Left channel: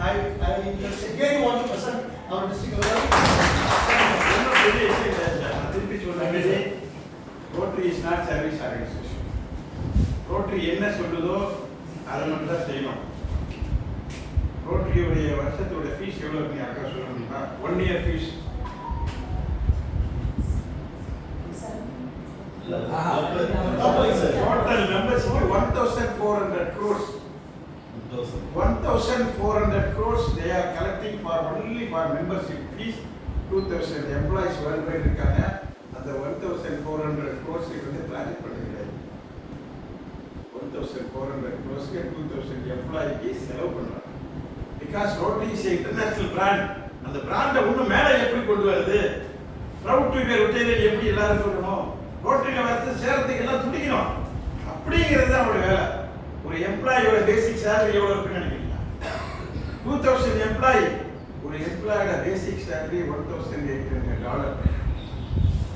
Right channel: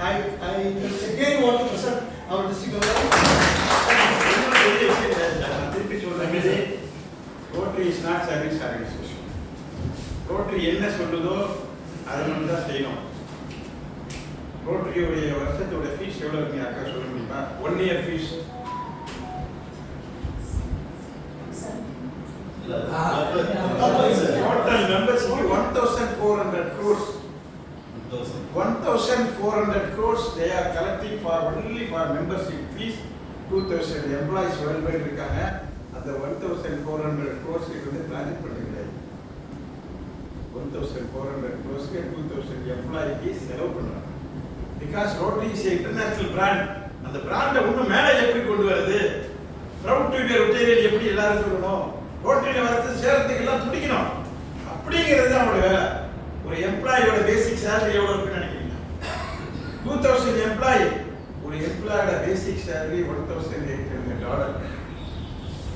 again want to present our district level. Rotary is not service organization. Rotary என்ன சொல்லுதோ அதை மட்டும் தான் செய்யணும். ரோட்டரியோடைய வருஷத்தோட ஃபீஸ் எவ்வளோ இருக்கு அக்கா சொல்ல முடியுமா? 1 year fees. Total membership 1,400 crores. 1,400 crores they are collecting for only for membership fees. 2,000 employees worldwide இருக்காங்க. அந்த 1,400 crores வந்து ப்ராஜெக்ட் பண்ணுறாங்க. 1,400 crores 2,000 எம்ப்ளாய்க்கு செலவு பண்றாங்க. Because Rotary is an international brand. அந்த பிராண்டை இன்னும் மேலே எப்படி கொண்டு வருது? Proud to be a Rotarian எப்படி எல்லாரும் சொல்லணும்? ரோட்டரியில் வந்து சேர்றதுக்கு எல்லாம் துடிக்கணும். அப்படிங்கிறது தான் அவருடைய வேலை. ஒரு எம்ப்ளாயோட பேசிக் சேலரி எவ்வளோ இருக்குன்னு நினைக்கிறீங்க? 2,000 எம்ப்ளாயி. ஒரு எம்ப்ளாயோட பேசிக் சேலரி $1,800.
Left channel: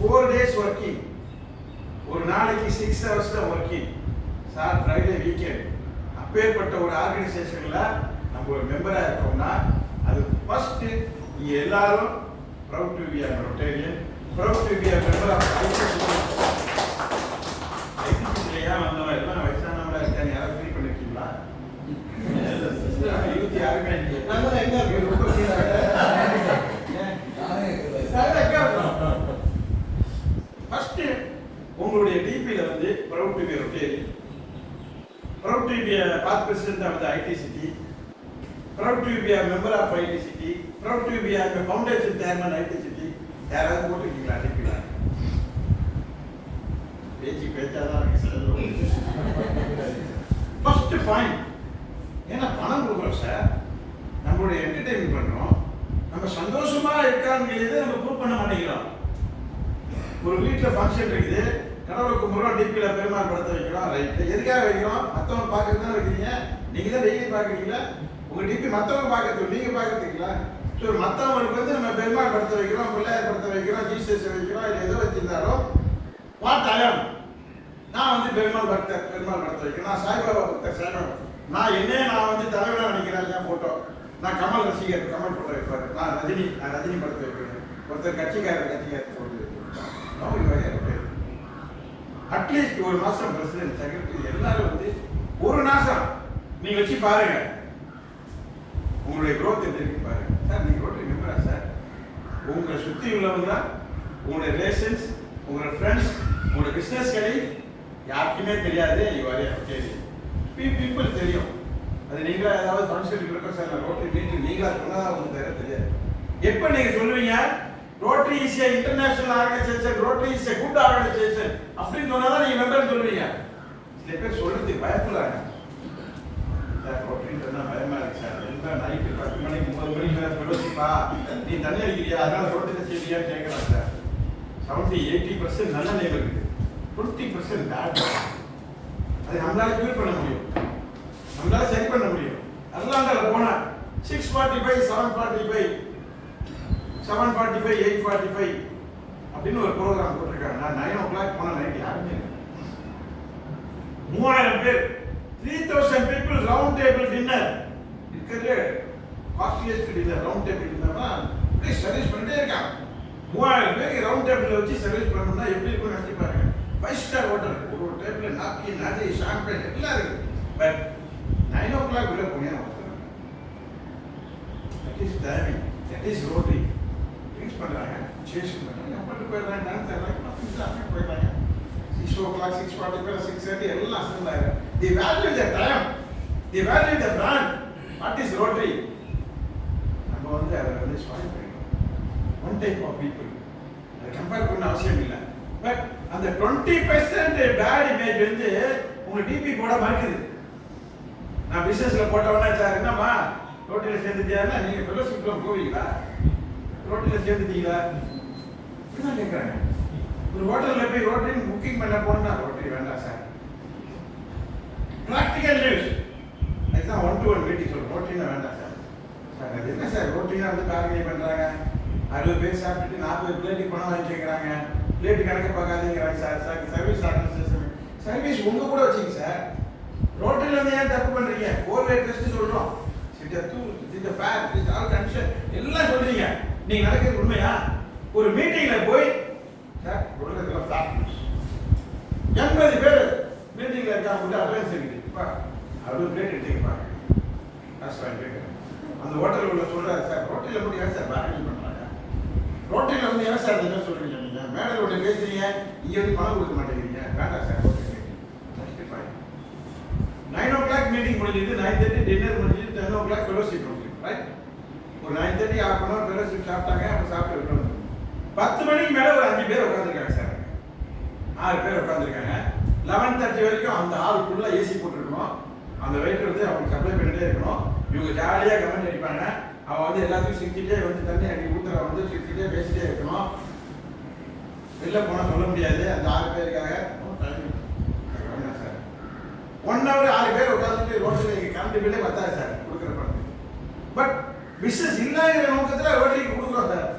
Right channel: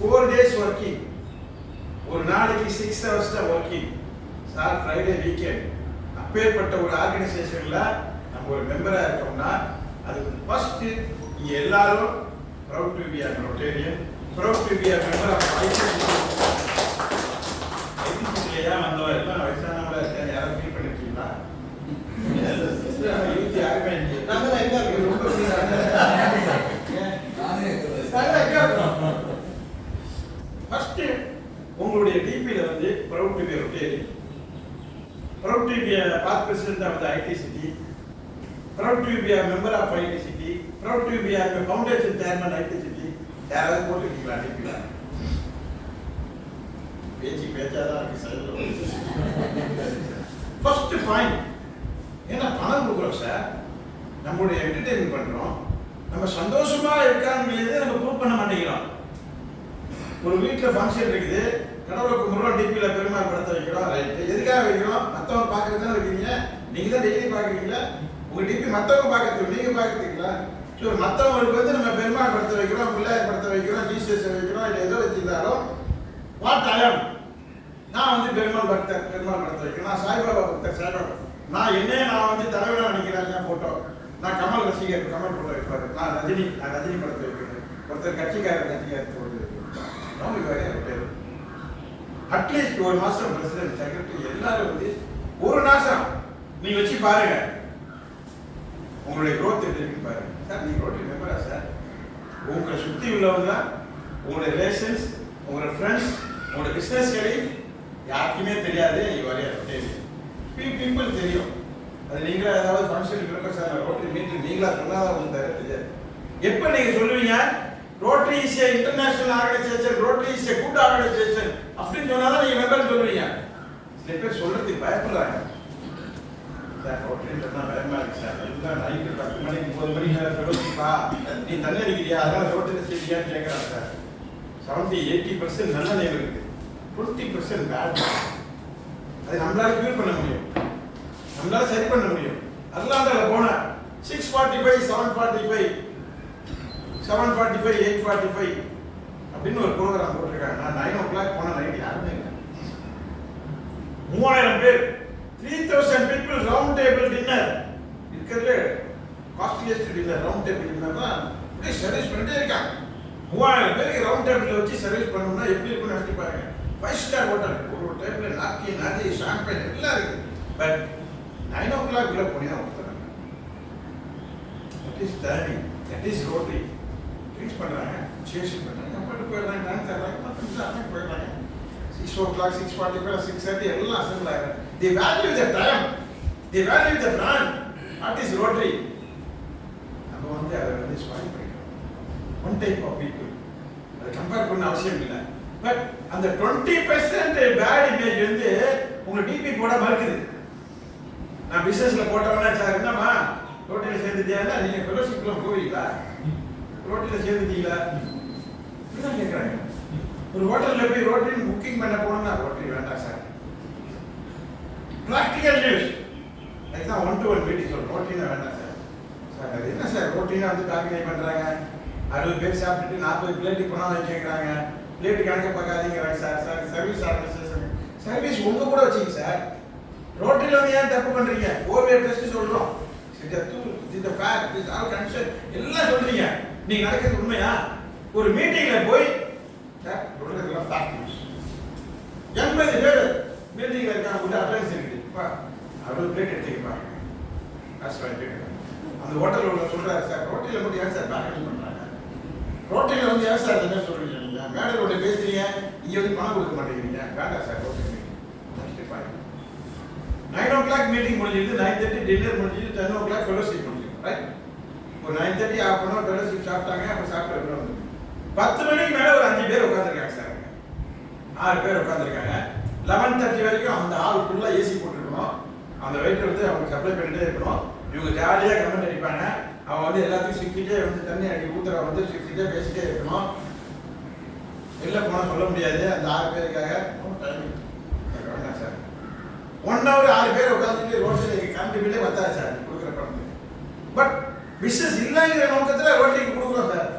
4 days working. ஒரு நாளைக்கு 6 hours தான் ஒர்க்கிங். Sir Friday weekend. அப்பேற்பட்ட ஒரு ஆர்கனைசேஷன்ல நம்ம ஒரு மெம்பரா இருக்கோம்னா அது ஃபர்ஸ்ட் இங்க எல்லாரும் proud to be a Rotarian, proud to be a member of ஐடிசிலேயே வந்தவங்க எல்லாம் வயசானவங்களா இருக்காங்க. யாரும் ஃபீல் பண்ணிருக்கீங்களா? யூத் யாருமே இங்கே நம்ம எங்க ரொம்ப ஃபீல் ஃபர்ஸ்ட் உங்களுடைய டிபில வந்து proud to be a Rotarian, proud to be a past president of the ITCT, proud to be a member of ITCT, proud to be a foundation chairman ITCT. யாராவது போட்டுருக்கீங்களா டிபில? பேச்சாதான் first point. ஏன்னா பணம் கொடுக்குறோம் sir, நம்மளுடைய entertainment பண்றோம், நம்ம சந்தோஷமா இருக்காங்கிறதே நம்ம prove பண்ண மாட்டேங்கிறோம். ஒரு வீட்டில் ஃபங்க்ஷன் இருக்குது, கடவுளை கும்பிட்றோம், டிபியில பெருமாள் படத்தை வைக்கிறோம். ரைட், எதுக்காக வைக்கிறோம்? மற்றவங்க பார்க்கறது தானே வைக்கிறீங்க. நீங்க தான் டெய்லி பார்க்குறீங்களா? உங்க டிபி மற்றவங்க பார்க்கறதுக்கு நீங்க பார்க்கறதுங்களா? ஸோ மற்றவங்களுக்கு வந்து நம்ம பெருமாள் படத்தை வைக்கிறோம், பிள்ளையார் படத்தை வைக்கிறோம், ஜீசஸ் வைக்கிறோம், இல்லை எதோ வச்சிருந்தாலும் வாட் ஐயம், நான் வந்து பெருமாள் பக்தர், பெருமாள் படத்தை வைக்கிறேன். நான் சாய்பாபா பக்தர், சாய்பாபா. நான் வந்து தலைவராக நினைக்கிறேன் என் போட்டோ. நான் கமல் ரசிகர், கமல் போட்டோ வைப்பாரு. நான் ரஜினி படத்தை வைக்கிறேன். ஒருத்தர் கட்சிக்காரர் போட்டு வைக்கிறேன். அட்லீஸ்ட் ஒரு மாசம் பிரசிடென்ட், செக்ரட்டரி எல்லாரும் வந்து ஒரு மாசம் நீங்க வச்சு பாருங்க, உங்களுடைய growth எப்படி இருக்குன்னு பாருங்க. சார் நீங்க ரோட்டரி மெம்பரா சார்? உங்களை சுத்தி உள்ளவங்க, உங்களுடைய ரிலேஷன்ஸ், உங்களோட ஃப்ரெண்ட்ஸ், உங்களோட பிசினஸ் கலீக் யாருக்குமே தெரியாது. பீப்புள் தெரியும். அது நீங்களா ஏதாவது ஃபங்க்ஷன் இருக்கிறப்ப சார் நான் ரோட்டரி மீட்டிங் நீங்களா சொன்னால் உங்களுக்கு தெரியாது. எப்போ நீங்க சொல்லுவீங்க rotary is a international organisation, rotary is a good organisation அப்படின்னு சொன்னாதான் நீங்க மெம்பர்னு சொல்லுவீங்க. சில பேர் சொல்றதுக்கு பயப்படுறாங்க. சார் ரோட்டரின்னு சொன்னா பயமா இருக்கு சார், எல்லாம் நைட்டு 10 மணிக்கு 9 மணிக்கு மேலே ஃபெலோஷிப்பா, நீ தண்ணி அடிக்கிறியா அதனால ரோட்டரி செய்யறியான்னு கேட்குறாங்க சார். 70-80% நல்ல நேம் இருக்கு, 20% பேட். அதை நம்மளால கியூர் பண்ண முடியும், நம்மளால சரி பண்ண முடியும். அட்லாண்டால போன 645, 745, 745, 845 அப்படின்னு ஒரு ப்ரோக்ராம் போட்டிருக்காங்க. நான் 9 o'clock போன நைட் யாருமே இல்லை, 3000 பேர், 3000 people ரவுண்ட் டேபிள் டின்னர். இருக்கிறதுல costliest dinner round table dinner தான். இப்படி சர்வீஸ் பண்ணிட்டே இருக்காங்க. 3000 பேருக்கு ரவுண்ட் டேபிள் வச்சு சர்வீஸ் பண்ணணும்னா எப்படி இருக்கும்னு நினைச்சு பாருங்க. 5 star ஹோட்டல், ஒரு டேபிள் நாக்கி ஷாம்பைன் எல்லாம் இருக்கு. பட் 9 o'clock உள்ள போனியா கொடுத்துறாங்க. That is timing, that is rotary. Treat பண்றாங்க, சேஷன் பண்றாங்க, அப்படி போயிடுறாங்க, டான்ஸ் ஆடுறாங்க, மற்ற போயிடுறாங்க. 6 o'clock, 6:45, 6:30 எல்லாம் அசம்பிள் ஆயிடுறாங்க. They value their time, they value the brand. What is Rotary? நம்ம வந்து அதை வந்து ஸ்பாயில் பண்ணிட்டோம். ஒன் டைப் ஆஃப் பீப்புள், அதை கம்பேர் பண்ண அவசியம் இல்லை. பட் அந்த 20% பேட் இமேஜ் வந்து உங்க டிபி போட மறுக்குது. நான் பிசினஸ்ல போட்டவனா சார் என்னம்மா ரோட்டரியில சேர்ந்துட்டியா? நீங்க ஃபெலோஷிப்ல போவீங்களா? ரோட்டரியில சேர்ந்துட்டீங்களா? இப்படிதான் கேட்கறாங்க. ஒரு ஹோட்டல்ல போய் ரோட்டரி புக்கிங் பண்ண போனா ரோட்டரி வேண்டாம் சார். பிராக்டிகல் நியூஸ் அதுதான் 1-to-1 மீட்டிங் சொல்றோம். ரோட்டரினா வேண்டாம் சார். சார் அது என்ன சார் ரோட்டரினா வந்து பேக்கிங் பண்றாங்க, 60 பேர் சாப்பிட்டுட்டு 40 பிளேட்டு பணம் வாங்கி கேட்குறாங்க, பிளேட்டு கணக்கு பார்க்காதீங்கிறாங்க sir. Sir service organisation, service உங்க கூட வச்சுங்க சார். ரோட்டரியில் வந்து ஏன் தப்பு பண்றீங்க? ஓர்வே டெஸ்ட் சொல்றோம், இது ஃபேக்ட் இது ஆல் கன்சர்ன் எல்லாம் சொல்றீங்க. நீங்க நடக்கிறது உண்மையா? ஒரு மீட்டிங்ல போய் சார் சொல்றதெல்லாம் ஃபேக்ட் 80 பேர் மீட்டிங்ல இருக்காங்க கூட அட்டெண்டன்ஸ் இருக்குப்பா அப்படியே பிளேட் எடுத்துக்கப்பா காசு வாங்கிட்டு அந்த ஹோட்டலில் உள்ள சொல்றாரு சார் ரோட்டில மட்டும் ஏன் சார் பேக்கிங் பண்றாங்க? ரோட்டில வந்து ஏன் சார் என்ன சொல்றீங்க? நீங்க மேடல் ஒன்று பேசுறீங்க இங்க வந்து பணம் கொடுக்க மாட்டேங்கிறீங்க. வேண்டாம் சார் ரோட்டில் 9 o'clock மீட்டிங் முடிஞ்சிருது, 9:30 டின்னர் முடிஞ்சிருது, 10 o'clock ஃபெலோஷிப் முடிஞ்சிருது, ரைட்? ஒரு 9:30 half an hour ஃபெலோஷிப் சாப்பிட்டாங்க, அப்போ சாப்பிட்டு இருக்கணும். 10 மணிக்கு மேலே ஒரு 5 பேர் உட்காந்துருக்காங்க சார், 6 பேர் உட்காந்துருக்காங்க. 11:30 வரைக்கும் அந்த ஹால் ஃபுல்லாக ஏசி போட்டுருக்கணும். அந்த வெயிட்டர் வந்து அவங்க சப்ளை பண்ணிட்டே இருக்கணும். இவங்க ஜாலியாக கமெண்ட் அடிப்பாங்க. அவன் வந்து எல்லாத்தையும் சிரிச்சிட்டே வந்து தண்ணி அடி ஊத்துற வந்து சிரிச்சிட்டே பேசிட்டே இருக்கணும். வெளில போனால் சொல்ல முடியாது அந்த 6 பேருக்காக. டைமிங் வேண்டாம் சார் 1 hour 6 பேர் உட்காந்துட்டு ரோட்டரிக்கு கரண்ட் பில்லே பத்தாது சார் கொடுக்குற பணத்துக்கு. பட் பிஸ்னஸ் இல்லைங்கிற நோக்கத்தில் ரோட்டரிக்கு கொடுக்குறோம் சார்.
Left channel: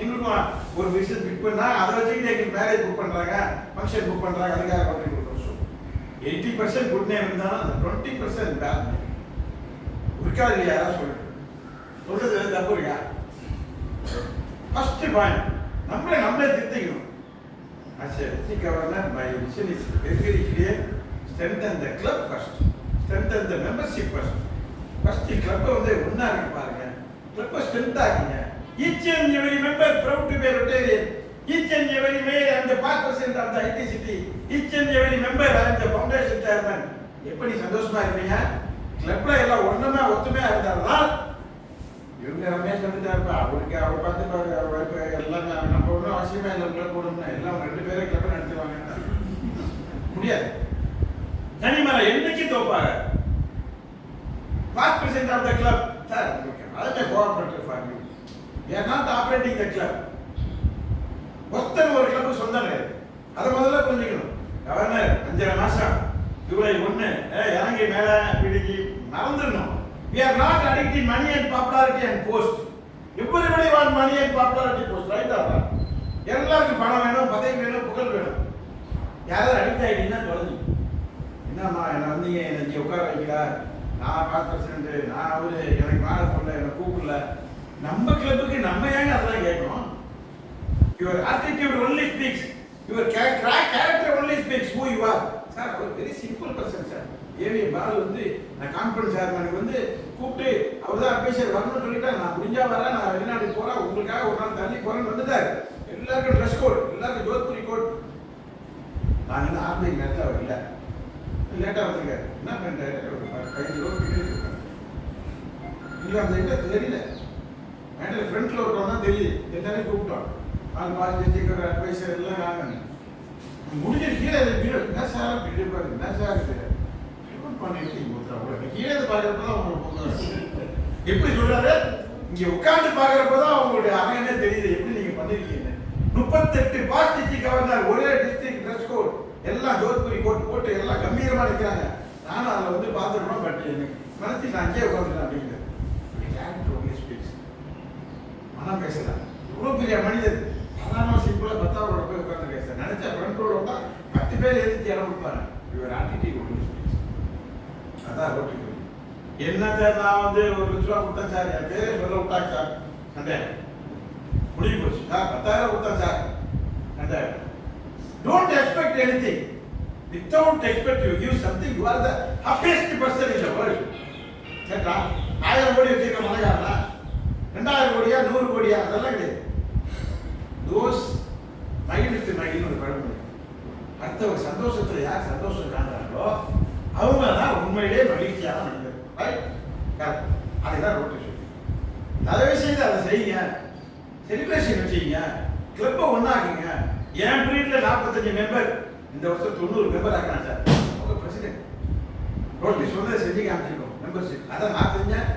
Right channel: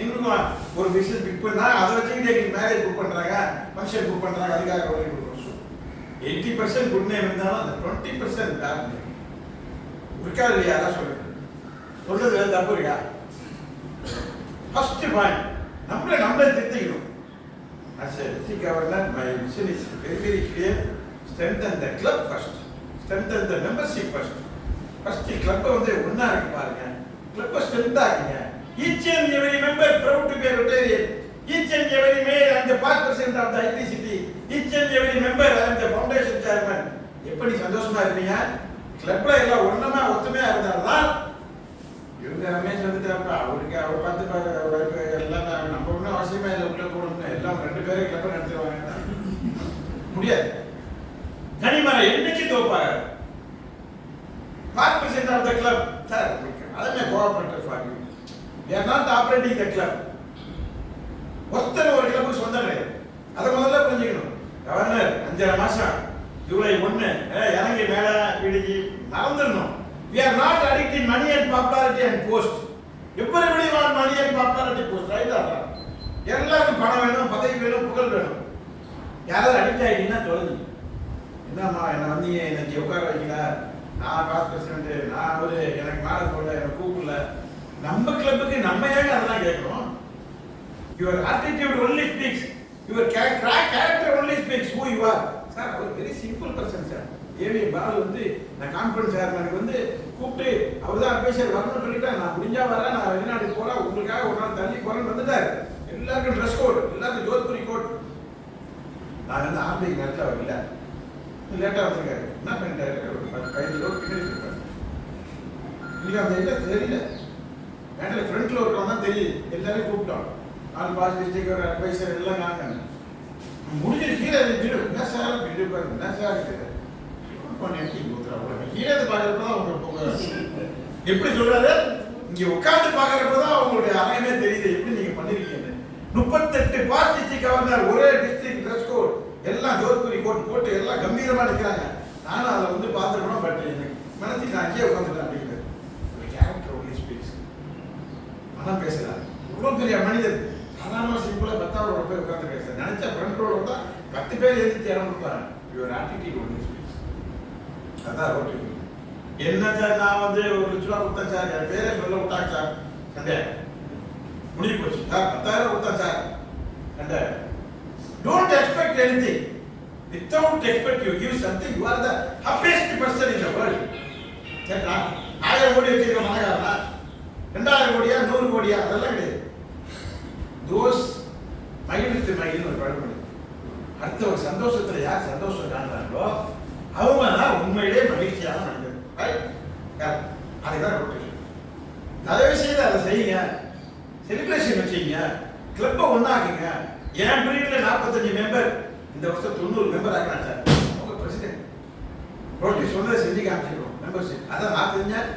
எங்களுக்கும் ஒரு பிஸ்னஸ் புக் பண்ணால் அதை வச்சுக்கிட்டு எங்களுக்கு மேரேஜ் புக் பண்ணுறாங்க, ஃபங்க்ஷன் புக் பண்ணுறாங்க, அதுக்காக ரோட்டரி கொடுக்குறோம். 80% குட் நேம் இருந்தாலும் அந்த 20% பேட் நேம் இருக்காது இல்லையா? யாரா சொல்றது தப்பு இல்லையா? ஃபர்ஸ்ட் பாயிண்ட் நம்மளே திருத்திக்கணும். As a district governor, my vision is very clear. Strengthen the club first. Strengthen the membership first. First club வந்து ஒண்ணா இருக்கு பாருங்க. Club strength ஆக்குங்க. Each and every member proud to be a Rotarian. Each and every mayor and the past president of the IT city. Each and every member and the foundation chairman. எப்படி சந்தோஷமா இருப்பீங்க? கிளப்ல எல்லாம் ஒத்துமையா இருந்தால்தான் இவங்க ரமேஷ் வந்துட்டாருப்பா அவருக்கு அவர் பார்த்து எல்லாம் நம்ம ஒன்றும் அவசியமா இல்லை உள்ள போடணும்னு எல்லாம் 2 பேரே கிளப்ப நடத்திடுவாங்க. முடியாது. தனிமரம் என்னைக்கு தோப்பாக past president of the club sir அதுமே cooperative for you. we are not operating the club. ஒருத்தர் ஒரு கிளப்புக்கு சொந்தம் கிடையாது. அதை முதல்ல புரிஞ்சுக்கணும். கவர்னர் 5.5 மாசம் ஜூலை 1 இறங்கி மேல பிடிச்சி மறந்துடணும். we are not addicted money and popularity and post. everybody want money and popularity post, right? எல்லாருக்கும் பணம் வேணும், பதவி வேணும், புகழ் வேணும். யாராவது அடிக்ட் ஆகிட்டீங்கன்னா தொலைஞ்சு என்னம்மா என்ன வந்தீங்க இன்னைக்கு உட்கார வைக்கல, நான் பாஸ் பிரசிடென்ட், நான் அவரு எனக்கு மேலே சொல்ல எனக்கு கூப்பிடல. நம்ம கிளப்புக்கு நம்ம ஏங்க அதெல்லாம் கேட்கணும்? your attitude only speaks, your character only speaks who you are. Sir அவர் very simple person sir. AV Balu வந்து நான் கான்ஃபரன்ஸ் சேர்மனுக்கு வந்து கூப்பிட்டு அவர் தான் அட்வைசர் வரணும்னு சொல்லிட்டா நான் முடிஞ்சா வரேன், நான் வெளிநாட்டுக்கு போறேன், உங்களுக்காக ஒரு நாள் தள்ளி போறேன்னு வந்துட்டாரு. எல்லாருக்கும் ட்ரெஸ் கோட், எல்லாருக்கும் ஜோத்புரி கோட். நான் வந்து ஆன்லைன் நேரத்தில் அவர் இல்லை, லேட்டாக வந்திருக்காரு. என்ன பண்ணிட்டாரு? 15 ரூபா பின்னாடி கொடுத்தாரு. இல்லை அந்த இல்லை தெரியல, மேட்டில் ஃப்ரண்ட்ல இருக்கவங்க தான் தெரியுது. எல்லாரையும் கூப்பிட்டோம். ஆல் பாஸ் டிஸ்ட்ரிக்ட் ஒரு அட்வைசர் எல்லாம் நாங்கள் முடிஞ்சது. கீழே வீடு என்ன சார் வீடு பாருங்க என்ன சார் பண்ணிட்டு கீழே பார்க்கறப்பதான் உங்களுக்கு எப்படி சொல்றாரு, இங்க உட்காந்து பார்க்கறப்பதான் அவங்களுடைய அறையமே தெரியுது எப்படி நீங்க பண்ணிருக்கீங்க. 38 பாஸ் டிஸ்ட்ரிக்ட் கவர்னர் ஒரே டிஸ்ட்ரிக்ட் ட்ரெஸ் கோட் எல்லாம் ஜோத்புரி கோட் போட்டு எல்லாம் கம்பீரமா நிற்கிறாங்க. நானும் அதில் வந்து பார்த்துக்கணும். பட் எனக்கு மனசுக்கு நான் அங்கேயே உட்காந்துட்டேன் அப்படிங்கிறது. Character only speaks. மனம் பேசலாம். இவ்வளோ பெரிய மனிதர் சாதாரண சிம்பிளா 10வது போய் உட்காந்துருக்கேன் சார். நினைச்சா ஃப்ரண்ட் ரோல வந்தா 10 பேர் எதிர்த்து இடம் கொடுப்பாங்க. Your attitude only speaks. அதான் ரோட்டு என்ன சார், நான் வந்து 1 லட்ச ரூபா கொடுத்தேன் சார், என் பேரே சொல்ல விட்டாங்க சார், சண்டே முடிவு போச்சு சார். 10,000 கொடுத்தேன் sir, Sunday. Don't expect anything. Without expect you give something. You are the happiest person in the world. கேட்டா 1000 கோடி வச்சிருக்க மனகாரனா, 2000 கோடியா 100 கோடியா அதெல்லாம் கிடையாது. தோஸ் மகிழ் வித்து மகிழ்னு ஒரு பழமொழி. அடுத்தவங்க சந்தோஷத்துல யார் சந்தோஷம் காண்றாங்களோ அவங்க தான் உண்மையிலே மகிழ்ச்சியான மனிதர். ரைட்? அதுதான் ரோட்டேஷன். தயவு செய்து அதை செய்யுங்க. செலிப்ரேஷன் வச்சுங்க. கிளப்பை ஒன்னாக்குங்க. என் பீரியட்ல 45 மெம்பர், இந்த வருஷம் 90 மெம்பர் ஆக்குறாங்க சார். அவங்க பிரசிடென்ட் ரோட்டி சொன்னதை செஞ்சு காமிச்சிருக்கோம். மெம்பர்ஷிப் அதான் நான் செஞ்சேன்.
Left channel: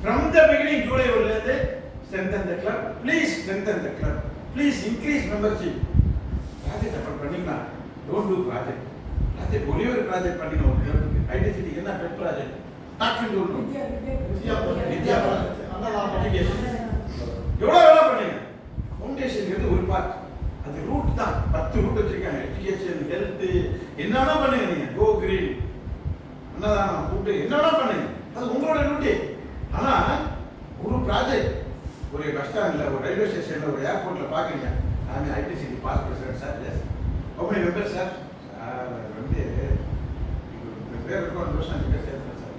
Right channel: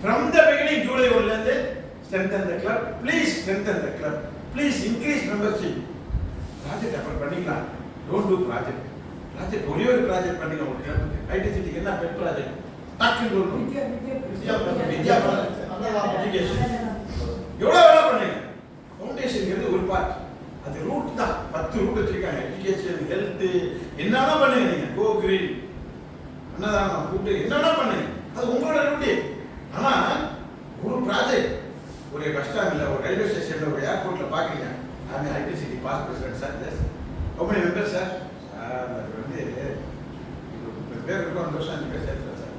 From the beginning July 1 strengthen the club. Please strengthen the club. Please increase membership. Project அப்புறம் பண்ணிக்கலாம். Don't do project. ப்ராஜெக்ட் ஒரே ஒரு ப்ராஜெக்ட் பண்ணிக்கலாம். ஒரு கிளப்புக்கு ஐடி சிட்டிக்கு என்ன பெட் ப்ராஜெக்ட் டக்குன்னு ஒன்று வித்யா எஜுகேஷன் எவ்வளோ வேலை பண்ணுங்க. ஃபவுண்டேஷன் ஒரு பார்ட், அது ரூட் தான். 10 ரூட் வச்சிருக்காங்க. எஜுகேஷன், ஹெல்த், என்னன்னா பண்ணுங்க. நீங்க கோ கிரீன், என்னதான் கூப்பிட்டு என்னன்னா பண்ணுங்க. அது உங்களோட ரூட்டு. ஆனா ஒரு ப்ராஜெக்ட் ஒரு பஸ் ஸ்டாண்ட்ல ஒரு ரயில்வே ஸ்டேஷன்ல ஒரு ஏர்போர்ட்ல பாக்குறீங்க I IT city past president sir how many members sir அது வந்து இது பேர் இருக்கும் 2 வருஷம் 5 பேர் சேர்த்து sir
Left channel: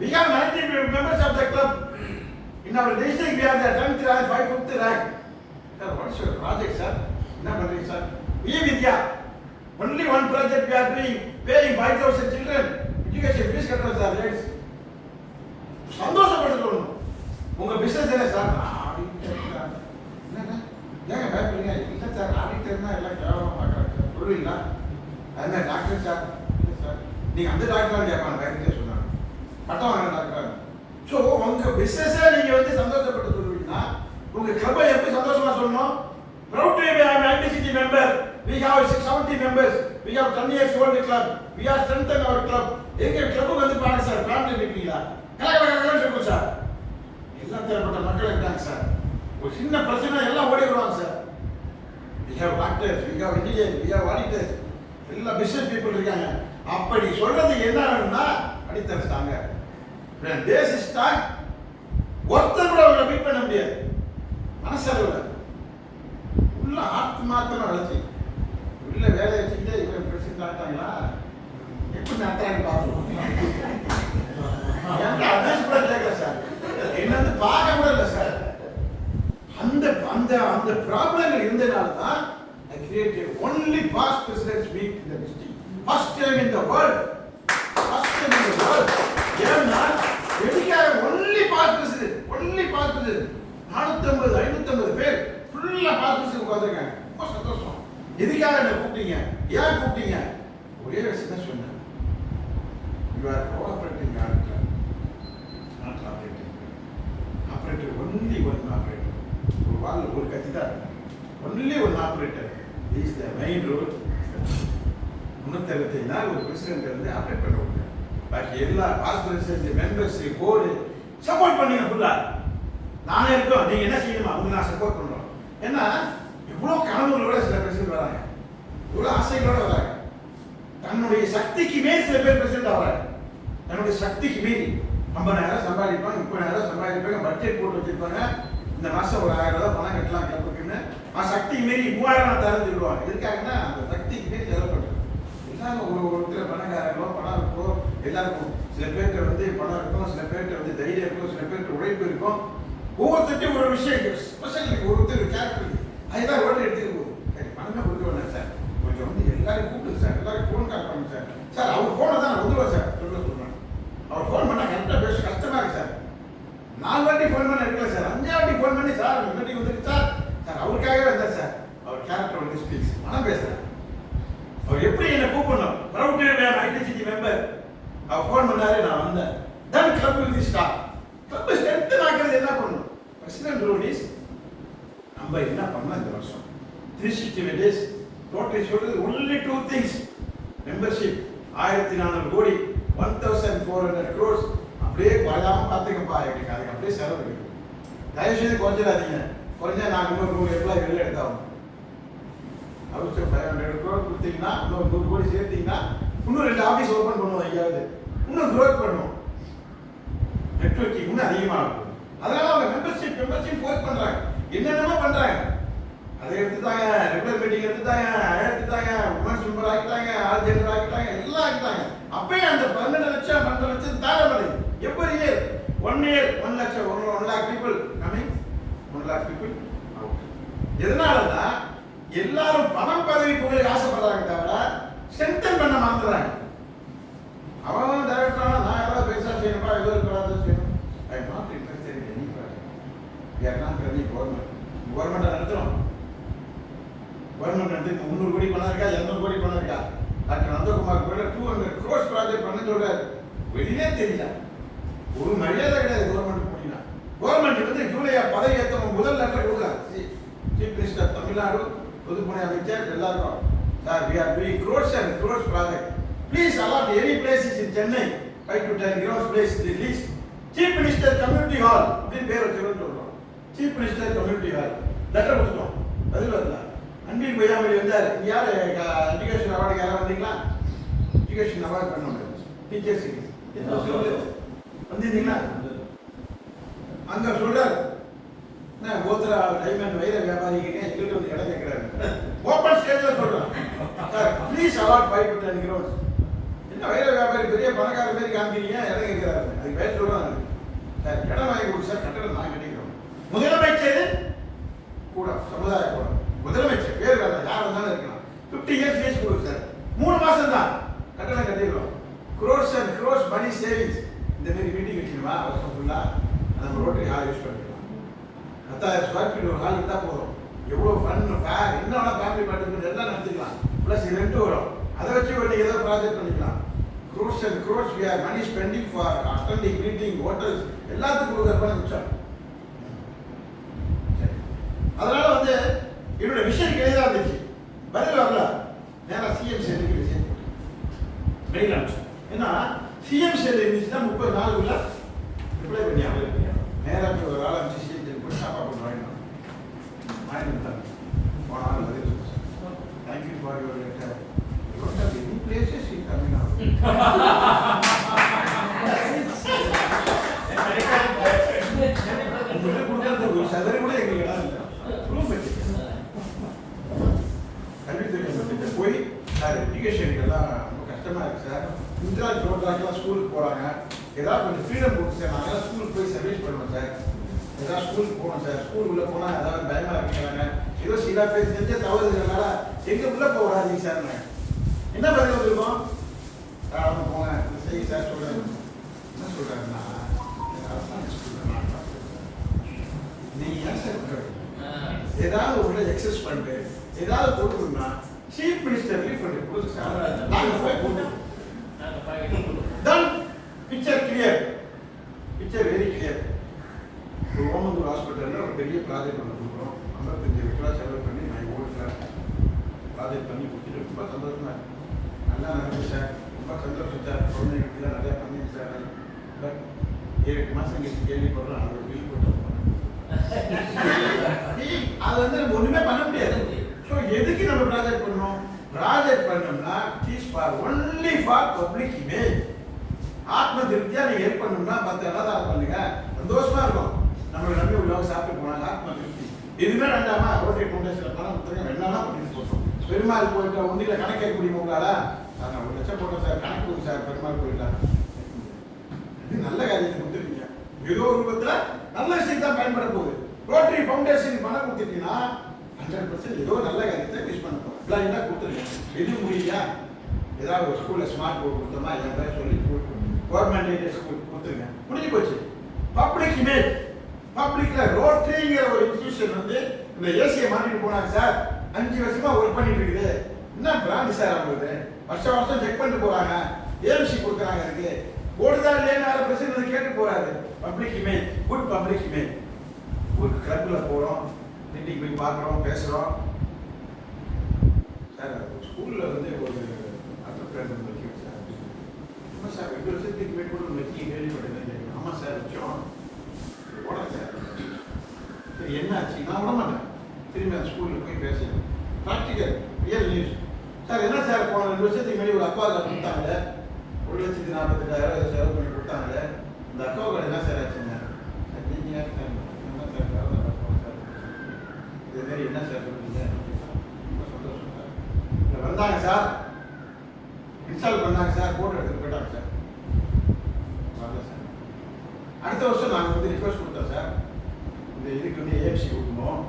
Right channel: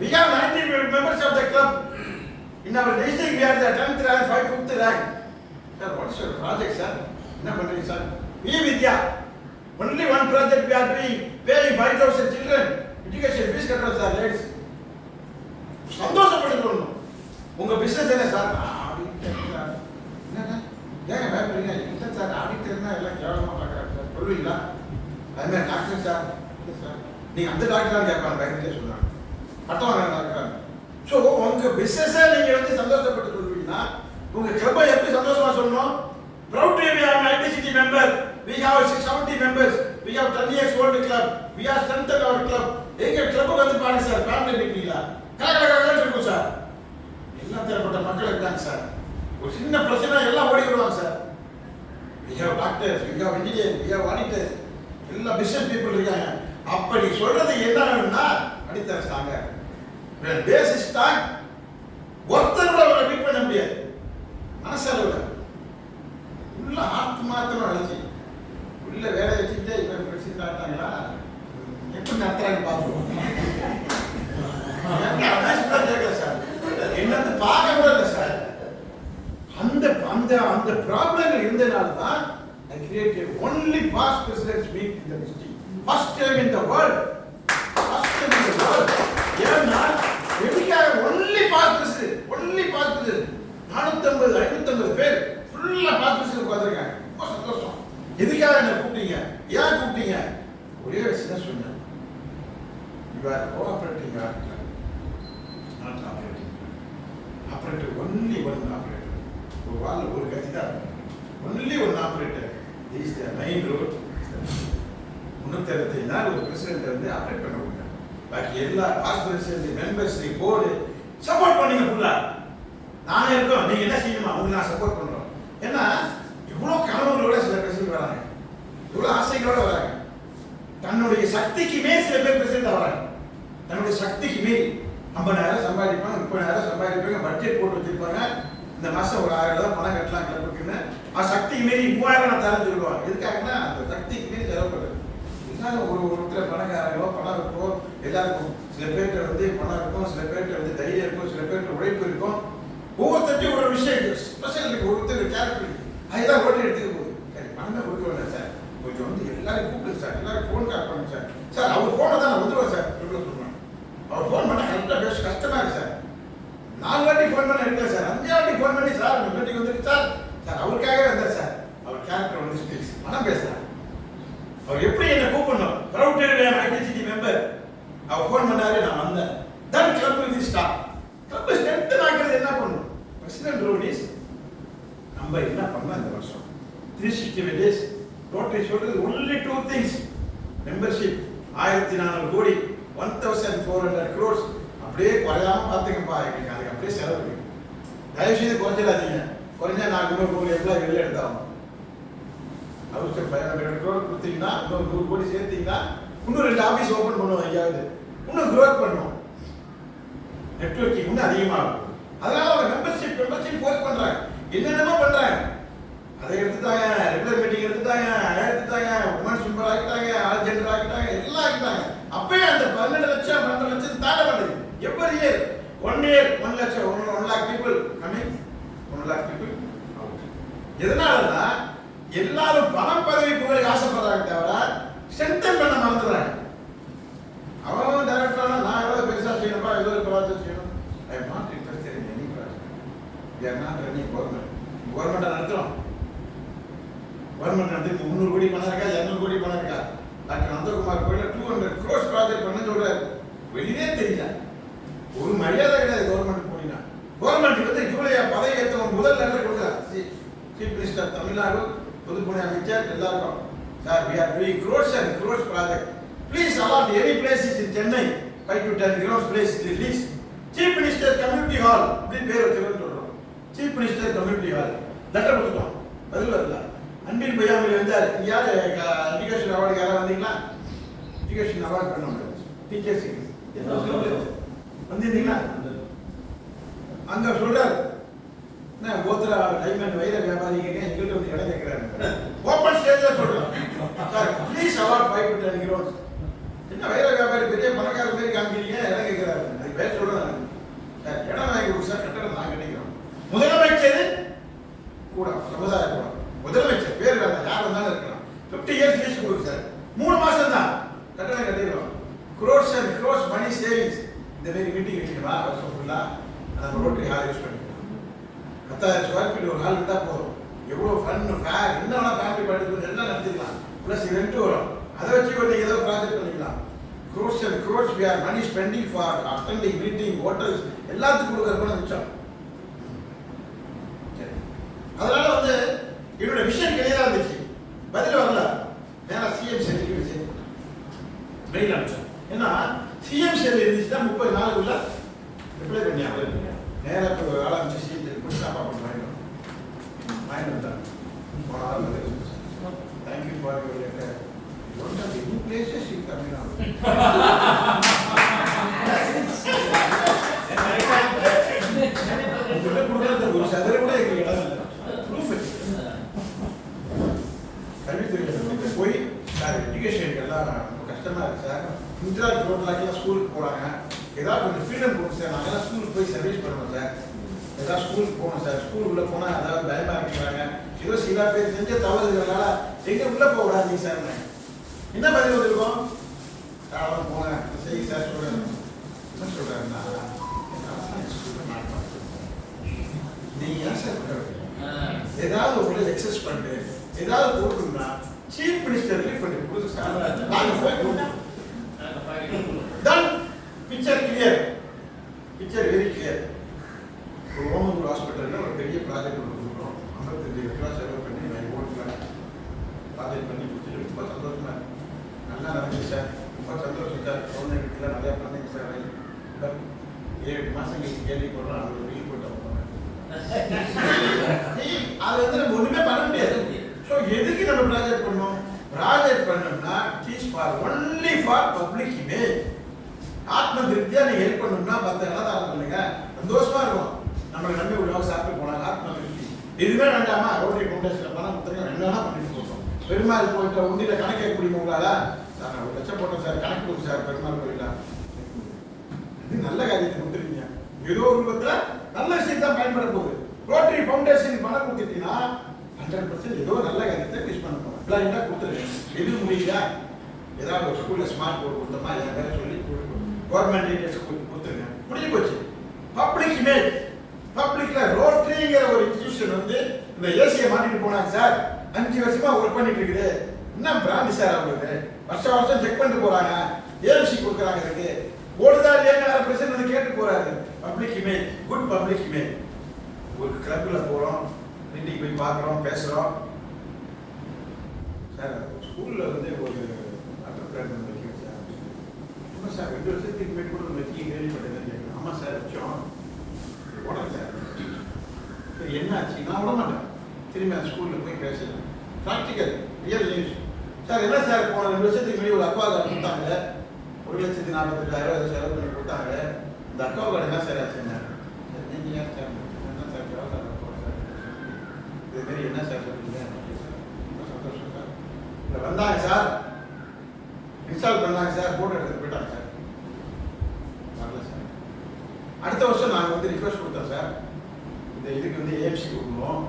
we have 90 members of the club in our district we are the 10th rank 5th rank sir what is your project sir என்ன பண்றீங்க sir vidya only one project we are doing paying 5000 children education fees கட்டறோம் sir ladies சந்தோஷப்படுறோம் உங்க business என்ன sir auditor என்னங்க ஏங்க பயப்படுறீங்க இல்ல சார் ஆடிட்டர்னா எல்லாம் கேவலமா பார்க்கறாங்க சார் சொல்லுவீங்களா அதே மாதிரி டாக்டர் சார் இல்ல சார் நீங்க அந்த டாக்டரா கேட்பாங்க பயந்துட்டே சொல்றாங்க பட்டம் வாங்க டாக்டர் ஸோ உங்க பிசினஸை நீங்க வந்து சந்தோஷப்பட்டு சொல்லுவீங்கன்னா உங்க கிளப்பை எப்படி சந்தோஷமா சொல்லணும் proud to be an ITCT member we have 670 members we have 10 years old club we are strengthened our club எங்க கிளப் வந்து பாருங்க சார் ஃபேமிலி மீட்டிங்ல கலகலகலன்னு இருக்கும் சார் எல்லா தரப்பட்ட மக்கள் இருக்காங்க சார் ஒரு சின்ன பிரச்சனை எல்லாம் ஓடி வருவாங்க sir we have doctors we have engineers we have auditors எல்லா பிசினஸ் பீப்புள் இருக்காங்க அப்படி சொல்றது என்னன்னா அடித்தர ஸ்டாங்க பேசிஸ் ஸ்டாக் ஒருத்தரோட அவரை பீட் பண்ண முடியாது மனசளவுல உள்ள ஆத்மார்த்தமா வளர்ச்சி உள்ள வேலையை வச்சுக்கிட்டே இவன் பிரசிடண்ட் ஆட்டாங்களா எப்படி நடத்துறாங்க பாருங்க அட்வைஸ் கூட கேட்கல சார் என்னன்னு பார்க்க கூட இல்லை சார் அந்த அந்த அந்த ப்ராப்ளங்கள் இருந்தனால தான் I created only past presidents meet in the district first time in the world ஏன்னா எதுக்காக only past president 450 550 பேர் ஃபுல்லா past president உட்கார்ந்திருக்காங்க ரொம்ப சந்தோஷம் எதுக்காக என்ன கூப்பிட்டீங்க ஏன் கூப்பிட்டீங்க ஒரே விஷயம் தான் சொன்னேன் you are cooperating not operator only one operator ஒரு வால்ல ஒரு கத்தி தான் only one operator this is the main road 365 நாள் ஒரு பிரசிடென்ட் வந்து ஆபரேட் பண்ண முடியும் பாக்கி எல்லா pass president members board support பண்ணுங்க ஃபுல்லா நானே இருக்கோம் நீங்க என்ன செய்யணுமா உங்களுக்கு நான் சப்போர்ட் பண்றோம் ஏன்னா இவ்வளவு கனவுகளோட சில பிரசிடென்ட் வராங்க இவ்வளவு ஆசைகளோட வராங்க தன்னுடைய சக்திக்கு மேல் சில பேர் பிரசிடென்ட் வராங்க தன்னுடைய சக்திக்கு மீறி 50,000 சம்பாதிப்பாங்க 30,000 சம்பாதிப்பாங்க பட்ஜெட் போட்டு வச்சிருப்பாங்க இந்த மாசம் ஒரு 1000 ரூபாய் பணம் கட்டலாம் கிளப்புக்குன்னு சக்திக்கு மீறி 3000 தரந்து விடுவாங்க எதுக்காகன்னா அந்த சக்திக்கு மீறி தேவைப்படுது எல்லாரும் ஒருத்தர் பணக்காரங்களோ பணம் இருக்கும் எல்லாருக்கும் சில பேர்கிட்ட வந்து பணம் இருக்கும் சில பேர்கிட்ட வந்து தைரியம் இருக்கும் சில பேர்கிட்ட உழைப்பு இருக்கும் ஒவ்வொருத்தருக்கும் ஒரு விஷயம் ஸ்பெஷல் இருக்கு ஒருத்தர் கேரக்டர் இருக்கு அதுதான் ஓட்டு எடுத்துக்க போகுது சரி பணமே கொடுக்க வேண்டாம் சார் கொஞ்சம் வந்து எல்லாரும் கூப்பிட்டு சார் எல்லாரும் ஃபோன் கால் பண்ணுங்க சார் சார் அவர் ஃபோனை தான் நான் வந்துடுவேன் சார் சொல்லுவேன் அவர் ஃபோன் பண்ணால் கரெக்டாக பேச கஷ்டமா இருக்கு சார் 4 வாட்டி ஃபோன் பண்ண இருக்கல சார் 5 வாட்டி ஃபோன் பண்ணி சார் உங்க மீட்டிங் வந்துருக்கு சார் சார் அவருக்காகவே வந்தார் சார் அவர் கேரக்டர் வந்து ஸ்பீக்ஸ் மனம் பேசுறேன் அவர் எப்படி என்ன கூப்பிடணும் ப்ரௌட் ஐடென்டிட்டி மெம்பர் அவர் ஃபோன் பண்ணாரு நான் வந்தேன் then club will start club strength ஆக்குறது என்ன பண்ணணும் பிரசிடென்ட் ரோடிஸ் நம்ம என்ன பண்ணலாம் இந்த வருஷம் 365 டேஸ் டோட்டல் சொல்றது only 2 things மெம்பர்ஷிப் 1400 கோடி 1400 crores அப்படியே குறையாம பாத்துக்கப்பா எங்களுக்கு அதுக்கு அப்படியே செலவு இருக்கு தயவு செய்து குறைஞ்சிடாதீங்க குறைஞ்சா நான் 100 எம்ப்ளாய் வெளில எடுத்தாகும் அவருக்கு 500 crore கொடுத்தீங்கன்னா 100 கோடி சேர்த்தீங்கன்னா இன்னும் 2 ஆபீஸ் ஓபன் பண்ணுவோம் ஐயாவது இன்னும் growth பண்ணுவோம் நெட்வொர்க்கிங் இன்னும் அதிகமாகும் அதனால அவங்க மெம்பர்ஷிப் ஃபோர்ஸ் பண்றாங்க என்னென்னமோ பண்றாங்க அதை எடுத்துட்டாங்க ரெகுலர் மீட்டிங் எடுத்துட்டாங்க உமன்ஸ் மெம்பர் ஆகிட்டாங்க ஆல் ஜெண்டர் ஆகிட்டாங்க எல்லாம் ஆகிட்டாங்க அப்பயே அந்த 12 லட்சம் 12 லட்சம் தாண்ட மாட்டேங்குது எவ்வரி இயர் 1 year 1 லட்சம் 1 lakh people coming 1 lakh people out எதனாலன்னா எல்லாரும் பணம் பதவி புகழுக்கு ஆசைப்படுறாங்க தவிர ஸ்ட்ரென்தன் பண்ண மறந்துடுறாங்க அவன் டைரக்டரானா நான் எவ்வளவு பெருசா செய்யணும்பா ஏதோ ஒரு ப்ராஜெக்ட் செய்யணும் I not interested in any project we are not running government நடத்துறோம் கவர்மெண்ட் வந்து 300 கோடி பணம் இருக்கா 200 கோடி பணம் இருக்கா டாக்டர் நந்தகுமார் கோயில 200 crores ப்ராஜெக்ட் பண்ண சொல்றாரு வெளியே தெரியல ஒரு மரியாதை கிடையாது கவர்மெண்ட் போனீங்கன்னா கவர்மெண்ட் வந்து ஜூலை பதவி ஏற்றவங்க முதல் லெட்டர் கொடுக்குறாங்க சீஃப் மினிஸ்டர் தமிழ்நாடு பொதுப்பணி அமைச்சர் எல்லாருக்கும் sir we are doing crores and crores project please allot any places in Chennai 5 to 10 crores place release chief minister community hall அப்படி பேர் வச்சிருக்கோம் சொல்றோம் chief minister community hall letter கொடுத்தோம் பதில் வரல அன்பில் பொய்யாமொழி வந்தார் யார் எஜுகேஷன் அவார்டு யாராவது வந்தீங்களா எஜுகேஷன் அவார்டு பண்ண டீச்சர்ஸ் வந்திருந்தீங்களா அங்க சொல்றாரு, நான் கோத்ரா டைமண்ட் வைர வியாபாரிங்க எங்களுக்கு வந்து இடம் கேட்கிறாரு. ஓப்பன் ஸ்டேஜ்ல சொல்றேன், sir please award 5 to 10 crores. என்ன வைர வியாபாரி பெரிய பணக்கார மாதிரி காமிக்கிறீங்க, இடம் கேட்கிறாரு. அது பேர் சொல்றேன், சார் இடம் வாங்கி கொடுங்க சார், கட்டடம் நான் கட்டிக்கிறோம். முதலமைச்சர் கூட சமுதாய கூட முதலமைச்சர் பேர் வேண்டாம், யார் வந்தாலும் இருக்கலாம். 50 years லீஸ் கொடுங்க சார், 3 மாசம் தான் கட்டணம் கட்டிடுவோம். crores and crores money savings. இந்த மாதிரி மீட்டிங் வச்சுக்கணுமா வருஷம் ஃபுல்லா நம்ம ரோட்டரி ஹால் யூஸ் பண்ணிக்கலாம். 10,000 ஸ்கொயர் ஃபீட் ஒரு ஹால் இருந்தால் போதும். எவ்வளோ ஃபன் ஃபேர் என்ன வேணா ஃபேமிலி பார்ட்டி எல்லாம் நடத்திக்கலாம். ப்ளஸ் ரெண்ட் வரும், அதை வச்சு ஒரு ஏதோ ப்ராஜெக்ட் பண்ணிக்கலாம். crores and crores we are money spending for attending meeting hotels எல்லாத்துக்கும் கொடுக்குற மிச்சம். அதனால வந்து என்னோட விஷயம் கிளியரா இருந்துச்சு, பதில் வரல. நேரா சிஎம் செல்லுக்கு மெசேஜ் போட்டேன், மெயில் அனுப்பிச்சேன். ஏன்னா சிஎம் செல் இருந்துச்சுன்னா 30 நாளுக்குள்ள ரிப்ளை பண்ணி அவங்க நேரா ஒரு ஆள் அனுப்பிச்சு சிஎம் செல் போய் சாப்பா பண்ண வாங்கிட்டு வந்தாங்க. போன ஆள் பதில் சொல்லிச்சு, thank you for your letter, you don't have any places in Tamil Nadu. உங்களுக்கு கொடுக்குறது ஒரு சதவீத கூட எங்களுக்கு இடம் இல்லை. கல்வித்துறை போய் சார் எஜுகேஷனுக்கு எல்லாம் ரொம்ப கஷ்டமா இருக்கு சார், இன்ட்ராக்ட் ரோட்லாக்கெல்லாம் ஸ்கூலுக்கு போறாங்க, ஏதாவது கொஞ்சம் ஃப்ரீடம் கொடுத்து சார், நாங்கெல்லாம் ஸ்கூலுக்கு போய் சர்வீஸ் பண்ணுவோம் சார், ஏதாவது ஸ்கூலுக்கு போகணும் சார், ஸ்கூல் உள்ள போனா ஏதாவது பயமா இருக்கிறாங்க, ஏதோ சில பேர் செஞ்ச தவறுகிறதுனால எங்க உள்ள போக விடாதீங்க சார். என்ன பதில் வந்திருக்கோம், அவன் போங்க செய்ய சார் சொல்றாரு. என்ன சொல்றாருன்னா, நீங்க ஏன் சார் ஏதாவது உங்களை எக்ஸஸ் பண்ணிட்டு ஏதாவது கொடுக்கணும்னா சீஃப் மினிஸ்டர் கொஞ்சம் கொடுங்க சார், நாங்க போய் கொடுத்தோம். Then picture clear, picture very clear. ஒரு ஓமந்தூர் ஹாஸ்பிட்டலில் ஒரு பெரிய ப்ராஜெக்ட் ஒன்று கொடுக்குறோம், 55 லட்ச ரூபா செலவு பண்ணி நான் ஓட்டுல ப்ராஜெக்ட் பண்ணி கொடுத்துட்டு ரொம்ப சந்தோஷமா நல்லா நடந்துச்சு சார், ரொம்ப சந்தோஷம் சார், கவர்மெண்ட்டில் நிறையா பண்ணுங்க சார். பட் 7 மாதம் கழிச்சு கேள்விப்படுறோம், அது ஒரு பில் போட்டு போகிறேன். அது வந்து நம்ம ஒண்ணுமே பண்ண முடியாது. ஸோ எதுக்கு நம்ம ப்ராஜெக்ட் பண்ணோம், ப்ராஜெக்ட் பண்ணோம்னா it for only for public image. ஆத்ம திருப்தியா நீங்க ஹெல்ப் பண்ணணும்னா மற்ற என்னதான் பண்ணுங்க, சந்தோஷமா இருக்கும். நம்மளை நம்பி உள்ளவங்க சாப்பிட்டு போனாங்க, ஆத்ம திருப்தி. எதுவுமே வேண்டாமா, ரோட்டரி ஃபவுண்டேஷன்ல பணம் கொடுத்துருங்க, என்னன்னா பண்ணிட்டு போட்டோம். பெருமாள் போயிட்ட உண்டியில கணக்கு கேட்க முடியுமா உங்களால? நான் 1 லட்சம் போட்டேன் சார், கணக்கு கொடுங்க சார், பெருமாள் போயிடலாம். நல்ல காரியத்தை கொடுத்துருக்கீங்க, ஏதோ ஒரு ரூபத்துல நல்ல விஷயம் தான் பயன்பட போகுது. ரோட்டரி ஃபவுண்டேஷன் பணம் கொடுத்துட்டீங்கன்னா 100% ஏதோ நல்ல காரியத்தை யூஸ் பண்ண போறோம். பிளான் கொடுத்துருக்கேன், எது முடியல ஏதாவது ஒரு ஸ்கூல்ல ஸ்மார்ட் போர்டு கொடுத்தோமா, என் பேரை சொல்லி கவர்மெண்ட் எய்டட் ஸ்கூல் கொடுத்துருங்க, முடிஞ்சு போச்சு. பப்ளிக் இமேஜ், பப்ளிக்ல ரோட்டரிங்கிற ஒரு இன்ஸ்டிடியூஷன் வந்து இந்த ஏசியை மாட்டிட்டு போனாங்க சார், 5 வருஷமா ஒர்க் பண்ணிட்டு இருக்குது. என்ன பிராண்ட் சார் அவங்களுக்கு, வருஷம் செக் பண்ணிட்டு போறாங்க, ஏஎம்சி கொடுக்குறாங்க, இருக்கு ஓடுதா இல்லையா பிரச்சனை வந்து கேட்டு போறாரு. Public image, good public image. ஒரு கிளப்ல போறோம், மீட்டிங் போய் பார்க்குறோம், பேசுறோம். சார் ஸ்கூல்ல வந்து ஒரு வாட்டர் பிளான் ஒன்று வைக்கணும் சார். ஆமாம் சார், 2 வருஷத்துக்கு மேலே கூட ஒன்று வச்சு கேள்விப்பட்டேன். ஆமாம் சார் வச்சோம், உடனே சார் சரி என்ன ஆச்சு, நான் விட மாட்டேன். திரும்பி அந்த ஸ்கூலில் போய் பேசுகிறேன், ப்ராக்டிக்கல் ரியல் நியூஸ். சார் என்ன சார், போன 2 வருஷத்துக்கு முன்னாடி ஒரு அக்வா கார்டு கொடுத்தாங்க, 1,48,000 செலவு பண்ணி கொடுத்தாங்க. இந்த அக்வா கார்டு என்ன சார் ஆச்சுங்க, நீங்கள் ஏன் சார் என்ன சார் சார் இதுமாரி என்ன சார் சொல்றீங்க, ரொம்ப சந்தோஷம் சார். இல்லை வந்தாங்க சார், இன்ஸ்டால் பண்ணாங்க சார், போட்டோ எடுத்துட்டு போயிட்டாங்க சார், வரல சார். அடுத்த வருஷம் நாங்கள் வந்து ரிக்வஸ்ட் கொடுத்தோம் சார், இந்த இதுக்கு வந்து ஏஎம்சி கொடுக்கணும்,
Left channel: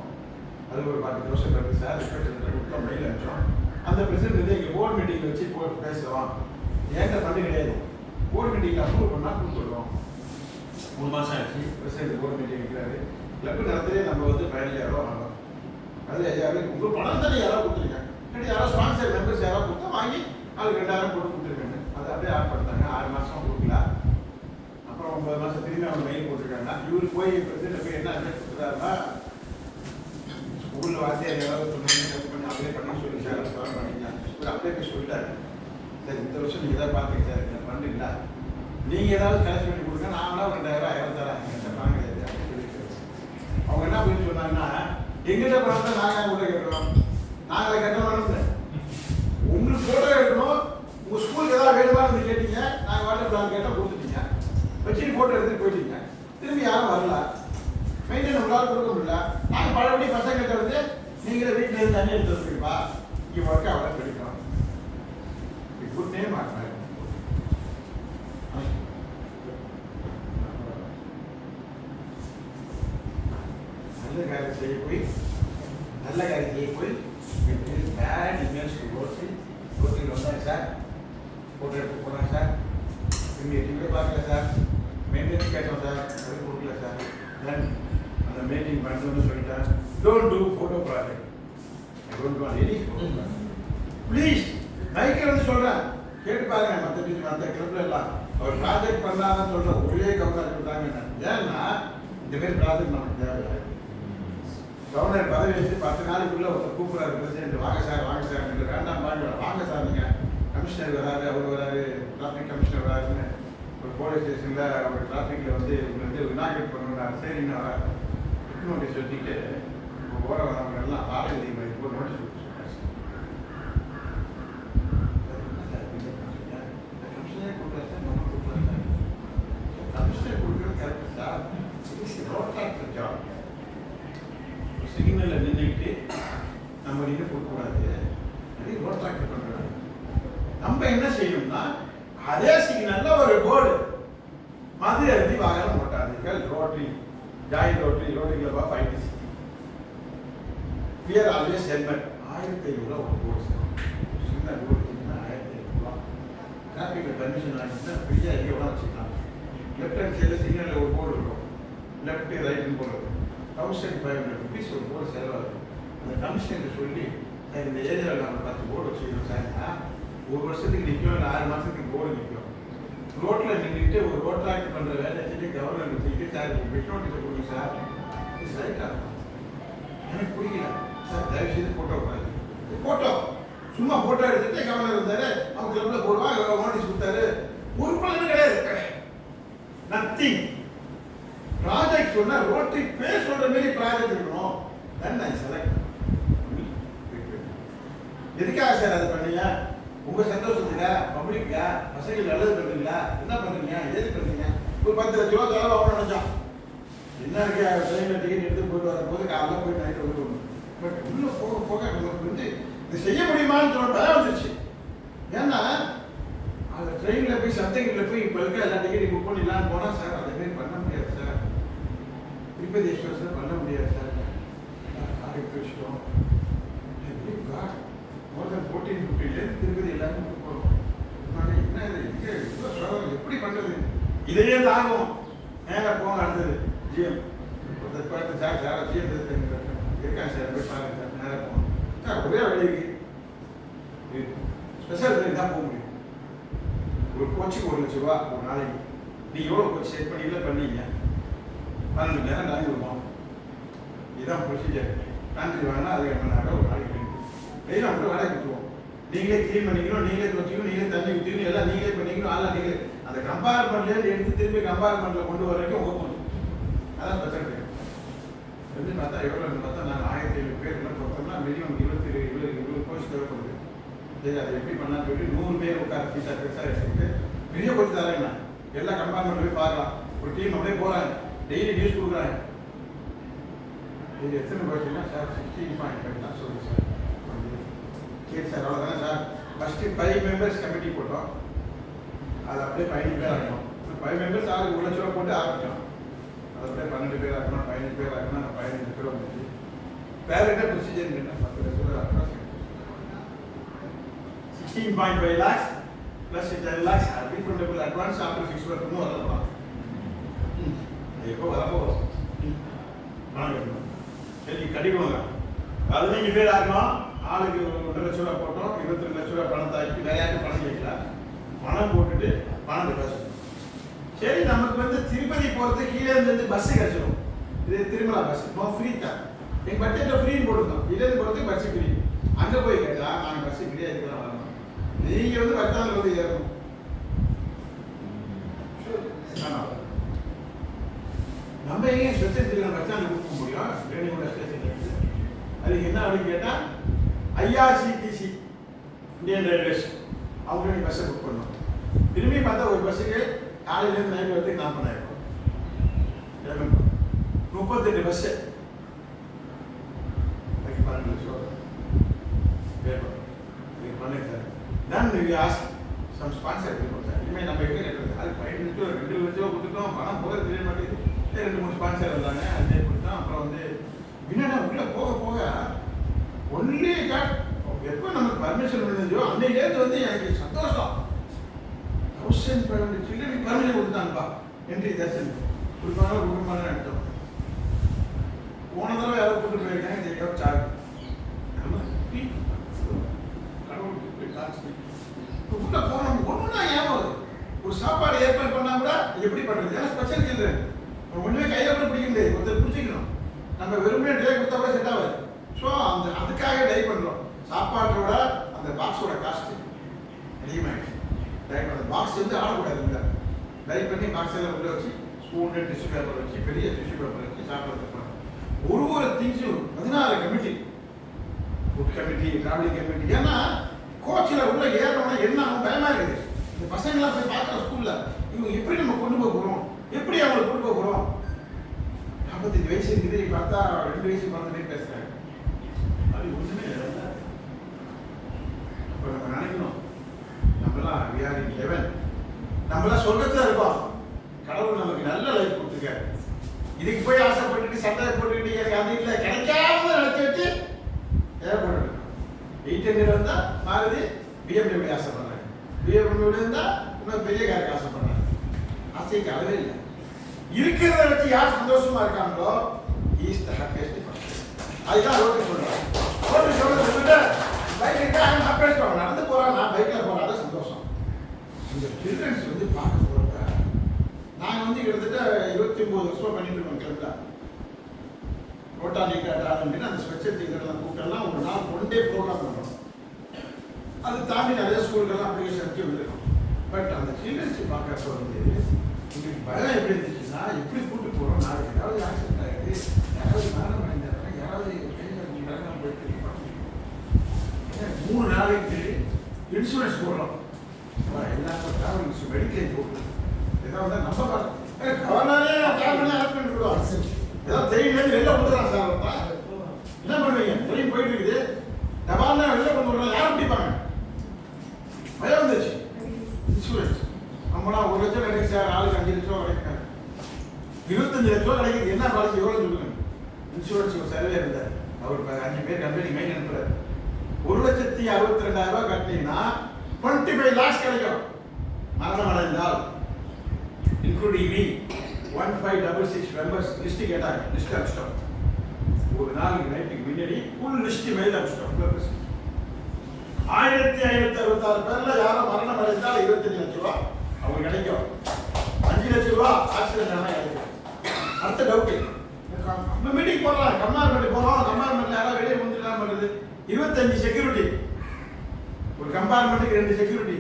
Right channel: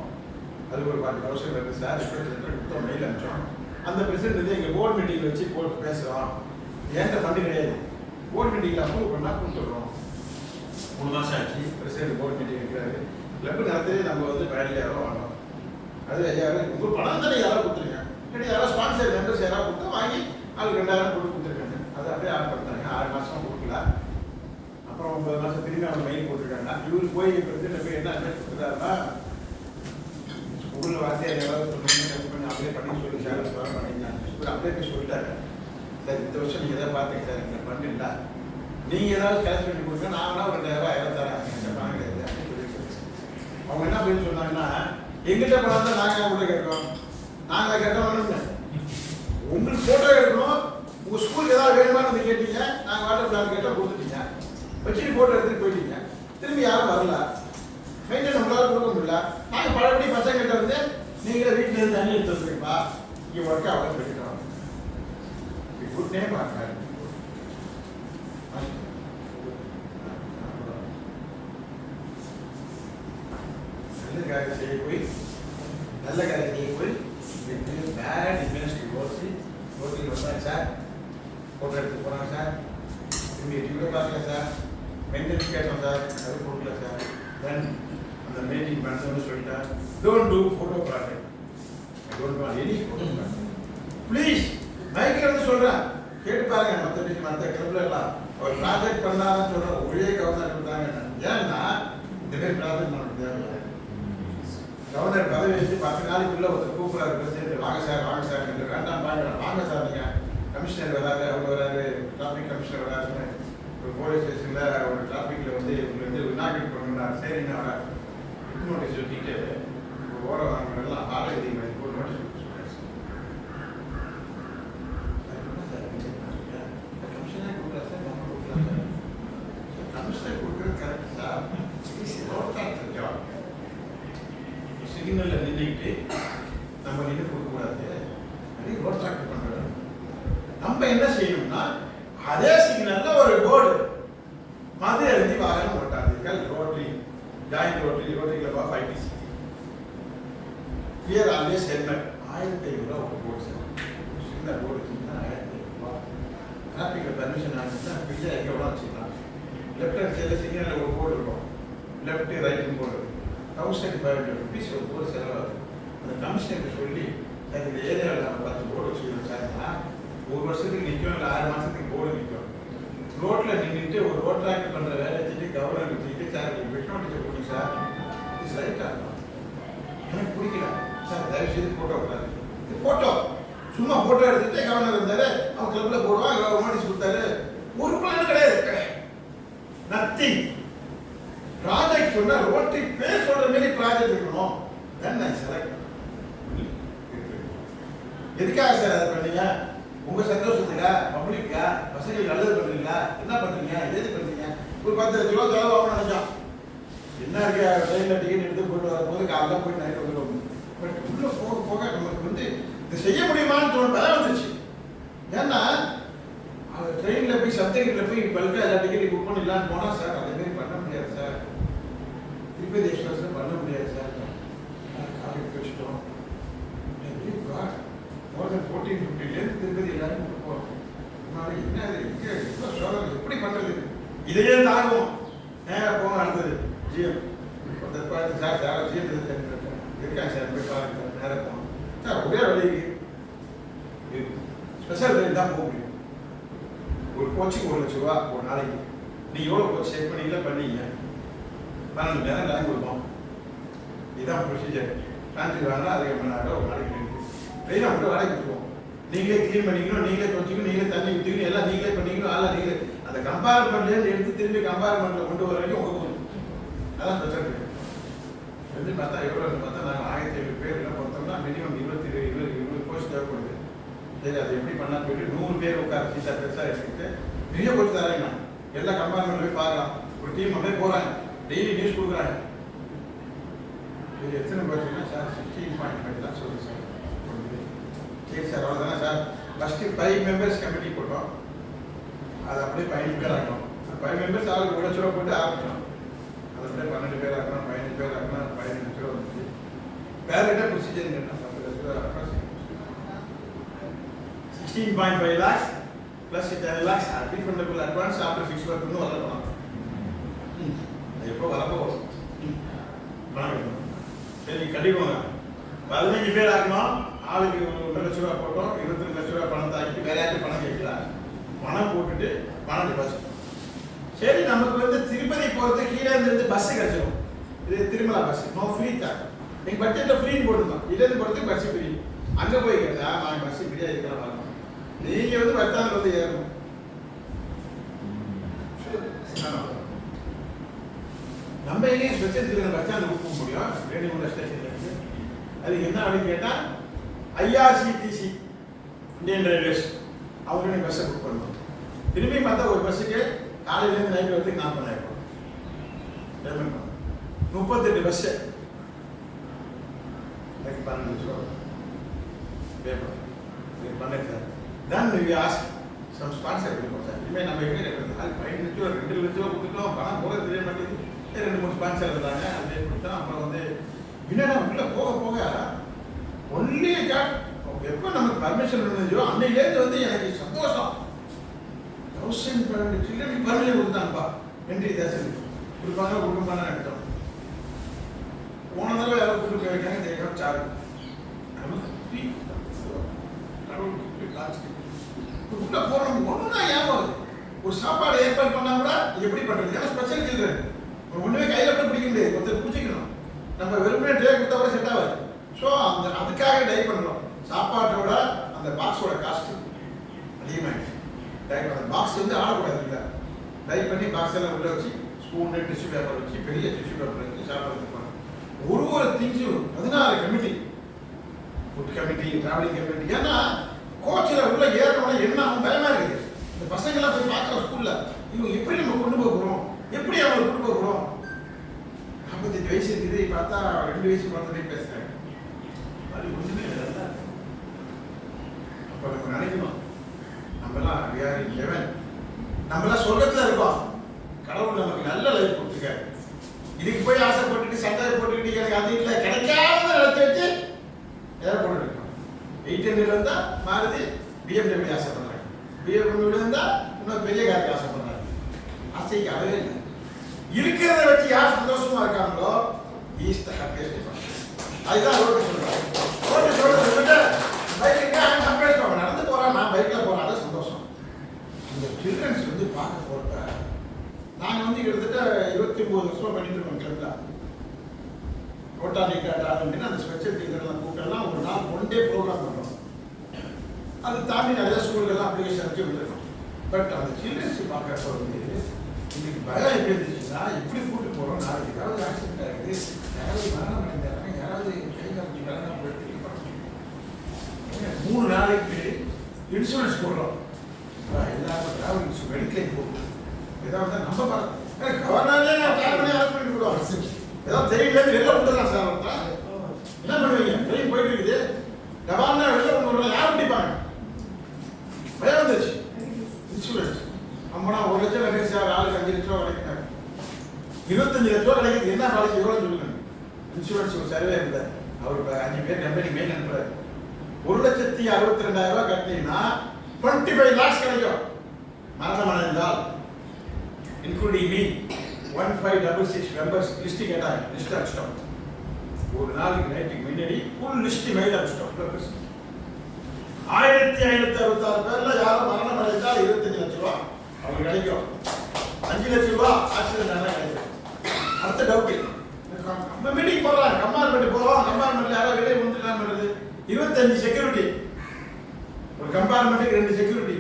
அது ஒரு 40,000 வருது சார், ரிக்வஸ்ட் லெட்டர் கொடுத்தோம், மெயில் அனுப்பிச்சோம். அந்த பிரசிடென்ட் வந்து எங்கள் போர்டு மீட்டிங்கில் வச்சு போட்டு பேசுகிறோம், ஏன்ட்ட ஃபண்டு கிடையாது, போர்டு மீட்டிங்கில் அப்ரூவ் பண்ணால் கொடுத்துட்றோம். 3 மாதம் ஆச்சு, பிரசிடென்ட் போர்டு மீட்டிங் வைக்கிறாரு. கிளப்பு நடத்துறதே நம்ம வந்து 15,000 வாங்கணும். அது யாரும் உங்கள் பணம் தானே யாராவது கொடுத்துருங்க, இல்லாட்டி யாராவது ஸ்பான்சர் மெம்பர்ஸ் யாராவது கொடுத்தா வாங்கி ஆளுக்கு 2,000 போட்டு கொடுத்துருக்காங்க. அதை அப்படியே ஆட் பண்ணிட்டாங்க. 6 மாதம் கொடுக்கல. அப்புறம் 9 மாதம் திரும்பி அவங்க மெயில் போட்டிருக்காங்க. இவரு போய் பிரசிடென்ட் போய் என்ன அட்வைஸ் கொடுத்துட்டாருன்னா, ஸ்கூலில் வார்த்தையை ஏதாவது பண்ணி அப்படியே பண்ணி சொல்லி சார் வர பண்ணிக்கலாம், இவர் அப்படியே போய் சொல்லிட்டாரு. சார் இந்த வருஷம் நீங்கள் எதாவது பார்த்தீங்க சார், இந்த ஃபண்டு இல்லை, நீங்கள் ஏதாவது கலெக்ட் பண்ணி கொடுங்க, நான் வேணா ஒரு 2,000 தரேன், என்கிட்ட பணம் கிடையாது அப்படின்னு சொல்லியிருக்காரு. அவங்க என்ன அப்படின்னு சொன்னாங்கன்னா, எங்கிட்ட பணம் தான் நாங்கள் உள்ள கேட்கிறோம், நாங்கள கேட்டோம் வேணும்னு, உங்களுக்கு ஃபோட்டோ எடுக்கணும், உங்கள் ஸ்கூலுக்கு ஏதாவது வேணுமான்னு கேட்டீங்க, நாங்கள் வாட்டர் பிளான் கேட்டால் கொடுத்துட்டீங்க, வச்சுட்டு ஃபோட்டோ எடுத்துகிட்டு போயிட்டீங்க, திரும்பி யாரும் வரல. மெயின்டைன் நம்மளால கொடுக்க முடியல. நாங்கள் பழையபடி பசங்கள்கிட்ட வந்து நீங்களே வீட்டில் இருந்து தண்ணி எடுத்து வந்துருப்பா இங்கே ஒர்க் ஆகலாம் சொல்லிக்கலாம். குட் நேம் ஆகிறாரு. நல்ல காரியம் செய்ய போய் பேட் இமேஜ் ரோட்டில் வந்தாங்க சார், ஃபோட்டோ எடுத்து போனாங்க சார், திரும்பி டிவியை பார்க்கல சார், மெயின்டெனன்ஸ் கேட்டோம் சார், அது கொடுக்கல சார். தென் அந்த மீட்டிங் பண்ணணும்னு சொல்லிட்டேன், don't do photo project, I don't want any photo project please. மைக்கில் வந்து சொல்கிறேன், கேட்டு பாருங்க. மற்ற கிளப்ல எல்லாம் அவர் ப்ராஜெக்ட் பண்ணாதான் சொல்ற ஒரே கவர்னர் இருந்தாங்க. ஏன்னா இந்த மாதிரி ப்ராஜெக்ட் நமக்கு தேவையா? கவர்னர் பதவி வச்சு 10 நாளைக்குள்ள ஒருத்தர் கூப்பிடாரு பிரசிடென்ட், வாங்க சார் என்று வேண்டாம் வாங்க சார், நீங்க கமிஷனர் வராரு, அவர் வராரு, டிராஃபிக் கமிஷனர் வராருன்னு ஒரு போலீஸ் ஸ்டேஷன்ல ஒரு டிராஃபிக்ல வந்து இவங்க வந்து இனாகிரேட் பண்ணணும்னாரு. சரின்னு வராரு, நோட்டீஸ் வச்சுட்டு ஓட வரவங்க எல்லாம் ஆலை அதிகமாக ஒரு நோட்டீஸ் கொடுத்து சொன்னார். கமிஷனர் கொடுக்குறாரு சார், நம்ம கொடுக்கலாம் சார். கமிஷனர் கொடுக்குறது கரெக்ட் சார், சிக்னல்ல நின்றுக்கிட்டு நம்ம நின்று கொடுக்கக்கூடாது, ரோட் டிராக்டர் பண்றாங்க. நம்ம என்ன செய்யணும்னா அதே சிக்னல்ல ஒரு போர்டு, மது அருந்தி வாகனம் ஓட்டாதீர்கள், rotary joint rotary club of ITC here always helmet. 1500 ஒரு போர்டு சார், சின்ன போர்டு வச்சிங்கன்னா 1500. டிராஃபிக்ல பர்மிஷன் ஆகிடுச்சுன்னா ஃப்ரீயாக எங்கே வேணா வச்சுக்கலாம். லெஃப்ட் ஹேண்ட் சைடில் சிக்னலில் ஒரு போர்டு இருக்கும், லெஃப்ட் ரைட்டுன்னு போர்டு இருக்கும். 1500 rupees ஒரு போர்டு செலவாகுது. அந்த கமிஷனருக்கு சொல்லி சார் இந்த ஏரியாவில் நம்ம 10 போர்டு வச்சுக்கிறோம் சார், ஒரு வருஷத்துக்கு நிற்கும், இல்லை 6 மாதத்துக்கு போர்டு நிற்கும். ரோட்டில் நின்றுட்டு ஒரு ரோட் டிராக்ட் பண்ணுற வேலை வச்சுட்டு கவர்னர் வச்சுக்கிட்டு சார் பெட் நோட்டீஸை போடுங்க சார், இது ரைட்டாக இருக்கும். எனக்கு பிடிக்கல சார், தயவு செய்து ஃபோட்டோ கூடாது. ஃபோட்டோ சும்மா ஃபோட்டோ எடுத்துட்டு கவர்னர் இருந்தாரு, அவங்க கிளப்பில் போடுவான், நோட்டீஸ் கொடுத்தாரு, ஒரு பலனும் கிடையாது, நத்திங். ப்ராஜெக்ட் சொன்னா ரோட்டரி பேர் சொல்ற மாதிரி ப்ராஜெக்ட் இருக்கணும். தென் ஐ செலக்ட். எதுக்காக சார் அதை பண்ணீங்க? உங்க சந்தோஷத்துக்கா, பப்ளிக்கா, பசங்களுக்கு நல்லது பண்றீங்களா, என்ன பண்றீங்க, ஏது பண்றீங்க? ஒரு 10 லட்ச ரூபா செலவாகும் நினைச்சோம். என்ன இருக்கு, ட்ரெயின்ல டிக்கெட் எடுத்து போயிட்டு வரும்போது காலைல போய் நைட்டு வந்துடும். பட் உள்ள போக போக நமக்கு வந்து இது செய்ய முடியுமான்னு தோணு பயம் வந்துருச்சு. ஏன்னா அந்த ட்ரெயின்ல போய் சப்தகிரியில் போய் பல்கா எல்லா டிக்கெட்டையும் புக் பண்ணிடலான்னு போனா சார் அதே மாதிரி பண்ண முடியாது சார். திருப்பதி எக்ஸ்பிரஸ் பண்ண முடியாது சார். கார் எடுத்து வச்சிட்டோம். மோர் தென் 1450 திருப்பதி எல்லாரும் கொடுப்போம். என்ன இது இங்கே இவ்வளோ சோதனை எப்படி பண்ணுறது? இதையே தாங்கும். நேராக போங்க, அடுத்தது ஜிஎம் ஒருத்தர் பார்த்து சார் சார் ஜிஎம் இருக்காங்க சார், போய் பாருங்க சார், நேராக போகணும் சார். ஒரே வழிக்கு ஸ்பெஷல் ட்ரெயின் தான் போக முடியும். ஒரு கோச்சுக்கு 1 லட்ச ரூபா ஒரு நாளைக்கு. நீங்கள் எவ்வளோ கோச் செக் பண்ணீங்க 12 மணி நேரம் டைம் கொடுப்போம். இதுதான் ப்ரொசீஜர். டான்ஸுக்கு வேணால் அதுக்கு மணி நேரம் ஒரு நாளைக்கு ட்ரெயினை மட்டும் வேலையை கொடுத்துருவோம். நீங்களே க்ளீன் பண்ணிக்கணும், நீங்களே துவச்சிக்கணும், நீங்களே தண்ணி ஊற்றிக்கணும், எல்லாம் நீங்களே பண்ணிக்கணும். அதெல்லாம் நீங்களே அந்த கம்பார்ட்மெண்ட்லேருந்து எடுத்து திரும்பி கம்பார்ட்மெண்ட்டில் கொண்டு வர வரைக்கும் உங்கள் போகணும். அதான் பிரச்சனை. வந்து பார்த்தா எவ்வளோ பார்த்தா நாங்கள் 1500 பேர்லாம் பார்த்தோம்னா மினிமம் 20 கோச் தேவைப்படுது. சரி அதை எப்படி பண்ணலான்னு சொல்லிட்டு 100 பேர் உட்கார சீட்டாக பெருசாக எடுத்துக்கிட்டு பெரிய கோச் தராங்க. எல்லா கம்பார்ட்மெண்ட்டில் போய் பார்க்கலாம். ஒரு டீம் அப்படியே போகிறாங்க, டெய்லி நியூஸ் கொடுக்குறாங்க. இது எத்தனை பார்த்தீங்கன்னா சார் 16.5 தான் சொல்லுங்கள் சார். சரி சார் அவ்வளோதானே சார். ஃபஸ்ட்டு 5 மெம்பர்ஸ் கமிட்டி போட்டோம், அது அப்படியே 15 பேர் ஆகணும். 5 மெம்பர்ஸ் ஆளுக்கு 1 லட்ச ரூபா போட்டு ஆரம்பித்தோம். அது அப்படியே 12 பேர் ஆகணும், 15 பேர் ஆகணும், 15 லட்ச ரூபா வந்துச்சு. பேரண்ட்டாக ப்ரொசீஜர் கேட்டால் 10 லட்ச ரூபா 16.5 lakhs plus 10 lakhs refundable advance after 6 months வரலாம். எப்போ வரப்போ பணம் சரி கட்டிக்கோங்க. 15 பேர் ஆகணும், ஆளுக்கு 1 லட்ச ரூபா போட்டோம், 22 லட்ச ரூபா பணத்தை ஆக்கிட்டு வேற யார்ட்டு பணம் கேட்கலாம். பணம் போட்டுட்டு பணம் டெபாசிட். சரி நமக்கு வந்து திருப்பதி போகிறது கீழே இருந்து பஸ்ஸு கிடச்சிடும். இது திருமலா பஸ், நோ ஃப்ரீ தான். எங்கள் பட்ஜெட்டில் ஃப்ரீன்னு போட்டுருந்தோம். இலேருந்து போகிறதுக்கு பஸ்ஸு ஃப்ரீ. அங்கே போய் கேட்டால் நாங்கள் பஸ்ஸு ஃப்ரீயாக இருக்கலாம் வரலாம். நீங்கள் வந்து பஸ்டாண்டில் வந்து ஏறணும். நம்ம எங்கேயும் ஸ்பெஷல் சீட்டில் பஸ் ஸ்டாண்டு புக் பண்ண முடியும். ரேணிகுண்டா ஸ்டேஷனில் இருக்குது. அதுக்கு என்ன வழி கேட்டால் IRCTC இந்தியன் ரயில்வேஸ் அவங்க நீங்கள் பஸ்ஸை புக் பண்ணணும். திரும்பி பார்த்தா ஒரு பஸ்ஸுக்கு காலையிலேருந்து நைட்டு வரதுக்கு 40,000 பேமெண்ட். 38 பஸ் எனக்கு 12 லட்சம் ரூபா பே பண்ணுறோம். இது பண்ணுங்க sir. Then we ask some sponsor கொடுப்போம் சார். இனிமேல் நம்ம எப்படி இருக்கிறது? அது 15 லட்சம் 2 லட்சம் ரூபா கொடுத்துட்டோம், பணம் போகிறது தெரிய மாட்டேங்குது. 2-3 ஸ்பான்சர் இருந்தாங்க, அதே கொடுத்தோம். அப்புறம் வந்து என்னன்னா உள்ள போக போக ஒன்லி காட் எப்போ நமக்கு பர்மிஷன் இருந்ததோ அன்னையிலேருந்து வந்து எனக்கு சந்தோஷம். 1500 சில்ட்ரனுக்கு பர்மிஷன் கொடுத்தாங்கப்பா. என்ட்ரி தேசம் கொடுப்பாங்க கொடுப்பாங்கன்னு நினைச்சோம். போன தடவை யாரோ கூட்டு போயிருக்காங்க, தேவை சார்ஜ் கடவுளுக்கு காட்சி உள்ள போறோம். ஒண்ணுனா ஏமாவது ஒரு சாப்பாடு ஏற்பாடு பண்ணா கூட எப்படி பண்றது? ஏன்னா ஸ்பெஷல் சில்ட்ரன் ஒண்ணுமே கையில கூட பிடிக்க முடியாது, ஒருத்தர் பிடிச்சிக்கணும். நம்ம வெறுமனே ட்ரே கொடுத்தா கூட செட் ஆகாது. ஸோ அதுக்காக டை பண்றோம். சாப்பாட்டோட அந்த பாக்ஸோட காஸ்ட் அதிகமாகிடுச்சு. அந்த பாக்ஸ் வந்து ஆடக்கூடாது இல்லை, டை பண்ணி பாக்ஸ் எல்லாம் உள்ள வச்சு ஸ்பூனு டிஷ்யூ பேப்பர் வச்சு பெரிய டிஷ்யூ பேப்பர் வச்சு சாப்பிட்றதுக்கு ஒரு திங்ஸும் 16 committee, food committee, travelling committee. ஏன்னா கோச்சில் உள்ள ஏறணும்னா என்ன ஆகும் பயமா இருக்குது. இந்த பசங்களாம் போய் பார்க்குற ஸ்கூல்ல இவங்க எப்படி நம்ம கொண்டு போக போகிறோம், எப்படி அவங்களை கொண்டு போக போகிறோம். 45 வயசு இருக்குது, பார்த்தா 2 வயசு குழந்தை பேசுறாங்க. அது ஒன்றுமே இல்லை. அப்போ நம்ம நினைக்கணும் நம்மலாம் we are in heaven, நம்மளாம் சொர்க்கத்தில் இருக்கோம். கடவுள் நமக்கு நல்ல லைஃப் கொடுத்துருக்காரு. இதுக்கு போய் ஆசைப்பட்டுட்டு சட்டை போட்டுக்கிட்டு எனக்கு அது இல்லை கிடைக்காத நினைச்சு வச்சு ஏற்பட்டு இருக்கோம். 800 இருந்தா மாறுதி BMW ஆசைப்படுறாங்க, BMW இருந்தா இன்னும் பெரிய காருக்கு ஆசைப்படுறாங்க. ஆசைக்கு அளவே இல்லை. இருக்கிறத வச்சு யார் சந்தோஷமா இருக்காங்களோ இஸ் த ஹாப்பியஸ்ட் பர்சன். அதுதான் ரோட்டு சொல்றாங்க. ரோட்டு சொல்லிட்டு பைக்கு ஹாப்பியஸ்ட் அவன் நடந்து போறான், நான் பைக்ல போறேன், அது சந்தோஷம். அந்த சில்ட்ரன்ஸ் வந்து பார்க்க போறப்ப நாங்கள் வந்து கிட்டத்தட்ட 29 வருஷமா பண்ணிட்டு இருக்கோம். கிளப்ல ரோட்டானிக்கா டாலண்ட்னு அந்த ஸ்பெஷல் திங்கர்லாம் கூட்டெல்லாம் ஒரு நாள் 1 டே ப்ரோக்ராம் பண்ணுறோம். அது தாண்டி நிறைய ஸ்கூல்கள்லாம் அப்ளிகேஷன் வச்சு வந்துருக்கோம். பட் அந்த சில்ட்ரன்ஸ் பார்க்கறப்ப வந்து இன்னைக்கு பயம் எப்படி இருந்துச்சுன்னா, எப்படி கூட்டு போகிறோம், நாளைக்கு ஏதாவது ஆக்சிடென்ட் ஆகிடுது, யாராவது மரணம் அடைந்தாங்க, யாராவது கைகாலத்துக்கு வேலை போயிட்டு 3 நாளைக்கு இன்சூரன்ஸ் போடுறோம். எல்லாருக்கும் டிராவல் இன்சூரன்ஸ் மெடிக்கல் போடுறோம். ஏதாவது நம்ம கவர்னரே பிளான் பண்ணி அரெஸ்ட் பண்ணி விடுவாங்க. ஏதாவது தெரியல வெளில வந்துடுறான் சார். என்ன பண்ணுவீங்க? ட்ரெயின் போயிட்டு இருக்குது, டபால்னா வெளில கொண்டு வரலாம், யாரும் பிடிப்பாங்க? பயம் வந்துருச்சு. இன்சூரன்ஸ் நம்மனா 1 லட்சம் கிடைக்கும் சார், ஆளுக்கு 5 லட்சம் ரூபா கிடைக்கிறாங்க, 25 லட்சம் ரூபா கிடைக்குது. என்ன பாலிசி எவ்வளோ சொல்லுங்க? இன்சூரன்ஸ் ஒரு சர்வே இருந்தார், அவர் 5 பேர் கம்பெனி மெயின் அனுப்புறாரு. 1,62,000 கட்டினீங்கன்னா 25 lakhs கிடைக்கும். மரணம் அடைந்தால் including me 1566 members லிஸ்ட் கேட்டாங்க. லிஸ்ட் அடிச்சிட்டோம். ஒரு நாளைக்கு நைட்டுக்கு முன்னாடி ஃபுல் லிஸ்ட் மெயில் அடிச்சிட்டோம். 1566 பேர்ல யாரும் மரணம் அடைந்தால் 25 லட்சம் ரூபா அவங்களுக்கு கிடைக்கும். 5 லட்சம் ரூபா ஆக்சிடென்ட் ஆனால் கிடைக்கும். அடுத்த டவுட், நம்ம மீட்டிங் போடுறாங்க, கம்பார்ட்மெண்ட் போகிறோம், கம்பார்ட்மெண்ட்ல யாராவது வெளியே வந்துட்டு பண்ணுறது? 25 செக்யூரிட்டி, ஒரு கம்பார்ட்மெண்ட்டுக்கு 2 செக்யூரிட்டி.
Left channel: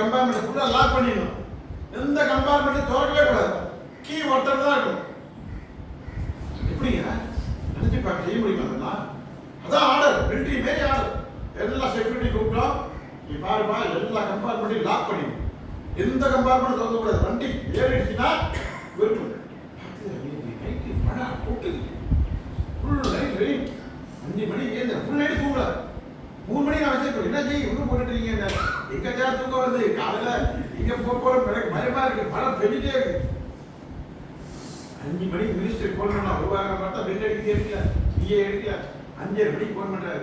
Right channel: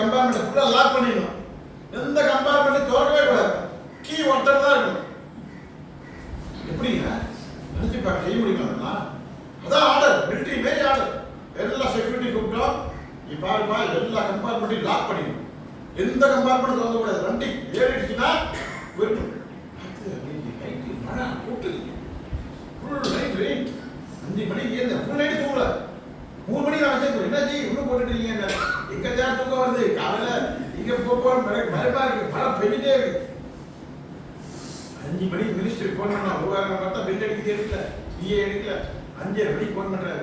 கம்பார்ட்மெண்ட் ஃபுல்லாக லாக் பண்ணிடணும். எந்த கம்பார்ட்மெண்ட்டும் திறக்கவே கூடாது, கீ ஒருத்தர் தான் இருக்கும். எப்படிங்க நினைச்சு பார்க்க செய்ய முடியுமா? அதெல்லாம் அதான் ஆர்டர், மிலிட்டரி மாரி ஆர்டர். எல்லா செக்யூரிட்டி கூப்பிட்டோம், நீ பாருப்பா எல்லா கம்பார்ட்மெண்ட்டையும் லாக் பண்ணிடணும், எந்த கம்பார்ட்மெண்ட் திறக்க கூடாது. வண்டி ஏறிடுச்சுன்னா விருப்பம். நைட்டு மழை போட்டு ஃபுல் நைட் ரெயின், 5 மணிக்கு ஏந்த ஃபுல் நைட்டு தூங்கல. 3 மணிக்கு நான் வச்சிருக்கேன், என்ன ஜி இன்னும் போட்டுட்டு இருக்கீங்க? எங்க சார் தூக்கம் வருது, காலையில இங்க போறோம், பயமா இருக்கு, மழை பெஞ்சிட்டே இருக்கு. 5 மணிக்கு மினிஸ்டருக்கு போன் பண்ணா வருவாங்க, பார்த்தா பெல் அடிக்க எடுக்கல, பிஏ எடுக்கல. 5:30 மணிக்கு போன் பண்றாரு,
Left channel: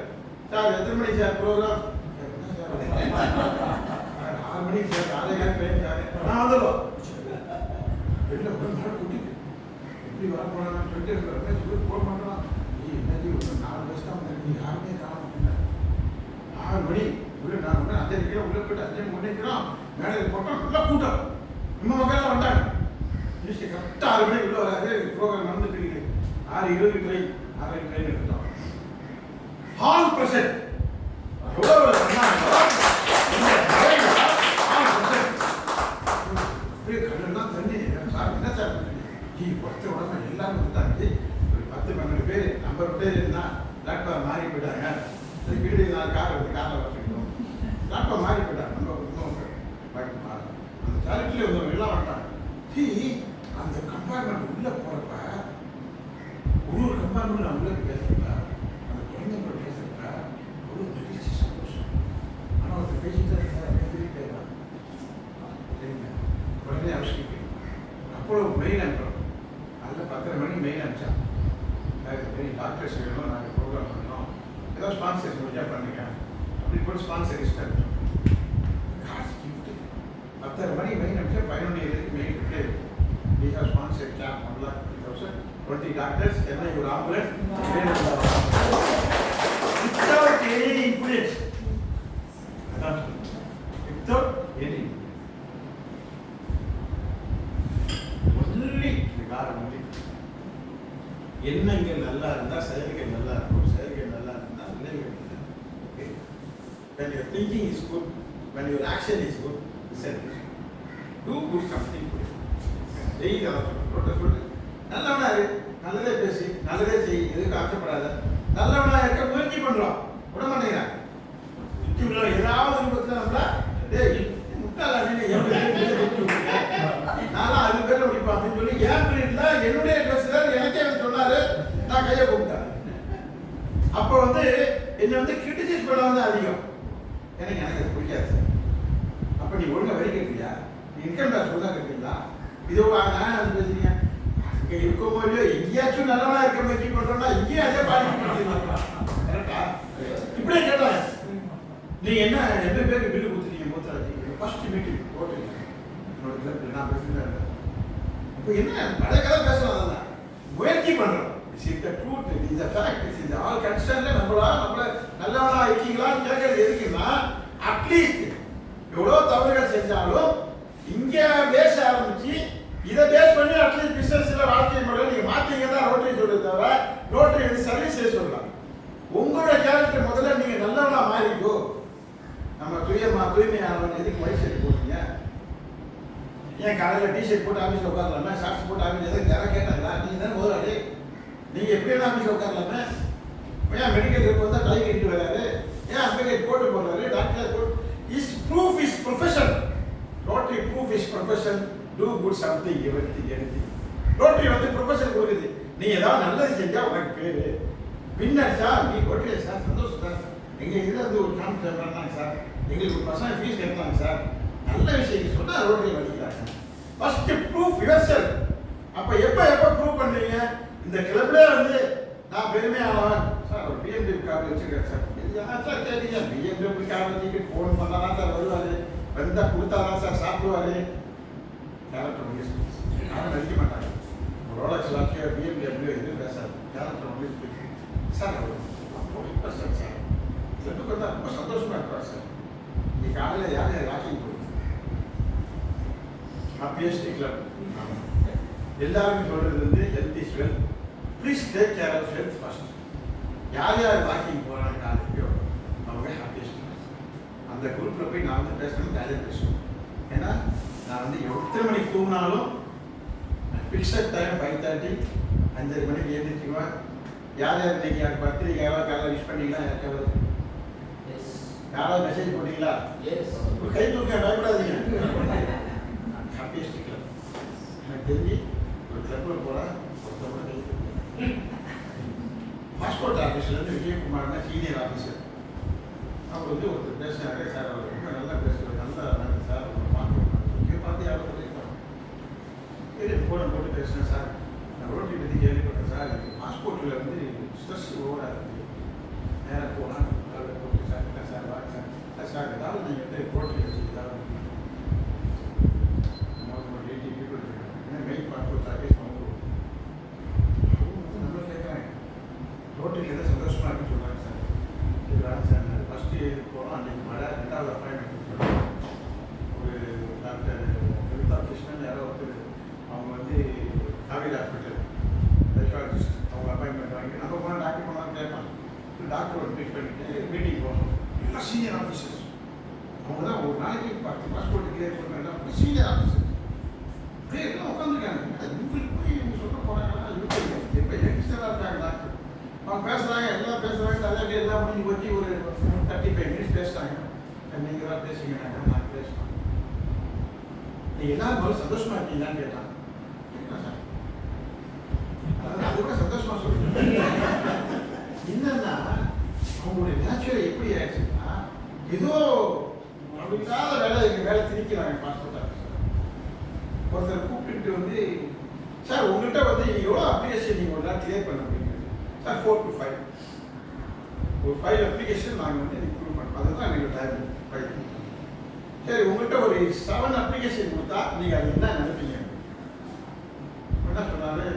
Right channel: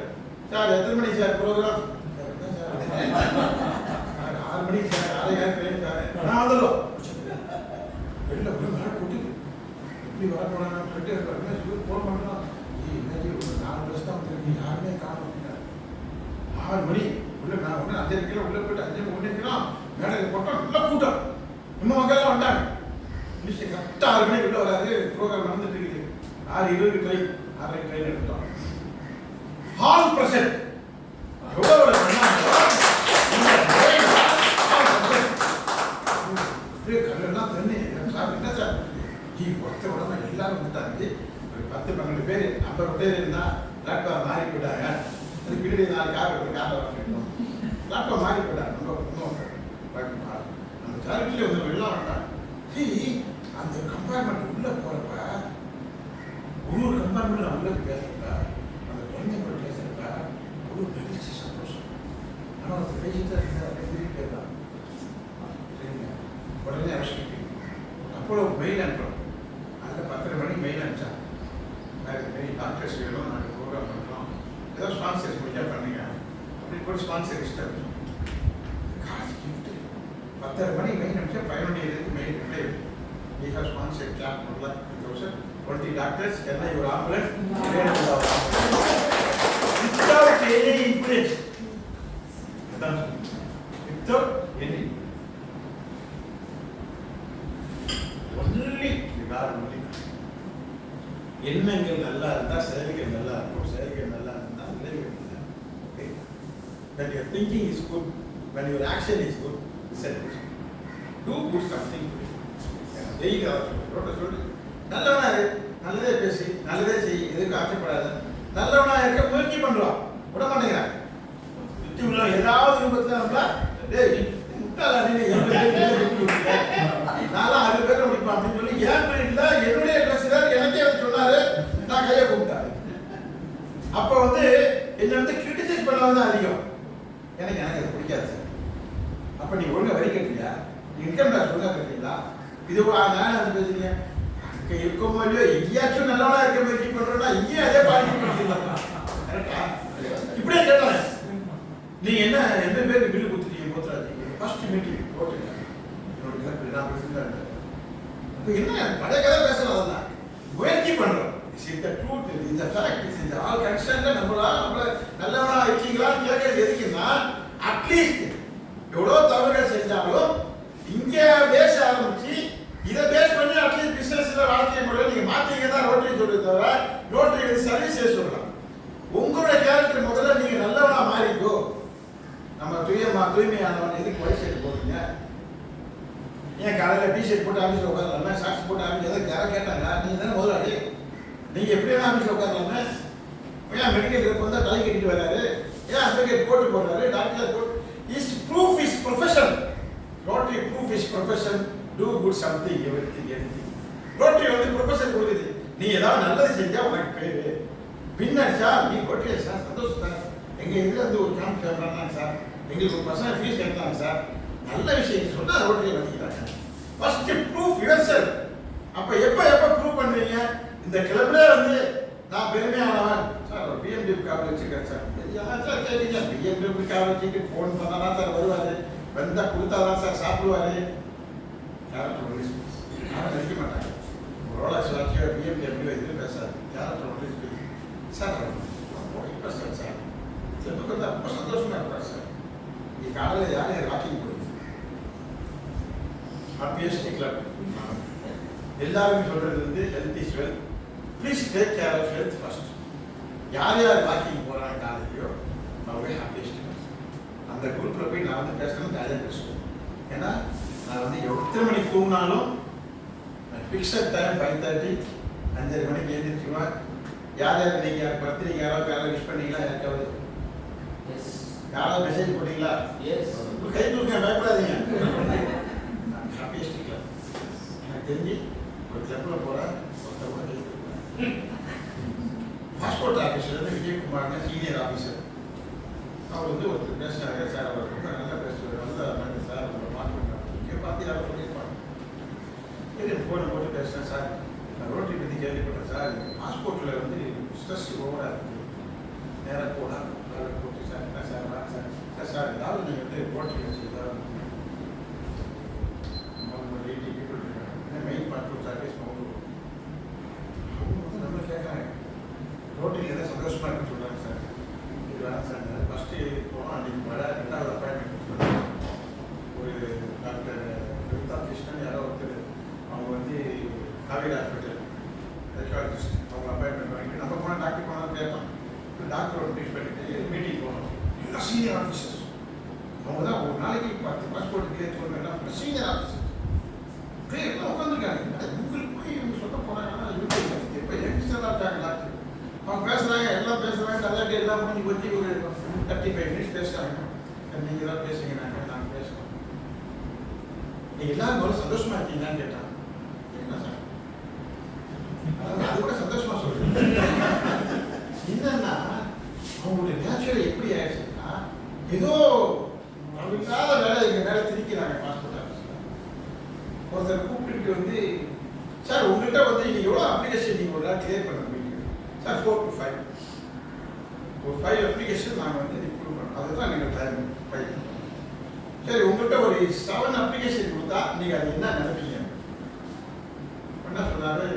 சார் எத்தனை மணிக்கு சார் ப்ரோக்ராம்? 6 மணிக்கு சார், 6:30 ட்ரெயின் சார், நான் வந்துடும். வெளில போய் மழை கூட்டிட்டு எப்படி வர போனாங்கன்னு சொல்லிட்டு போன் பண்றான். என்னது ஒரு 4 பஸ் தான் வந்து யாருமே காணும் அப்படின்னா 6 மணி உள்ள நான் ஒன்று 5:30 உள்ள போயிட்டு 5 மணிக்கிறோம். மேடம் போட்டோம், நல்லா கூட்டம், நம்ம மக்கள்லாம் வந்தாங்க. மினிஸ்டர் கரெக்டாக 6 மணிக்கு உள்ள வராது, ப்ரோக்ராம் நடந்துட்டு இருக்குது. 6:20 ட்ரெயின், 6:30 ட்ரெயின் எடுத்துட்டோம். ஹால் பிரசன்ட் எவ்வளோ பண்ணாங்களோ அப்படியே கல்லெல்லாம் தண்ணி. சார் என்ன சார் ஒருத்தர் உடனே எல்லாரும் வந்துட்டாங்க. ஒரு 10-12 பேர் 50 பேர் இருந்தால் லேப்டாப் மாறி போயிட்டாங்க. அதுக்கு பின்னாடி 4 கார் வந்து காரில் வச்சுக்கிட்டோம். லேப்டாப் மாறி போயிட்டாங்க. நம்ம அந்த சாரிட்டியில் வந்து எல்லாம் வந்தாங்க. அந்த கம்பார்ட்மெண்ட் உள்ளே போகிறப்ப கம்பார்ட்மெண்ட் நான் உள்ள போய் பேசுறப்ப அந்த குழந்தை கூட பேசுறப்ப அவ்வளோ மகிழ்ச்சி சந்தோஷம். ஆனால் ஒருத்தர் பேசிட்டு தான் இருந்தார் அப்படியே திருப்பி தான் சரிங்க. உடனே அவசியம் அப்போ மெயில் அனுப்புகிறோம். அதில் 10:30 மணிக்கு மெயில் அனுப்பிச்சான். இந்த மாரி டாக்டர்ஸ் வேணும், நாங்கள் ப்ரோக்ராம் பண்ணுறோம், ஏதோ ஸ்பான்சர்ஸ் முடிஞ்சா பண்ணுங்க அப்படி போட்டு ஸ்பான்சர் லிஸ்ட் அனுப்பிச்சோம். காசு கிஃப்ட்டு 10:30 மணிக்கு மெயில் அனுப்பிச்சா 11 மெயில் ரிப்ளை இருக்கு. We have sponsored clap 1,20,000 doctors, Chennai ஒரு ஆம்புலன்ஸ் without any influence. அதான் without any only God only. எண்ணங்கள் நல்லா இருந்தா செயல்கள் நல்லா இருக்கும், செயல்கள் நல்லா இருந்தா விளைவுகள் நல்லா இருக்கும். When your thinking is good, when your action is good, result is good. Do good something good. Daily ரோட்டை சொல்லி நல்லவனா இரு, நல்லதே பேசி நல்லதே செய், எதுக்கு ஆக்கப்படாத, நல்லவனா இருக்க முயற்சி பண்றோம், விட மாட்டேங்கிறாங்க. சுற்றி உள்ள ஏதாவது ரூபத்தில் நம்மள டேய் முட்டாளா நீ நான்லாம் 6 பேரை முடிப்பேன் அப்படின்னு சொல்லி என் பீரியட்ல என்னுடைய ட்ரெஸ்ல எனக்கே வந்து சொன்னாரு. நான் கையை கூப்பிட்டேன். அப்போ வந்து என்னை வந்து கிரிட்டிசைஸ் பண்ண வந்து அதிகம். எனக்கு அது பிடிக்காது சார். அப்போ நீ ஒழுங்கா வரி கட்டுறியா, நீ இன்கம் டேக்ஸ் ஒழுங்கா கட்டுறீங்களா, இது நான் வந்து பேசுறீங்க அங்கே இருக்கமோ இல்லையோ எங்கேயாச்சும் நல்லவனா இருக்க முயற்சி பண்றோம்னா இங்கேயும் அதே பாலிசி பண்ணிடலாம். கரெக்டா? இப்படியே கேட்டாங்க. நீங்க என்ன பேருக்கு பில்லு கொடுத்துட்டீங்க போத்துறாச்சு. ஃபர்ஸ்ட் மீட்டிங் போட்டுருங்க என்னோட கிளப்ல நான் பிரசிடண்ட். இப்போ என்ன பழைய கதை பேசலாம், அதெல்லாம் முயற்சி பண்றோம். Is the truth, is the fact, is all constant. நம்மள நல்லவனா இருக்கீங்களான்னு கேட்கறது எதுக்குன்னா அட்லீஸ்ட் எவ்வளோ தவறுகள் செஞ்சாலும் இங்கே பேச ஆரம்பிச்சு இதை பேஸ் பண்ணி அட்லீஸ்ட் பிசினஸ்ல வாழ்க்கை முறையில் நீங்க மாத்தீங்க தான் ரோட்டரி சொல்றது தவிர ரோட்டரி வந்து சர்வீஸே சொல்லலாம். உங்களுடைய கேரக்டர் முதல்ல நீங்க நல்லவனா மாறிக்கோ. நம்ம தூய்மையானவன் எதுக்கு ஒயிட் ஷர்ட் போடுறீங்க, ஏன் காலையில் டிஷர்ட் போட்டு ஆஃபீஸில் உட்காரலாமே, ஷார்ட்ஸ் போட்டு ஆஃபீஸ் எதாவது யாராவது கேட்டாங்களா? நீங்கள் தானே முதலாளி, நீங்கள் எப்படி வேணா ஆஃபீஸில் உட்காரலாமே. ஏன் மெடிக்கல் ரேப் வந்தால் தலை கட்டிட்டு வராரு, ஏன் அட்வொகேட் போட்டு போடுறாரு, டாக்டர் போட்டு is proof is profession. Rotary proof is profession. Do good something everything. Rotary வந்து ப்ரொஃபஷன் கொடுக்குது. நீ ஏதாவது நல்லது செஞ்சா உனக்கு பேரு வின்னர் சார், நீ கொட்டிய சார், சந்தோஷம் சார், எங்கள் இதில் வந்து ஒரு கேம்ப் பண்ணாங்க சார், எங்களுக்கு ஒரு பர்சன்ட் ஃபீஸ் கட்டினாங்க சார், நல்ல விஷயம் சொன்னால் ரோட்டரி வலிக்கிறாங்க. First proof yourself. அப்போ எப்போ ப்ரூவ் பண்ணுவீங்க? இந்த கிளப்ல வந்து நான் பெருமையானவன் சார், ஒரு BMW கார் வச்சுருக்கேன் சார். யார் சார் கேட்டீங்க? BMW கார் வச்சுட்டு ஃபோன் பண்ணால் தான் சார் வருவார், வந்தால் கொடுத்தா தான் சார் சாப்பிடுவார். Character only speech. யாரும் நடிக்க மாட்டாங்க. ஒரு ரோலக்ஸ் வாட்சியோ BMW எதுவும் பேசாது. Character only speech. சார் ரொம்ப இன்ட்ரெஸ்டட் சார், கிளப்புக்கு வந்து ரொம்ப சந்தோஷமாக இருப்பார் சார். இங்கே காலையில் யாரும் வாக்கிங் போடுது, ஹாப்பியஸ்ட் கிளப். எல்லாருமே சொல்கிறது வந்து health is wealth, please take care of health first. யார் வாக்கிங் போகிறாங்க காலையிலையோ அவங்க ஹாப்பியஸ்ட் கிளப். அந்த குரூப்பில் போய் நான் வந்து பேசணும், ஜாலியாக பேசுவேன். ஏன்னா நான் வந்து எத்தனை மணிக்கு தூங்கினாலும் ஃபிக்ஸட் டைம் 5:30, 5:30 மணிக்கு எழுந்திரிச்சுவேன். யார் இன்னைக்கு யார் பர்த்டே யாராவது காலையில் விஷ் பண்ணீங்களா? யாருக்காவது யாராவது மெசேஜ் போட்டீங்களா? ஒரு கை தூக்க பயப்படாதீங்க. Happiest club. எனக்கு தெரிஞ்சு ஒரு கிளப்பில் போகிறேன், ஒருத்தர் கூட கை தூக்க. பாஸ்போர்ட் ஆஃபீஸர்லேருந்து விஜயகுமார்னு சீனியர் ஆஃபீஸர், அவர் வந்து ஒருத்தர் பேசுனாங்க சார், அவர் ரொம்ப நல்லா பேசுவார், நல்லா இருந்தாங்க சார், உங்களை பாஸ்போர்ட் இங்கே பார்த்து யாரும் சொல்லியிருப்பாங்க. இது ஃபோனை போட்டு பேசுகிறேன் சார், நான் ரோட்டரி பற்றி கேள்விப்பட்டேன் சார், எனக்கு பாஸ்போர்ட்டில் வந்து ஸ்ட்ரெஸ் ஓவராக இருக்குது, நேராக போனால் போட்டு சார் என்ன சார் வாங்க சார் சார் சார் ஏதாவது நீங்கள் வந்து ரோட்டரி வச்சு ஏதாவது 80 பீப்புள் இருக்காங்க, ஏன்னா மெயின் பாஸ்போர்ட் சர்வீஸ் அவங்க வந்து நம்மளை கேட்குறாங்க ரோட்டரியில் எதாவது சந்தோஷமாக இருக்குன்னு சொல்கிறாங்க சார். இது வேணாம் சார், நான் ஃபஸ்ட்டு போனோம் அன்றைக்கி மழை, 2வது அப்பாயின்மெண்ட் சொல்கிறாங்க. ஒரு டாக்டர் கவிதா கிருஷ்ணன் யாரோ ஒருத்தர், அவங்க வந்து காவேரி ஹாஸ்பிட்டல் சைக்காலஜிஸ்ட், அவங்க அப்பாயின்மெண்ட் வாங்கிட்டு நம்ம போனால் டாக்டர் போனாலும் கேட்பான். டாக்டரோட மீட் பண்ணிட்டு மீட்டிங் போனோம். எல்லாம் சீனியர் ஆஃபீஸர்ஸ், அவங்க தான் ஒரு நாளைக்கு 10 பாஸ்போர்ட் கிளியர் பண்ணுறாங்க. சீனியர் ஆஃபீஸர்ஸ் அப்படியே எல்லாம் உட்காந்துருக்காங்க. உங்களுக்கு போய் இவங்க சொல்ல போகிறாங்கன்னா இவங்க எப்போ யங்ஸ்டராக இருக்காங்க டாக்டர், அவங்க பேசுகிறாங்க, எல்லாம் பேசுகிறாங்க, கதையாட்டி எல்லாம் முடிஞ்சு போச்சு. ஒரு 35 மினிட்ஸ் பேசுகிறாங்க. நீங்கள் தான் பேசுங்க, நாங்கள் பேசுகிறோம். நீங்கள் எல்லாரும் போல சந்தோஷமாக இருக்கீங்களான்னு கேட்டாங்க. என்ன சார், அதாவது அது கூட சந்தோஷமாக சொல்லுங்கள். என்னன்னா அவங்களுடைய நேச்சுரல் எப்படி ஆயிடுச்சுன்னா ஏதோ இல்லாத வேலை எங்கள் வேலை திணிக்கிறாங்க பாஸ்போர்ட் ஆஃபீஸில். ஒருத்தர் கூப்பிட்டுட்டு வந்து சார் உங்கள்கிட்ட வந்து இன்னைக்கு எவ்வளோ அப்ளிகேஷன் நீங்கள் ஒரு நாள் கிளியர் பண்ண முடியும் சார் 4 to 5 ஒரு 5 அப்ளிகேஷன் நாங்கள் வந்து இம்ப்ரூவ் பண்ணோம். அதுதான் எங்கள் டைம் 5. சரி உங்கள்கிட்ட ஒரு 7 அப்ளிகேஷன் கொடுத்தா நீங்கள் அது என்ன நினைப்பீங்க? என்ன சொன்னாரு,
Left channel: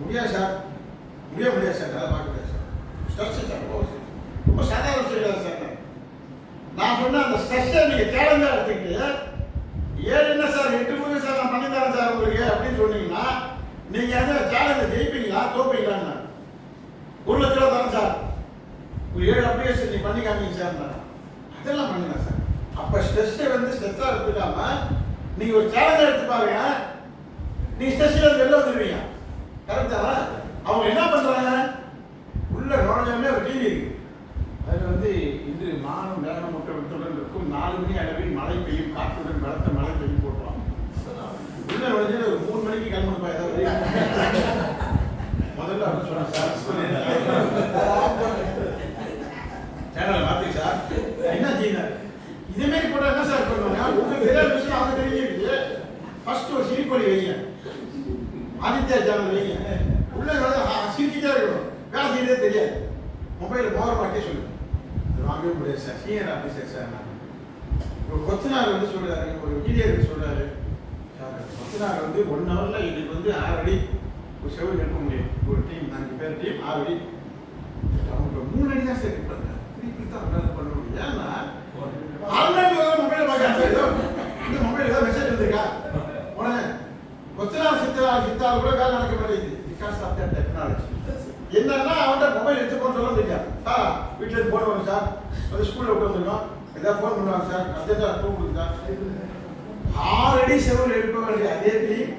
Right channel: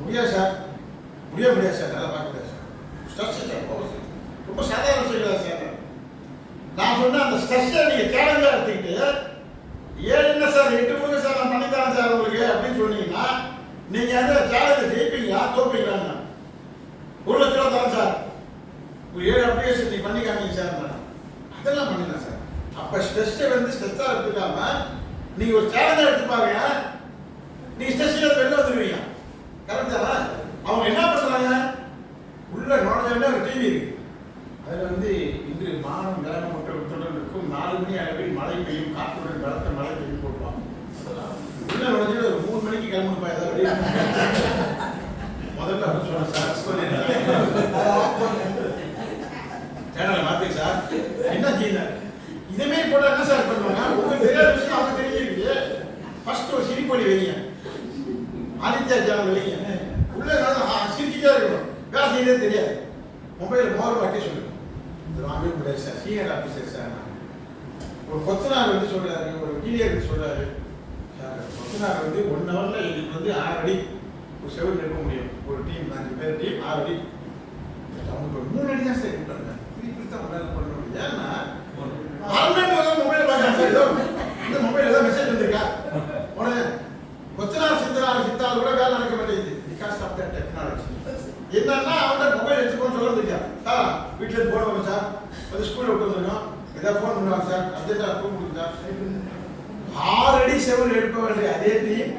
முடியாது சார், முடியாது சார், நல்லா பார்க்க முடியாது சார், ஸ்ட்ரெஸ் சார், ரொம்ப சாதாரண விஷயம் சார். நான் சொன்ன அந்த ஸ்ட்ரெஸ்ஸை நீங்கள் சேலஞ்சாக எடுத்துக்கிட்டு ஏன் என்ன சார் 8 முறை சார் நான் பண்ணித்தரேன் சார் உங்களுக்கு அப்படின்னு சொன்னீங்கன்னா நீங்கள் அந்த சேலஞ்சை ஜெயிப்பீங்களா தோப்பீங்களான்னு. 1 லட்ச ரூபா தரேன் சார், ஒரு 7 அப்ளிகேஷன் நீங்கள் பண்ணி காமிங்க சார். அதெல்லாம் பண்ணிடலாம் சார். அப்போ ஸ்ட்ரெஸ்ஸை வந்து ஸ்ட்ரெஸ்ஸாக எடுத்துக்காம நீங்கள் ஒரு சேலஞ்சாக எடுத்து பாருங்க, நீங்கள் ஸ்ட்ரெஸ்ஸில் வெளில வந்துடுவீங்க. கரெக்ட் தானே? அவங்க என்ன பண்ணுறாங்க, உள்ள நுழைஞ்சோடனே ஒரு டிவி இருக்கு, அதில் வந்து இன்று மானம் வேகம் முட்டுடன் இருக்கும் 4 மணி அளவில் மழை பெய்யும் காற்றுடன் பலத்த மழை பெய்யும் போட்டுவாங்க. உள்ள நுழைஞ்சு ஒரு 3 மணிக்கு கிளம்பணுப்பா ஏதாவது முதல்ல அப்படின்னு சொன்னேன் சார். சேனலை மாற்றி சார் என்ன செய்யணும் இதேமாரி போட்டால் என்ன சார் பண்ணுவாங்க? உங்களுக்கு தெரியாத விஷயம் அவங்க தெரிஞ்சிருக்கு. ஃபர்ஸ்ட் ஒரு சிரிப்பொலி வைங்க, ஆதித்யா சேனல் வைங்க, உள்ள சிரிச்சுட்டே இருக்கணும், வேலை செய்யறதே தெரியாது. மொபைல் பவர் மாட்டே சொல்லுங்க, இது வாங்கவே முடியாது சார், சீனியர் ஆஃபீஸர் சார். ஒரு கொத்தனார் வந்து சொல்றாரு, ஒரு இன்ஜினியர் வந்து சொல்றாரு சார், கொத்தனார் வந்து 1 ஹவர்ல இன்னைக்கு வந்து 6 அடி ஒரு செவரு எழுப்ப முடியும். ஒரு டீம் 5 பேர் டீம் 6 அடி, அவங்க 3 அடி தான் சார் இருப்பாங்க. திருப்பி தான் உடனே பண்ண முடியும். ஏன்னா மொபைல பார்க்க இந்த மொபைல் ஏதாவது மெசேஜ் வந்திருக்கா உடனே கொத்தனார் சித்தால் கூட வேலை நடக்க மாட்டேங்குது. Because of that technology. என்னன்னா அவன்கிட்ட மொபைல் எடுத்துக்கோன்னு சொல்ல முடியாது. சார் வீட்டில் இருந்து போன் வரும் சார், அது ஸ்கூலில் விட்டு வந்துருக்கோம், ஏதாவது ஃபோன் பண்ணுவாங்க சார், அர்ஜென்ட்டாக ஃபோன் கொடுங்க சார். 6 அடி செவல் எழுப்ப வேண்டிய அதே டீம்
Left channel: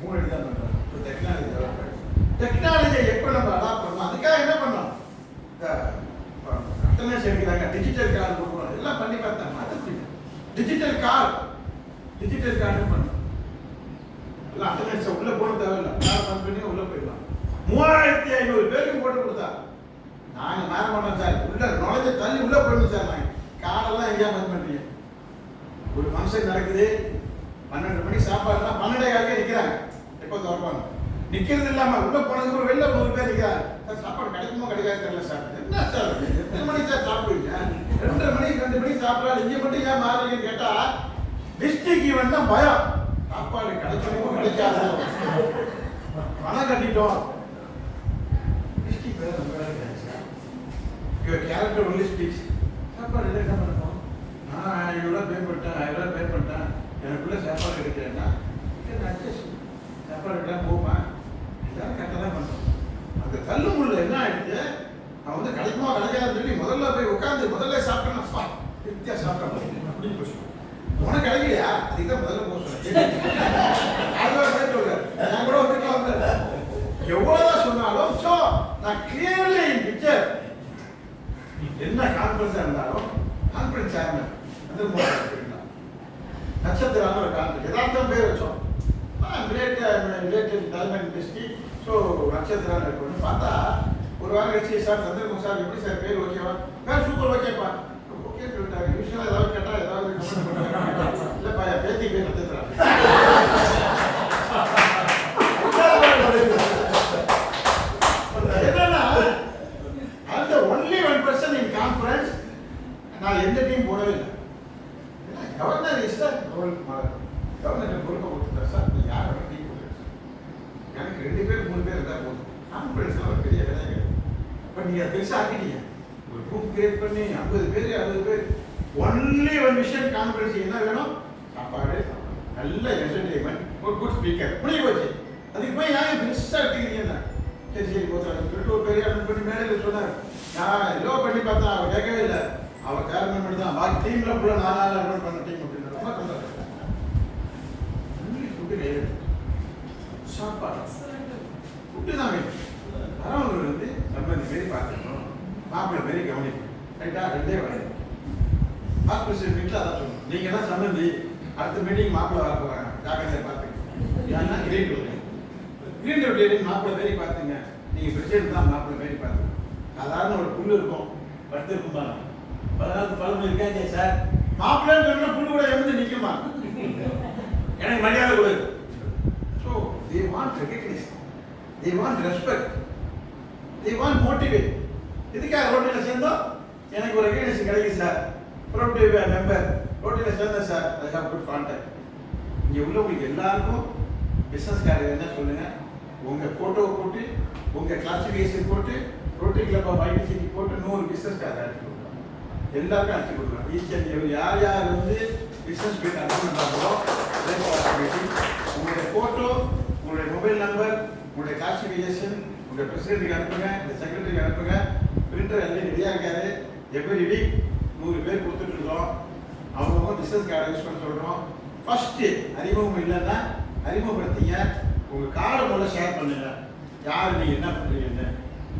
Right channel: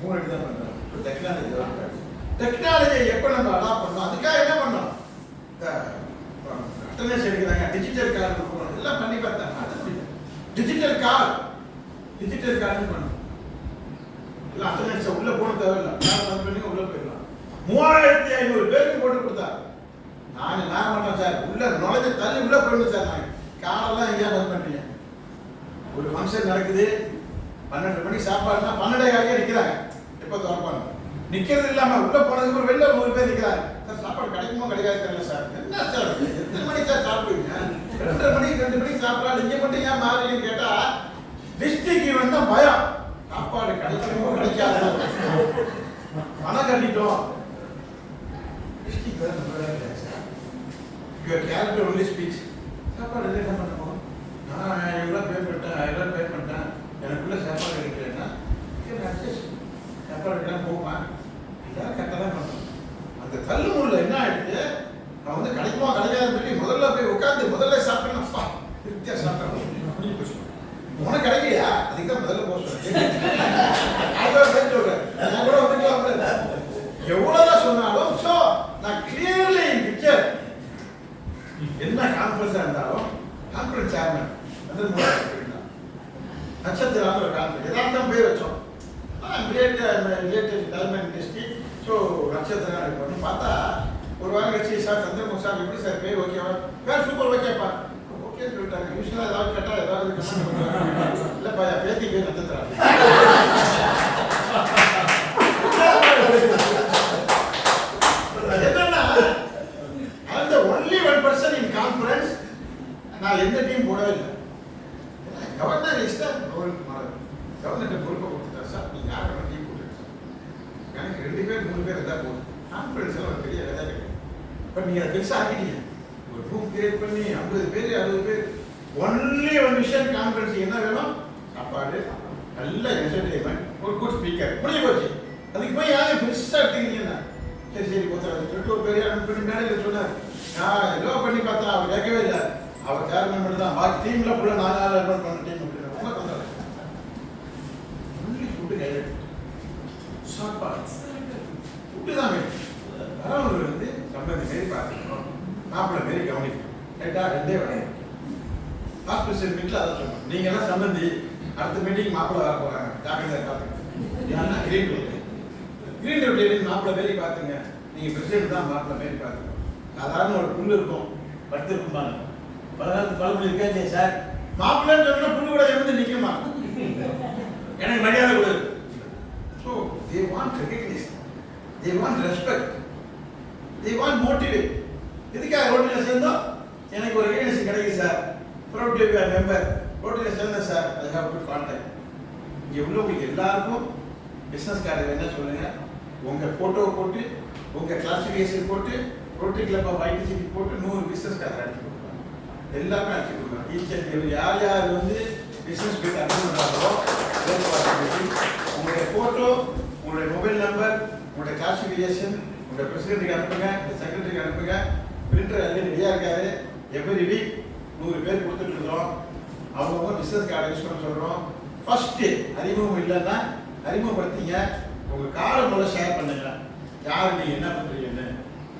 3 அடி தான் பண்ணுறாங்க. டெக்னாலஜியை எப்போ நம்ம அடாப்ட் பண்ணோம், அதுக்காக என்ன பண்ணோம், அட்டனன்ஸ் எடுக்கிறாங்க, டிஜிட்டல் கார்டு கொடுக்கணும், எல்லாம் பண்ணி பார்த்தாங்க. அது புரியல, டிஜிட்டல் கார்டு பண்ணணும், எல்லாம் அட்டனன்ஸை உள்ளே போன தேவையில்லை, கார்டு பந்த் பண்ணி உள்ளே போயிடலாம். 3500 பேருக்கு போட்டு கொடுத்தா நாங்கள் நேரம் பண்ணோம் சார், உள்ள நுழைஞ்ச தள்ளி உள்ளே போயிடணும் சார். நாங்கள் காரெல்லாம் எங்கேயா பந்த் பண்ணுறீங்க? ஒரு ஃபங்க்ஷன் நடக்குது, 12 மணிக்கு சாப்பாடுனா 12:15 நிற்கிறாங்க, எப்போ திறப்பாங்க, நிற்கிறது இல்லாமல் உள்ளே போனதுக்கு ஒரு வெளில 100 பேர் நிற்கிறாங்க. சார் சாப்பாடு கிடைக்குமோ கிடைக்காது தெரியல சார். என்ன சார் எத்தனை மணிக்கு சார் சாப்பிடுவீங்க? 2:30 மணிக்கு 2 மணிக்கு சாப்பிடலாம், நீங்கள் மட்டும் ஏன் மாறீங்கன்னு கேட்டால் டிஸ்ட்ரிக்ட் ஈவெண்ட் தான் பயம். சாப்பாடு கிடைக்குமோ கிடைக்காதோ, பணம் கட்டிட்டோம். டிஸ்ட்ரிக்ட் வேறு நம்ம வேலை கிடையாது sir. Your character only speech. சாப்பாடு இல்லை என்ன பண்ணணும், நான் இவ்வளோ பே பண்ணிட்டேன், எனக்குள்ள சாப்பாடு கிடைக்கலன்னா சாப்பாடு கிடையாது போகுமா, எல்லாரும் கரெக்டாக தான் பண்ணணும். அந்த தள்ளு முள்ள என்ன ஆயிடுச்சு, நான் வந்து கிடைக்குமா கிடைக்காதுன்னு சொல்லி முதல்ல போய் உட்காந்து முதல்ல சாப்பிட்டேன்னா திருப்தியாக சாப்பிட்டேன் அப்படின்னு போய் சொல்லுவேன். உனக்கு கிடைக்கலையா, அதுக்கு தான் முதல்ல போக சொல்றேன். அதான் சொல்றேன், நான் கூட வந்துக்கலாம். எவ்வளவுதான் சொன்னாலும் ஸோ நான் கிளியர்லி இன் பிக்சர் என்ன கான்ஃபரன்ஸாக இருந்தாலும் கான்ஃபரன்ஸ் சேர்மன் நட்சத்திரம் ஒரு கான்ஃபரன்ஸ் எதார்த்தம் பேர் வச்சோம், ரிலேட்டட் டைமண்ட் இண்டஸ்ட்ரி. ஸோ நட்சத்திரம் பண்ணு பார்த்தா ஒரு வாரம் கழிச்சு சார் சந்திரமுக சார் எப்படி சார் பேர் ஓகேவா, பேர் சூப்பர் ஓகேப்பா, ஓகே சொல்லிட்டாங்க. யூஸ்வலாக ஏதாவது கேட்டால் ஏதாவது கமெண்ட் பண்ணுறாங்க, இல்லைப்பா என் பேத்தி பேர் நட்சத்திரம். என்னன்னா அந்த ஒன்லி 1% இன் கான்ஃபரன்ஸ் நான் எந்த டீம் போடவே இல்லை. கவர்னர் இஷ்டம் கவர்னர் பொறுப்பை கொடுத்துட்டார் சார், நீங்கள் யார் வேணும் டீம் போட்டுருங்க சார், எனக்கு 2 பேர் 3 பேர் இருந்தால் போதும். கான்ஃபரன்ஸ்லாம் ஒரு பெரிய வேலை கிடையாது. பட் நீங்கள் அதை பெருசாக ஆக்கிட்டீங்க, ஒரு குரூப் கிரியேட் பண்ணி 50 பேர் 60 பேர் ஒன்லி 1 விஷயம் கான்ஃபரன்ஸ் என்ன வேணும், சாப்பாடு, நல்ல என்டர்டெயின்மெண்ட், ஒரு குட் ஸ்பீக்கர், முடிய போச்சு. அதுக்கு போய் யாரும் பெருசாக எடுத்துக்கிறீங்கன்னா சரி சொல்லிட்டு ஒரு பெரிய அட்டன் பண்ணி மேடையில் சொன்னார். நான் எல்லோ பண்ணி பார்த்தேன், அவர் கேட்கவே இல்லை, அவர் சேர்மன் மட்டும் தான், பாக்கி டீமில் ஃபுல்லாக 4 நாள் அட்டன் பண்ண டீம் அப்படின்னு ரொம்ப பண்ணுறாரு. ஒன்லி ஃபுட்டு கையில் சாப்பாடு ஃபுட்டு தான் வேணும். வரவங்க வந்து சம்பந்தி மாரி பார்த்துக்கணும், மாப்பிள்ளை மாரி கவனிக்கணும். ரைட்டா, 2 வேணும். ஹாஸ்பிட்டல் மீட்டில் அதான் சொல்லணும், நீங்கள் எல்லாம் சம்பந்தி அடுத்த மீட்டிங் மாப்பிள்ளை வர போகிறாங்க, ஜாக்கிரதையாக பார்த்துக்கணும். ஏன்னா கிரீன் டியூட்டி மாப்பிள்ளை மாரி பார்த்துங்க, நீங்க பிரசிடென்ட் தான் மாப்பிள்ள மாதிரி பாருங்க. சாதாரண ஒரு புல்லு இருக்கும், படுத்து இருக்குமா, பழமொழி இருக்கா இல்லையா சார்? மாப்பிள்ளைன்னு சொன்னா புல்லு கூட எமிந்து நிக்குமா? எனக்கு மரியாதை கொடு. So they want recognition, they want respect, they want motivate. இதுக்காக ரோட்டில் சேர்ந்தோம், எனக்கு ஒரு ரெகக்னிஷன் கிடைக்கும் sir, proud to be a member, ரோட்டில் சேர்ந்தேன் sir, I have good contact. இங்கே உள்ளவங்களுக்கு எல்லாருக்கும் பிஸ்னஸ் கார்டு வேணா சொல்லுங்க, உங்கள் ஃபோட்டோவை போட்டு உங்கள் கிளாசிஃபிகேஷன் போட்டு ரோட்டரி கிளப் ஆஃப் ஐடிசிட்டி போட்டு 100 பிஸ்னஸ் கார்டு அடிச்சு கொடுக்குறாங்க. எல்லாருக்கும் அடிச்சு கொடுக்குறாங்க. ஈச்சர் யார் யார் வந்து பிஸ்னஸ் மீட் அட்டன் பண்ணுறாங்களோ உங்களுடைய ஃபோட்டோ, உங்களுடைய மொபைல் நம்பர், உங்களுடைய கிளாசிஃபிகேஷன் உங்களுடைய பிரசிடென்ட்டுக்கு அனுப்புங்க, செக்ரட்டரிக்கு அனுப்புங்க. பிரிண்டர் எல்லாம் ரெடியாக இருக்காரு. எவ்ரி வீக் 100 பேர் கொடுத்துட்டு இருக்கிறோம். அவங்கவுங்க பிஸ்னஸ் கார்டை யூஸ் பண்ண சொல்கிறோம். ஃபஸ்ட்டு அறிமுகம் இல்லைன்னா அறிமுகப்படுத்திங்க. உங்கள் கார்டை முதல்ல ஷேர் பண்ணுங்க, யார் நீங்கள் என்ன பண்ணுறீங்கன்னு.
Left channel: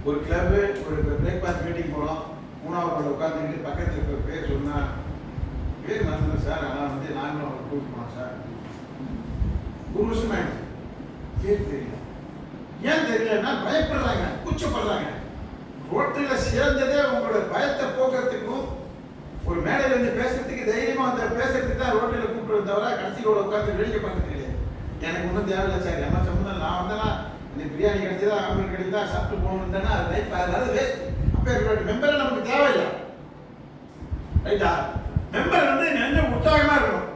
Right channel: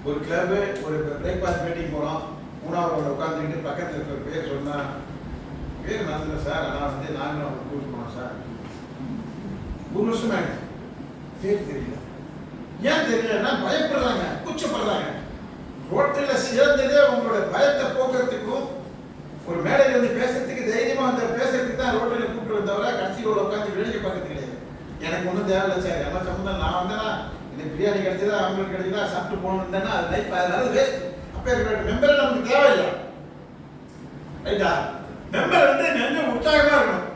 ஒரு கிளப்பு ஒரு பிரேக்ஃபாஸ்ட் மீட்டிங் போகிறோம், 3வது உட்காந்துக்கிட்டு பக்கத்தில் இருக்கிற பேர் சொன்னால் பேர் மறந்துல சார், ஆனால் வந்து நாங்களும் அவங்க கூட்டு போனோம் சார், 1 வருஷம் ஆயிடுச்சு, பேர் தெரியல. ஏன் தெரியலன்னா பயப்படுறாங்க, கூச்சப்படுறாங்க. ரோட்டில் சேர்ந்ததே உங்களோட பயத்தை போக்குறதுக்கும் ஒரு மேடையில் வந்து பேசுறதுக்கு தைரியமாக வந்து பேசுறதுக்கு தான் ரோட்டில் கூப்பிட்டு தவிர கடைசியோட உட்காந்து வேடிக்கை பார்க்க தெரியாது. எனக்கு ஒன்றும் தேவையில்லை சார், என்ன சம்மந்தம், நான் வந்தேன்னா இந்த பிரியாணி கிடைச்சதா ஆம்புலன்ஸ் கிடைச்சதா சாப்பிட்டு போகணும் தானே, அது லைஃப், அதனால வேஸ்ட். அப்போ மெம்பரை நமக்கு தேவையில்லை, ரைட்டா? மெம்பர் வந்து கொஞ்சம் உற்சாகமாக இருக்கணும்.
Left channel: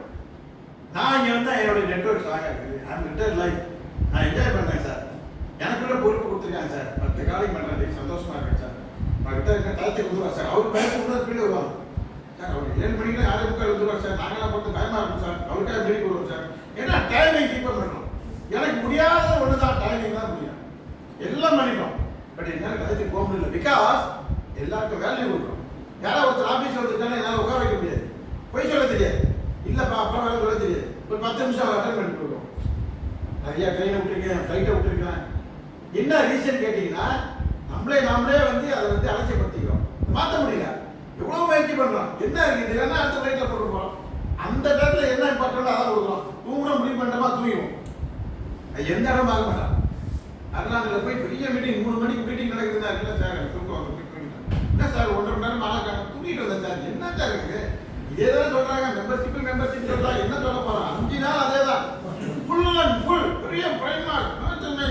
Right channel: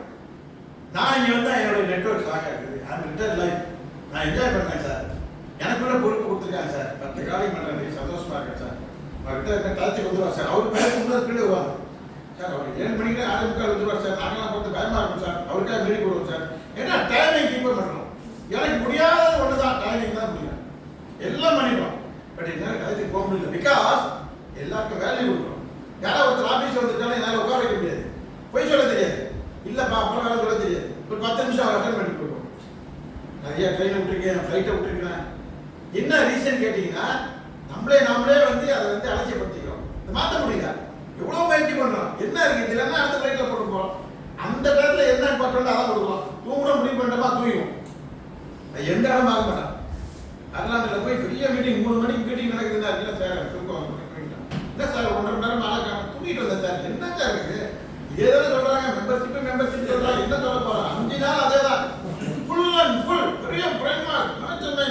நான் இங்கே வந்து என்னுடைய நெட்ஒர்க் ஸ்ட்ராங்காக இருக்குது, ஐம் ரிட்டையர்ட் லைஃப், நான் என்ஜாய் பண்ணேன் சார், எனக்குள்ள பொறுப்பு கொடுத்துருக்காங்க சார், 10 காலையும் பண்ணுறேன், சந்தோஷமா இருக்கேன் சார், அவர்கிட்ட இருக்க டாய்ச்சி வந்துடுவார் சார், அவருக்கு பயம் கொண்டு பின்னாடி வருவாங்க சார், அவர் 7 மணிக்கு 6:45 வந்துடுவார் சார், நாங்களாம் பார்த்து பயமாக இருக்கும் சார், அவருக்காக மீறி கொடுவோம் சார். ஏன்னா டைமிங் கீப் பண்ணணும். எனக்கு முடியாத ஒன்று தான் டைமிங் தான் முடியும், எல்லாம் பண்ணிட்டோம், பட் என்னால் டயத்துக்கு போக முடியல. பிகாஸ் எல்லாருக்கும் வேல்யூ கொடுக்கணும். யாராவது ஒருத்தர் ஆஃபீஸ் வந்துட்டாலும் என்னால் உட்கார வைக்க முடியாது, பொய் சொல்ல தெரியாது, இல்லைப்பா அப்புறம் வேலை சொல்ல தெரியாது, ஒரு 10 நிமிஷம் அட்டன் பண்ணி போயிடுவோம். நிறைய ட்ரெயினை விட்டுருக்கேன், ஃப்ளைட்டை விட்டுருக்கேன். என்ன ரீசன் கேட்டீங்கன்னா நாமளே வந்து அதை வந்து அலட்சியப்படுத்திக்கிறோம், மாற்ற முடியல. எவ்வளோ முயற்சி பண்ணுறோம், என்ன இருக்குது இல்லைன்னா அடுத்த ஃப்ளைட்டில் போட்டு போகிறோம். அந்த இடத்துல என்ன இம்பார்ட்டன்ட் அதான் கொடுக்குறோம். தூங்குற முடிவு பண்ணுறோமா தூங்கிடுவோம், எந்த இடமும் ஆக மாட்டான். அட்லாண்டில் போய் பெரிய மீட்டிங் 3 மணிக்கு மீட்டிங் நடக்குதுன்னா இல்லை சார் தூக்கம் போயிட்டான், என்ன சார் 1.5 மணி நேரம் ஆளாக்காங்க தூங்கிட்டு வந்தேன் சார், என்ன சார் இருக்குது இதே தானே சொல்கிறாங்க, மெம்பர்ஷிப் சொல்கிறாங்க, என்ன சொல்ல போகிறோம், 5 நாள் அதே தான், ஃபுல் அண்ட் ஃபுல் பெரிய பிரைமார்க் சென்னை.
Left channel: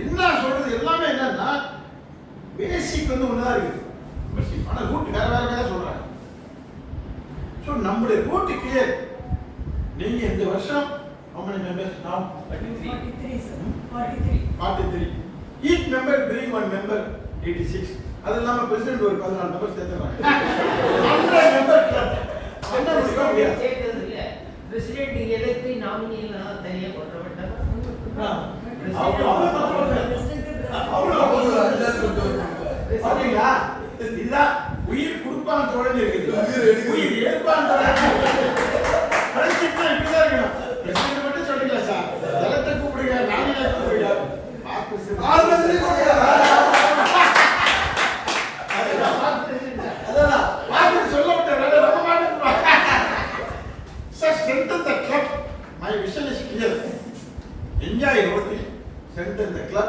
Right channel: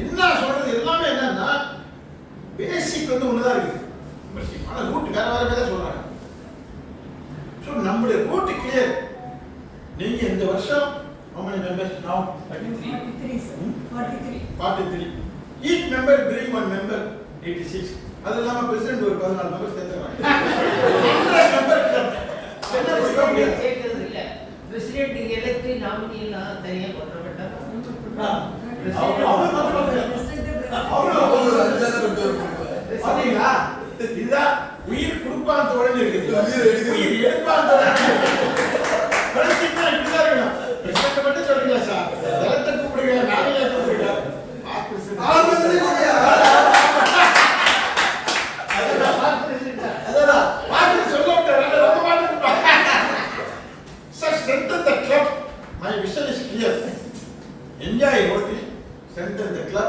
என்ன சொல்றது எல்லாமே என்னன்னா பேசிக் வந்து ஒண்ணுதான் இருக்கு, ஆனா ரூட் வேற வேற சொல்றாங்க. ஸோ நம்மளுடைய ரூட் கிளியர். நீங்க இந்த வருஷம் how many members now? 43 sir. 43. Each member bring 1 member, 86. அது இல்லாம பிரசிடென்ட் ஒரு 14 மெம்பர்ஸ் சேர்த்துறாங்க. 100 member club. என்ன முடியும்? சேர்க்கிறது இல்ல. பிரசிடென்ட் எலெக்ட் நாமினி எல்லாம் தனியா கொண்டுவரப்பட்டாங்க. இதுதான் உயிர் கொடுப்பான் தோழன் இருக்குது, உயிர் எடுப்பான் தோழன். இப்படிதான் இருக்கணும். பிரசிடென்ட் மட்டும் சொல்றீங்களா சார், எலக்ட கூப்பிடுங்க, நாமினியா கூப்பிடுங்க, சொல்ல Sir, strengthen the club. My vision is clear. Enjoy rotary, strengthen the club.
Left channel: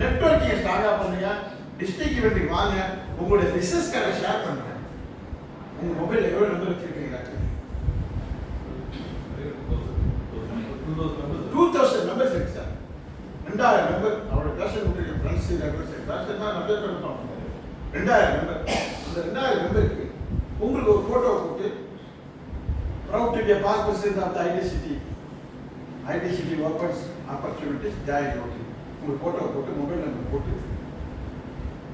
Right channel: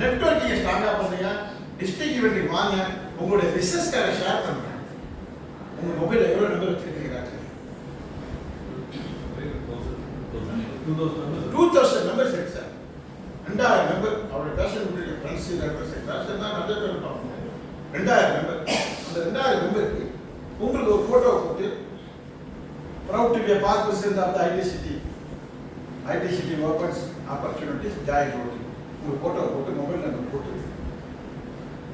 Networking ஸ்ட்ராங்கா பண்ணுங்க. டிஸ்ட்ரிக்ட் ஈவென்ட்க்கு வாங்க. உங்களுடைய பிசினஸ் கார்டை ஷேர் பண்ணுங்க. உங்க மொபைல்ல எவ்வளவு நம்பர் வச்சிருக்கீங்க? 2000 நம்பர்ஸ் இருக்கு சார். 2000 நம்பர் அவரோட பேஷன் விட்டு ஃப்ரெண்ட்ஸ் நம்பர்ஸ் பேஷன் தான் நிறைய பேர் இருப்பாங்க. 2000 நம்பர். அந்த 2000 நம்பருக்கு உங்களுக்கு ஒரு போட்டோ போட்டு proud to be a past president of the ITCT. ITCT opens opportunities, join Rotary. ஒரு போட்டோ போட்டு மொபைல் நம்பர் போட்டு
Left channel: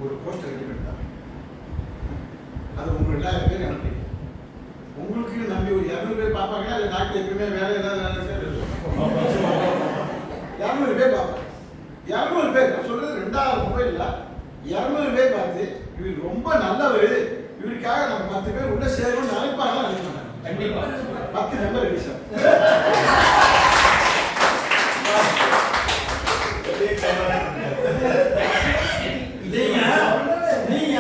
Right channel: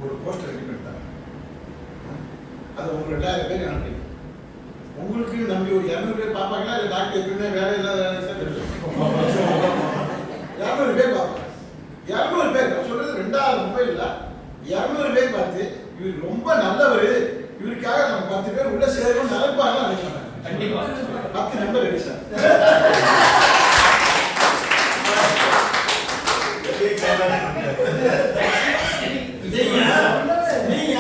ஒரு போஸ்டர் ரெடி பண்ணிட்டாங்க. அது உங்களுக்கு 2000 பேர் அனுப்புறீங்க. உங்களுக்கு நம்பி ஒரு 200 பேர் பார்ப்பாங்களா இல்லை டாக்டர் எப்பவுமே வேலை இல்லாத 200 பேர் பார்ப்பாங்க. 200 பேர் நான் சொல்றது 2000 மொபைல்ல 200 பேர் பார்த்து இவர் ரொம்ப நல்லவர், இவருக்காக நம்ம 10 பேர் உள்ள சேரணும் நினைப்பாங்க. நினைக்க மாட்டாங்க. கண்டிப்பா 10 நம்பர் ரெடி சார். நீங்க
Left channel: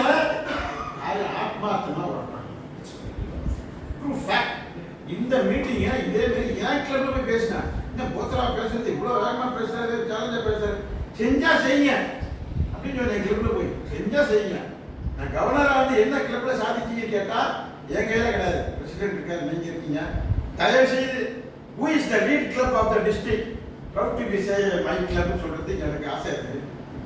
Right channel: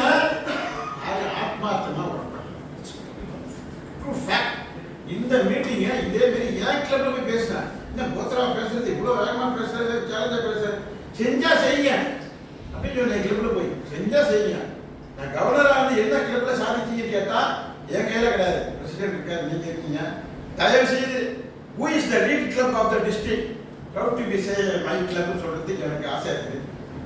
ஆத்மார்த்தமா இந்த மீட்டிங்க இதே மாதிரி ஏன் கிளப்ல போய் பேசினேன், என்ன போத்ரா பேசுறது இவ்வளவு வேகமா பேசுறது, சேலஞ்சா பேசுறது, செஞ்சா செய்யுங்க அப்படின்னு திருப்பி என் கிளப்ல போய் செஞ்சா செய்யுங்க. நான் கவர்னராக இருந்து என்ன கிளப்ல சாதிச்சீங்கன்னு கேட்டா என் கையில கிடையாது. பிரசிடென்ட் இருக்காரு, நீங்க இருக்கீங்க. தயவு செய்து who is the lead club of the district proud to be say my club சொல்றதுக்கு எனக்கு ஆசை இருக்கு.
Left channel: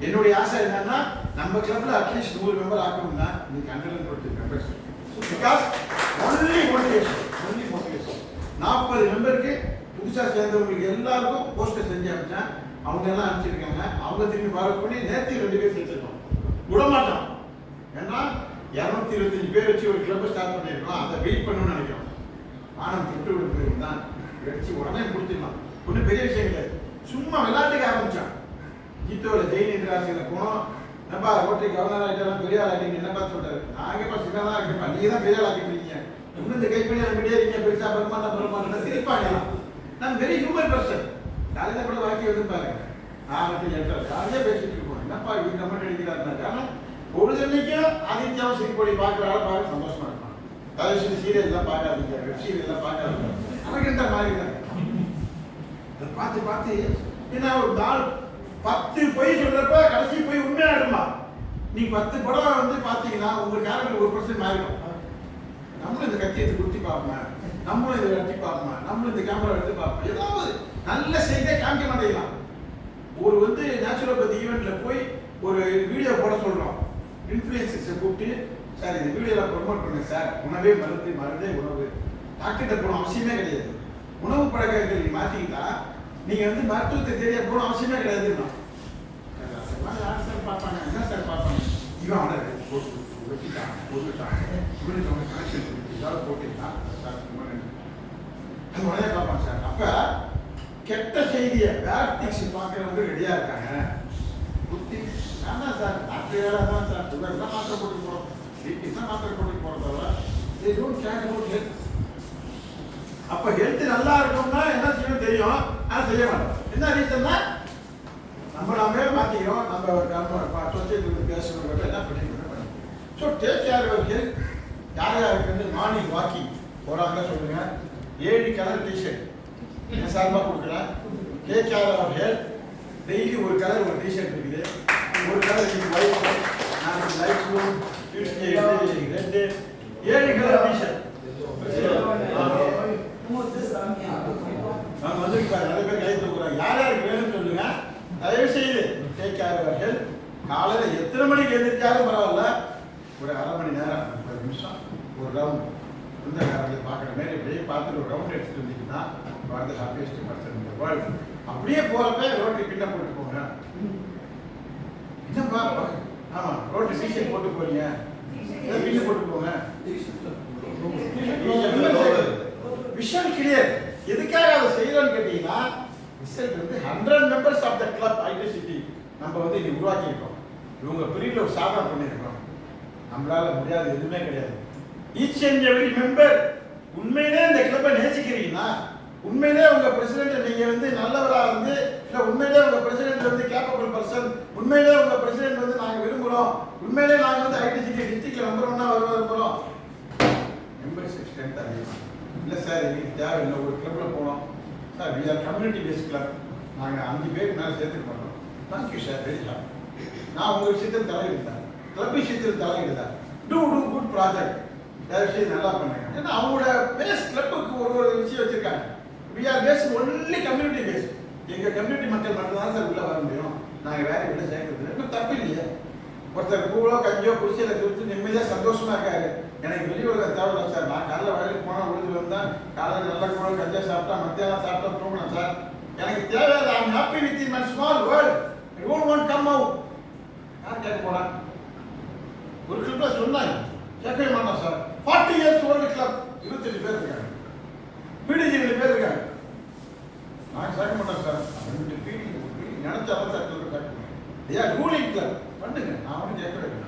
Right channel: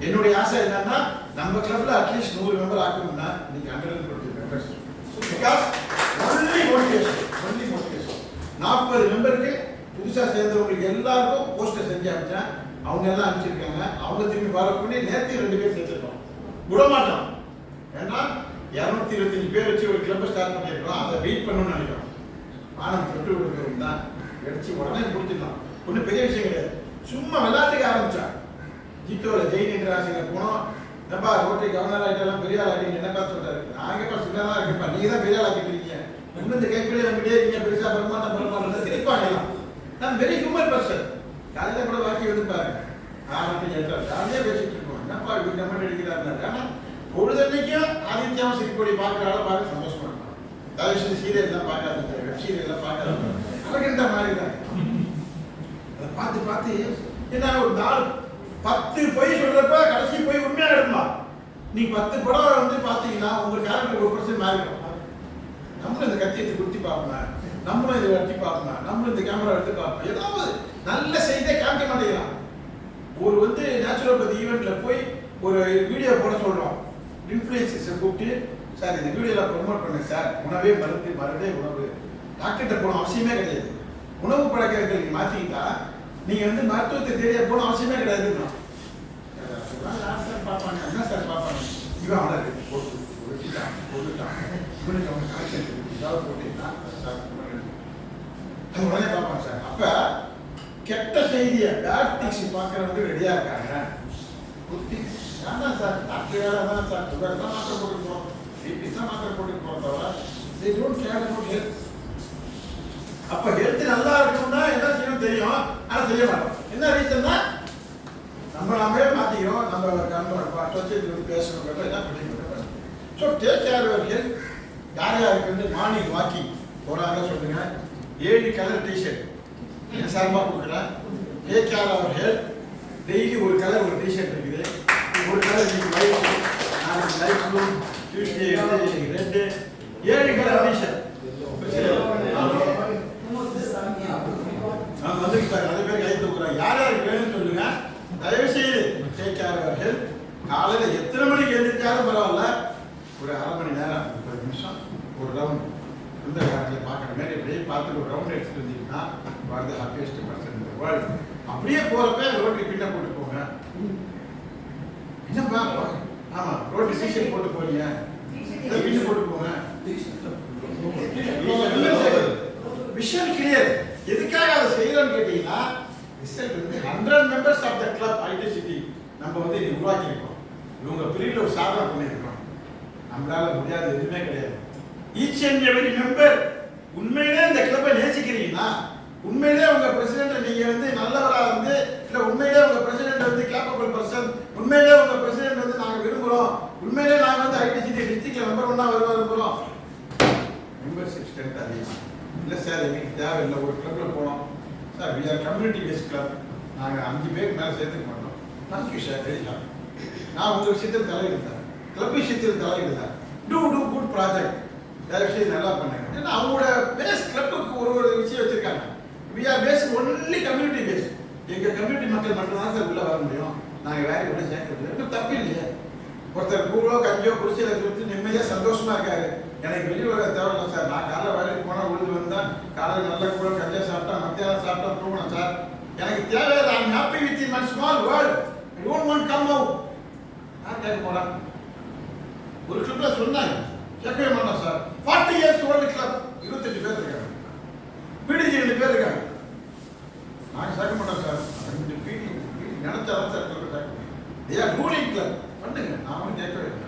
என்னுடைய ஆசை என்னன்னா நம்ம கிளப்ல அட்லீஸ்ட் 100 மெம்பர் ஆக்கணும்னா இன்னைக்கு 120 மெம்பர்ஸ். பிகாஸ் ஒன்லி மோட்டிவேஷன் 40 மெம்பருக்கு புதுசா சேர்ந்தவங்களுக்கு எல்லாருக்கும் போஸ்டர் செஞ்சு அனுப்பிச்சேன். அவங்க எல்லாம் அனுப்பிச்சிருக்காங்க. அவங்க திரும்பி வர பண்ணி நேற்று 2 பேர் சேர்த்துருக்கோம். விடமாட்டோம். ஏன்னா 225 பேர் வச்சு ஒரு கிளப்பை ஸ்டார்ட் பண்ணியிருக்கோம். அதை வெயிட் பண்ணணும்னு நினைக்கிறோம். ஆனம் தொட்டு விடுறவங்க தான் வெடிச்சு உடனே முடிச்சிடலாம். ஒன்றும் பெரிய விஷயம் கிடையாது. சும்மா விளையாட்டுக்கு ஆரம்பிச்சான். ஜீத்தோட ஜெயின் ராசியில போனோம். என்னப்பா ரோட்டரி கவர்னர் ஆகிட்டெல்லாம் பெரிய ஆள் ஆகிட்டீங்க என்னப்பா சொல்றாரு. நாங்கப்பா சின்னதாக இருக்கேன்ப்பா, நீங்க தான் பெரிய ஆள் ஆக்கிட்டு இருக்கீங்க. இன்னும் இந்த கைப்பிடியே நம்பிட்டே இருக்கீங்க, பெருசா பெருமாட்டம் சிரிப்பாங்க எல்லாம். நான் வெரி ஹியூமன் பர்சன். காலையில கூட வாக்கி வந்து பாருங்க. ஜாலியாக பேசிட்டு இருக்கோம். என்னப்பா இப்படி கமெண்ட் அடிக்கிறாருன்னா, ஆனால் பொழுதன்னைக்கும் ஆதித்யாவும் சிரிப்பொடி பார்க்குற ஆளை பார்க்க சந்தோஷமா இருக்கும். தயவுசெய்து சீரியல்லாம் பார்க்காதீங்க, வெப் சீரியல்லாம் பார்க்காதீங்க. அரகண்ட மாதிரி தான் அதை பார்த்து பார்த்து ஏன்னா ஒரு நாள் 10 பொய் சொல்றப்ப கடைசி போய் உண்மையா இருக்குமா. நீங்க 10 படம் வந்து பார்த்தீங்கன்னா உங்க கேரக்டர் 1% மாறிடும். நம்மளும் இந்த கத்தி எடுத்து குத்தி பார்ப்போம், நம்மளும் இதை எடுத்து பார்ப்போம், நம்மளும் இந்த கேமரா எடுத்து பார்ப்போம். ஏதாவது நல்ல செய்தியை காமிக்க மாட்டேங்கிறான். ஒரு வந்து நேச்சுரோபதி ஈவெண்ட்ல போய் ஒரு வீடியோ போட சொல்றோம். இன்ஃப்ளூயன்சர்ஸை கூப்பிட்டு சார் இந்த வீடியோவில் ப்ரொமோட் பண்ணுங்க சார், உணவே மருந்து மருந்தே உணவு, டாக்டர்கிட்ட போன அவசியமே கிடையாது. உணவு பழக்கங்கள் நீங்கள் மாற்றிக்கிட்டா நீங்கள் வந்து மருத்துவத்தை தேடிய போன அவசியமே கிடையாதுன்னா யார் சார் பார்ப்பாங்க, என்ன சார் பார்ப்பாங்க, இவன் ஆர்டர் போட்டு வெட்டிட்டான் போட்டுட்டான், இவனுக்கு அவங்க கனெக்ஷன் ஏதாவது போட்டீங்கன்னா சார் அது உடனே பார்ப்பாங்க சார். அப்போ கெட்ட செய்தியை பேட் திங்ஸ் பார்க்குறவங்க ரெடியாக இருக்காங்க. புத்தி வேண்டாம் சார், டாக்டர் வேலை தான் சார், சுகர் தான் மாத்திரை போட்டு போகிறோம், பிபி தான் மாத்திரை போட்டு போகிறோம் தவிர they don't care about health. அப்போ ஹெல்த் நல்லா இருக்கும்னா என்ன செய்யணும் தெரியும், ஆனால் செய்ய மாட்டோம். என்ன ரீசன்னா நம்ம நாமே மாற்றிக்கிறோம். நம்ம சொசைட்டி வந்து பேசணுங்கிறத என்ன பண்ணிக்கிறோம். So take care your health. யார் யாருக்கு வந்து மார்னிங் வாக்கிங் போகிறாங்களோ சொல்லுங்க. 7 கலர் டிஷர்ட் என்ன சார்பாக கொடுக்குறேன். Take care our health. Daily ஒரு கலர் ஒரு டிஷர்ட் இருக்குது. ஒரு கலர் ஒயிட், நாளைக்கு light blue, Tuesday red, 7 colour T shirt வந்துருக்கு பாரு. நிறைய பேர் கை தூக்குறாங்க. யார் யாருக்கு வேணும்னு சொல்லுங்க. தயவு செய்து டேக் கேர் யுவர் ஹெல்த். காலையில் எத்தனை மணிக்கு எழுந்திருச்சாலும் பரவாயில்ல, ஒரு அரை மணி நேரம் 30 நிமிஷம் ஒரு ரவுண்ட் இந்த நேரத்தில் பார்க்குற மாதிரி அப்படியே பார்த்துட்டு ஒரு ரவுண்ட் எடுத்துட்டு வந்தீங்கன்னா வாழ்ந்த ஹாப்பியஸ்ட் பர்சன் இந்த வேர்ல்டு. அப்படியே போகிறப்ப ரோட்டரி பின்ன போட்டு போங்க. என்னப்பா ஆமா ரோட்டரி டிஷர்ட் போட்டு போறீங்க, பின்ன போட்டு போங்க. Vision clear. எதுக்காக அதை செய்யறோம்னு கேட்டீங்கன்னா ரிசல்ட் வந்து 100 members of the club identity நம்ம வந்து இன்னைக்கு உருவாக்கியிருக்கோம். இவங்க பிரிவில் ஒரு சாதனை பண்ணியிருக்கோம். நம்மளால முடியாது எதுவுமே கிடையாது. ஈச் அண்ட் எவ்ரி மெம்பர் உண்மையிலே இந்த கிளப்பை நேசிக்கிறீங்கன்னா, உண்மையிலே உங்க பிரசிடென்ட் நீங்க வந்து நல்லவரா வந்து, இல்ல உண்மையிலே உங்க பிரசிடென்ட் வந்து கேப்பபிள் பர்சன், உண்மையிலே உங்க பிரசிடென்ட் வந்து நாங்க விரும்புறோம், உண்மையிலே நாங்க வந்து ஐடிசிடி டிஸ்ட்ரிக்ட்ல நம்பர் 1 விரும்புறோம். மெம்பர்ஷிப் ஸ்ட்ரென்த் அதிகம். இல்லை சார் எங்களுக்கு தேவையில்லை, ஒரு கிளப்ல போனோம் sir, we are community based club, நாங்கள் 5 பேருக்கு மேலே சேர்த்துக்க மாட்டோம். Thank you sir, very happy. நான் உங்கள் விஷயத்தில் தலையிடுறேன், கிளப் விஷயத்தில் தலையிடுறேன். டூ குட் ப்ராஜெக்ட், தயவுசெய்து நல்லா பண்ணுங்க. ஏன்னா அவங்களோட பேஸ் கிளப்புக்கு ஒரு விஷயம் வச்சிருக்காங்க. We are based only community based. எங்கள் கம்யூனிட்டி மக்கள் மட்டும் தான் சார் உள்ளே வர முடியும், நாங்கள் வேற உள்ள சேர்க்கறது இன்னும் தப்பு இல்லையே. ஒருத்தர் கூழோ கஞ்சியோ குடிச்சதை கொடுத்து நிம்மதியாக சந்தோஷமா இருக்காரு. எனக்கு வெளி உலக தேவையில்லை சார், நான் காலைல வயலுக்கு போனால் உழுது வந்தேன், காலையில் நல்ல கூட கஞ்சா சாப்பிட்டா, மத்தியானம் சாப்பிட்டா தூங்கணும் சார், எனக்கு தேவை. I'm happy with in my small world, I don't want come out. யார் கேட்க போறான்? ஒரு கிளப்ல சொன்னாங்க, கேட்கவே மாட்டோம் சார். 40 இயர்ஸ் ஓல்டு கிளப், 28 பேர் இருக்காங்க, பிடிஜி 2 பேர் இருக்காங்க. நாங்கள் சேர்க்க மாட்டோம் சார். 2 பீடி நினைச்சாதான் சார் கிளப் சேர்க்க. தே ஆர் ரூலிங் கிளப், பண்ணுங்க, நான் ஒன்றும் கேட்கவே இல்லை.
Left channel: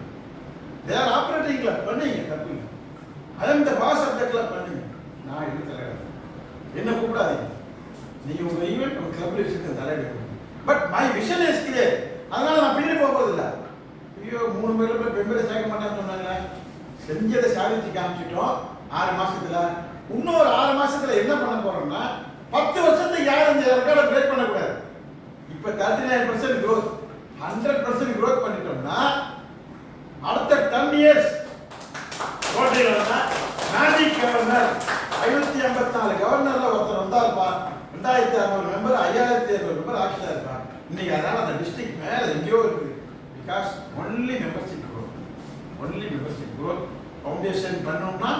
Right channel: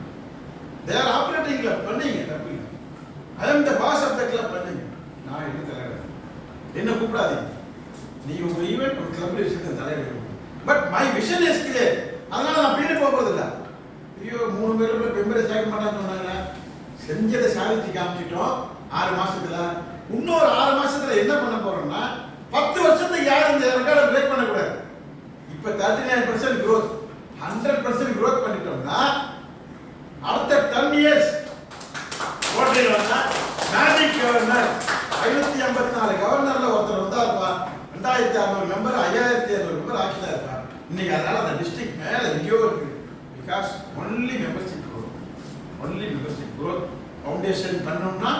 They are operating club, பண்ணீங்க, தப்பு இல்லை. I am the boss of the club, பண்ணுங்க. நான் என்ன தலைவர், என்ன கூப்பிடாதீங்க. நீ உங்க ஈவென்ட் ஒரு கிளப் விஷயத்தை தலைவர். But my vision is clear. அதனால நான் பின்னாடி போகிறதில்ல. ஐயோ 3 பேர் மெம்பரை சேர்க்க மாட்டான்னு சொன்னாங்க. செஞ்சதை சாதிச்சு காமிச்சிட்டோம் 6 மாசத்துல. இன்னொரு 6 மாசத்துல என்ன பண்ண போறோம்னா 10 வருஷத்துக்கு யாரும் இந்த ரெக்கார்டை பிரேக் பண்ணக்கூடாது. இப்போ 39% growth, 100% growth பண்ணிட்டோம்னா அடுத்த 10 years rotary governor magic governor 554 கவர்னர்ல ஒருத்தர் வந்தாருப்பா. 2600 மெம்பர் 5200 மெம்பர் ஆக்கிட்டா இருப்பா. இன்னைக்கு அதனால அந்த டிஸ்ட்ரிக்ட் மேல எங்கேயோ இருக்கு. Because only membership growth, only membership growth. Foundation பண்ணோம்னா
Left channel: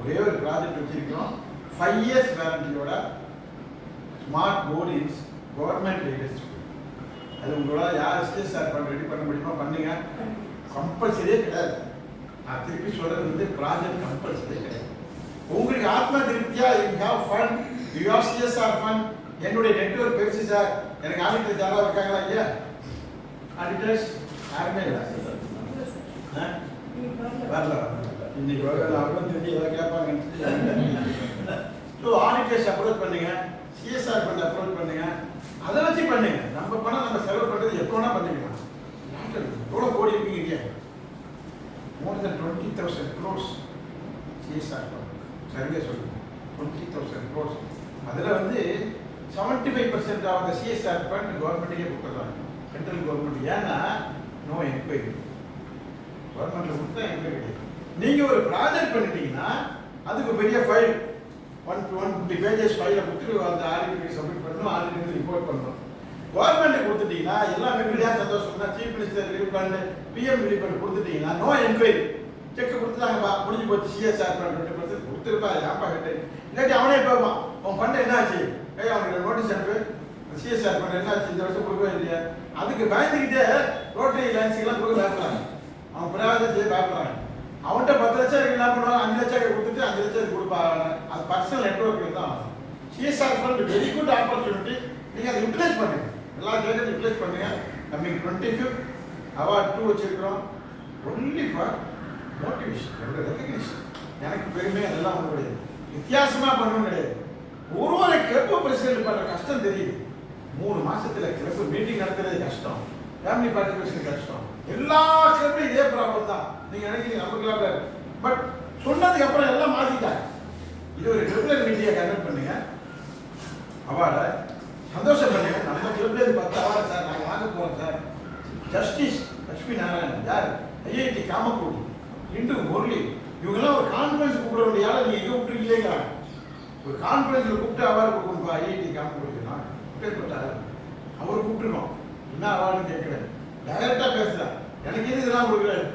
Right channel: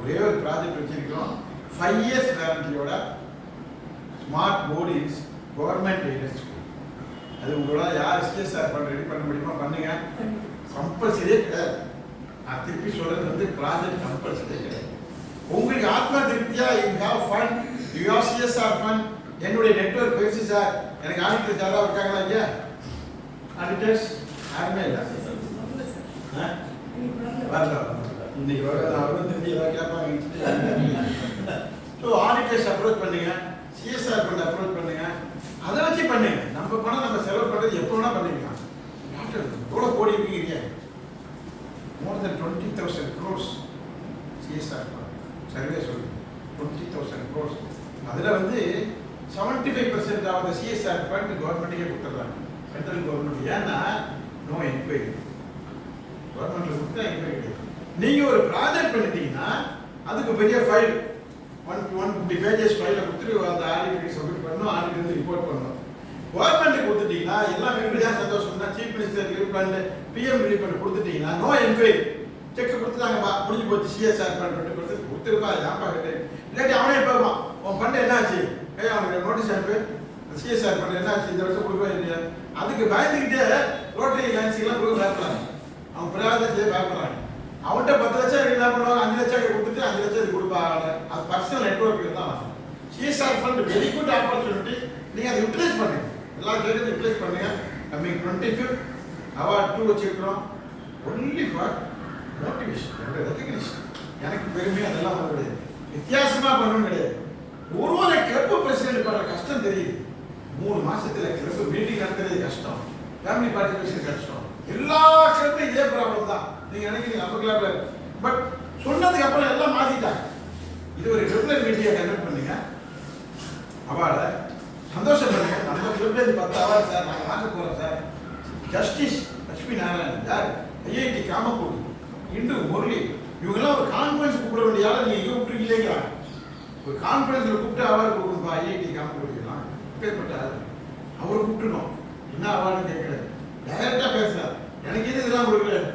ஒரே ஒரு ப்ராஜெக்ட் வச்சிருக்கிறோம். 5 இயர்ஸ் வாரண்டியோட smart board is government aided school. அது உங்களோட யார் சிஎஸ்ஆர் ஃபண்ட் ரெடி பண்ண முடியுமா பண்ணுங்க. கம்பல்சரியே கிடையாது. நான் திருப்பி சொல்றது வந்து ப்ராஜெக்ட் கம்பல்சரியே கிடையாது. உங்களுக்கு ஆத்மா திருப்தியா you have fund, you have CSR fund. என்னுடைய நெட்வொர்க் பெருசு சார். எனக்கு ஆடிட்டர் யாராவது இருக்காங்களா இங்க? ஆடிட்டர்ஸ் யாருமே இல்லை. வரல இன்னைக்கு அவரும் தெரிஞ்சு ஏதாவது கேட்பாங்க. ஸோ ஆடிட்டர்ஸ் அப்ரோச் பண்ணுங்க, சிஎஸ்ஆர் ஃபண்ட் அப்ரோச் பண்ணுங்க, அதை வச்சு பண்ணுங்க. நம்ம பணம் நம்ம செலவு பண்ணுறது எப்போ வேணா பண்ணிக்கலாம். டாக்டர் எவ்வளோ கோடி இருக்கீங்க? மோர் தென் 20,000 crores சிஎஸ்ஆர் ஃபண்ட் சர்வே சொல்லுங்க. 20,000 crores. அதில் வந்து 75% ஆஃப் த சிஎஸ்ஆர் ஃபண்ட் கவர்மெண்ட்டுக்கே கொடுத்துட்றாங்க, சென்ட்ரல் கவர்மெண்ட். ஏன்னா நோ என்கொயரி. கவர்மெண்ட்ல கொடுத்தா என்கொயரி கிடையாது. நீங்கள் ஒரு ப்ராஜெக்ட் பண்ணிட்டீங்கன்னா அதுக்கு பெரிய ஃபைல் 150 pages ஃபைலை கொடுத்துட்டு அந்த ஆடிட்டருக்கு சப்மிட் பண்ணணும், ஆடிட்டர் வந்து ரிப்போர்ட் பண்ணணும். கவர்மெண்ட்டுக்கு கொடுத்துட்டீங்கன்னா எல்லாம் மெம்பரியாக சந்தோஷம்னா chief minister relief fund PM relief fund கொடுத்துட்டீங்கன்னா நோ என்கொயரி. செக் கொடுத்துட்டாங்கப்பா, முடிஞ்சு போச்சு. சிஎஸ்ஆர் ஃபண்ட் 20% கொடுத்துருப்பா, யாப்பா கேட்டு இல்லாட்டி அவனே போவான். உன் ஃபண்ட் என்னாச்சு? அவனுக்கு நோட்டீஸ் அனுப்பு, சிஎஸ்ஆர் ஃபண்ட் என்னாச்சு இந்த வருஷம் கொடுக்கவே இல்லையா? அதுக்கு பயந்துக்கிட்டே ரோட்டரி லைன்ஸுக்கெல்லாம் கொடுக்க பயப்படுறாங்க. அவன் பிராயத்தை செய்ய பயப்படுறாங்க. அவன்கிட்ட 10 லட்சம் என்ன பண்ணுவாங்க, 5 லட்சம் கொடுத்துட்டு 5 லட்சம் கொடுப்பாங்க. அது பர்சனல் நெட்வொர்க் தான். CSR fund very good opportunity. நீங்கள் அதை யூட்டிலைஸ் பண்ணுங்க, எல்லா கேட்கறதும் யூட்டிலைஸ் பண்ணுங்க. நம்ம 25th அவார்ட் 2 வச்சிருக்கிறோம். ஒன்லி ஃபார் மோட்டிவேஷன், என்னோட ரெக்கக்னிஷன். எனக்கு பெருமை அதெல்லாம் ஒன்றும் கிடையாது. வித்தியாசமாக பண்ணணும் கிடையாது. ஒரு கிளப்பு பிரசிடென்ட் பண்ணுற கஷ்டம் தெரியுது. 3 மாசத்துல கிளப்பு மீட்டிங் நடத்துறது கஷ்டம், ஃபேமிலி பார்ட்டிசிபேஷன் கஷ்டம். எல்லா கிளப்லையும் இதே ப்ராப்ளம் தான். நீங்க நினைக்கிறீங்க நம்ம கிளப்ல, பட் சொன்னதுக்கு அப்புறம் எல்லாம் மாத்திட்டாங்க. இது ஒரு ரெகுலர் மீட்டிங்கை கண்டக்ட் பண்ணுங்க, அவார்டை சந்தோஷம் பண்ணுங்க. நம்ம கிளப்ல இருந்து 10 அவார்டு சார் நாங்கள் வாங்க போறோம் சார். ஜஸ்டிஸ் லட்சுமி நாராயணன் யார், ஐஐடி காமக்கோடி, இந்து முரளி, இவங்கெல்லாம் ஒரு கான்ஃபரன்ஸ் கூப்பிட வேண்டிய ஆளை நீங்க எங்கே கூப்பிட்டுருக்கீங்களா? ஒரு கான்ஃபரன்ஸ்ல கூப்பிட்டு அவார்டு கொடுக்கணும்ப்பா. ஐஐடி காமக்கோடிக்கலாம் பேர்பட்டார் அவரை கூப்பிட்டுருக்கோம். என்ன அவார்டுன்னு கேட்கல, டைரக்டா பேசுறாரு. எனக்கு எது இதெல்லாம் கொடுக்குறாரு,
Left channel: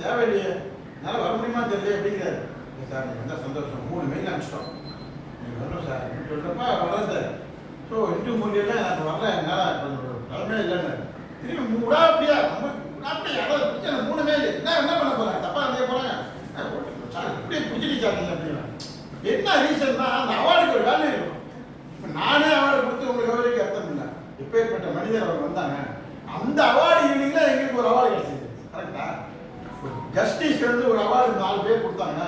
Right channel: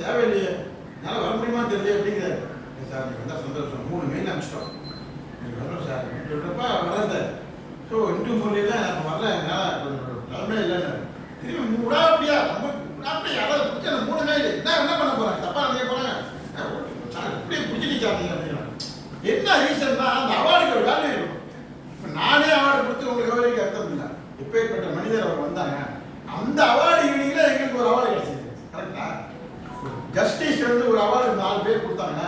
தேவையில்லையே, என்னால் வர முடியுமா தெரியல அப்படிங்கிறாரு. சார் நீங்கள் வந்தால் சந்தோஷம், 3 மெயில் அனுப்பிச்சிட்டோம், நீங்கள் வரணும் சார் அப்படின்னு சொல்கிறப்ப வராது. ஸோ இந்து மொழியெல்லாம் நான் வரல, என்னால் நிலமே இல்லைன்னு திரும்பி அப்படியா நம்ம அப்படியே யாராவது பிடிச்ச 3 மெயில் என்ன பண்ண போகிறாங்க, தப்பாக நினைக்க போகிறாங்க சார், இப்படியே பிடிச்சிட்டு சாப்பிட்டீங்க அப்படிங்கிறாங்க. என்ன ரீசன் தான் அந்த அவார்டுக்கு ஒரு வேல்யூ இருக்கும். இப்போ நானே அவார்டு கொடுத்து உங்களுக்கு கவரிக்கு அர்த்தம் இல்லை. எப்பேற்பட்ட மனிதர் அவர் வந்தாங்க, அந்த அவார்டு ஈவினிங்ல எங்களுக்கு ஒரு அவார்டு கிடைச்சது. கரெக்டா? ஜஸ்டிஸ் வந்து ஒரு அவார்டு 4 பேர் கொடுத்தாங்க.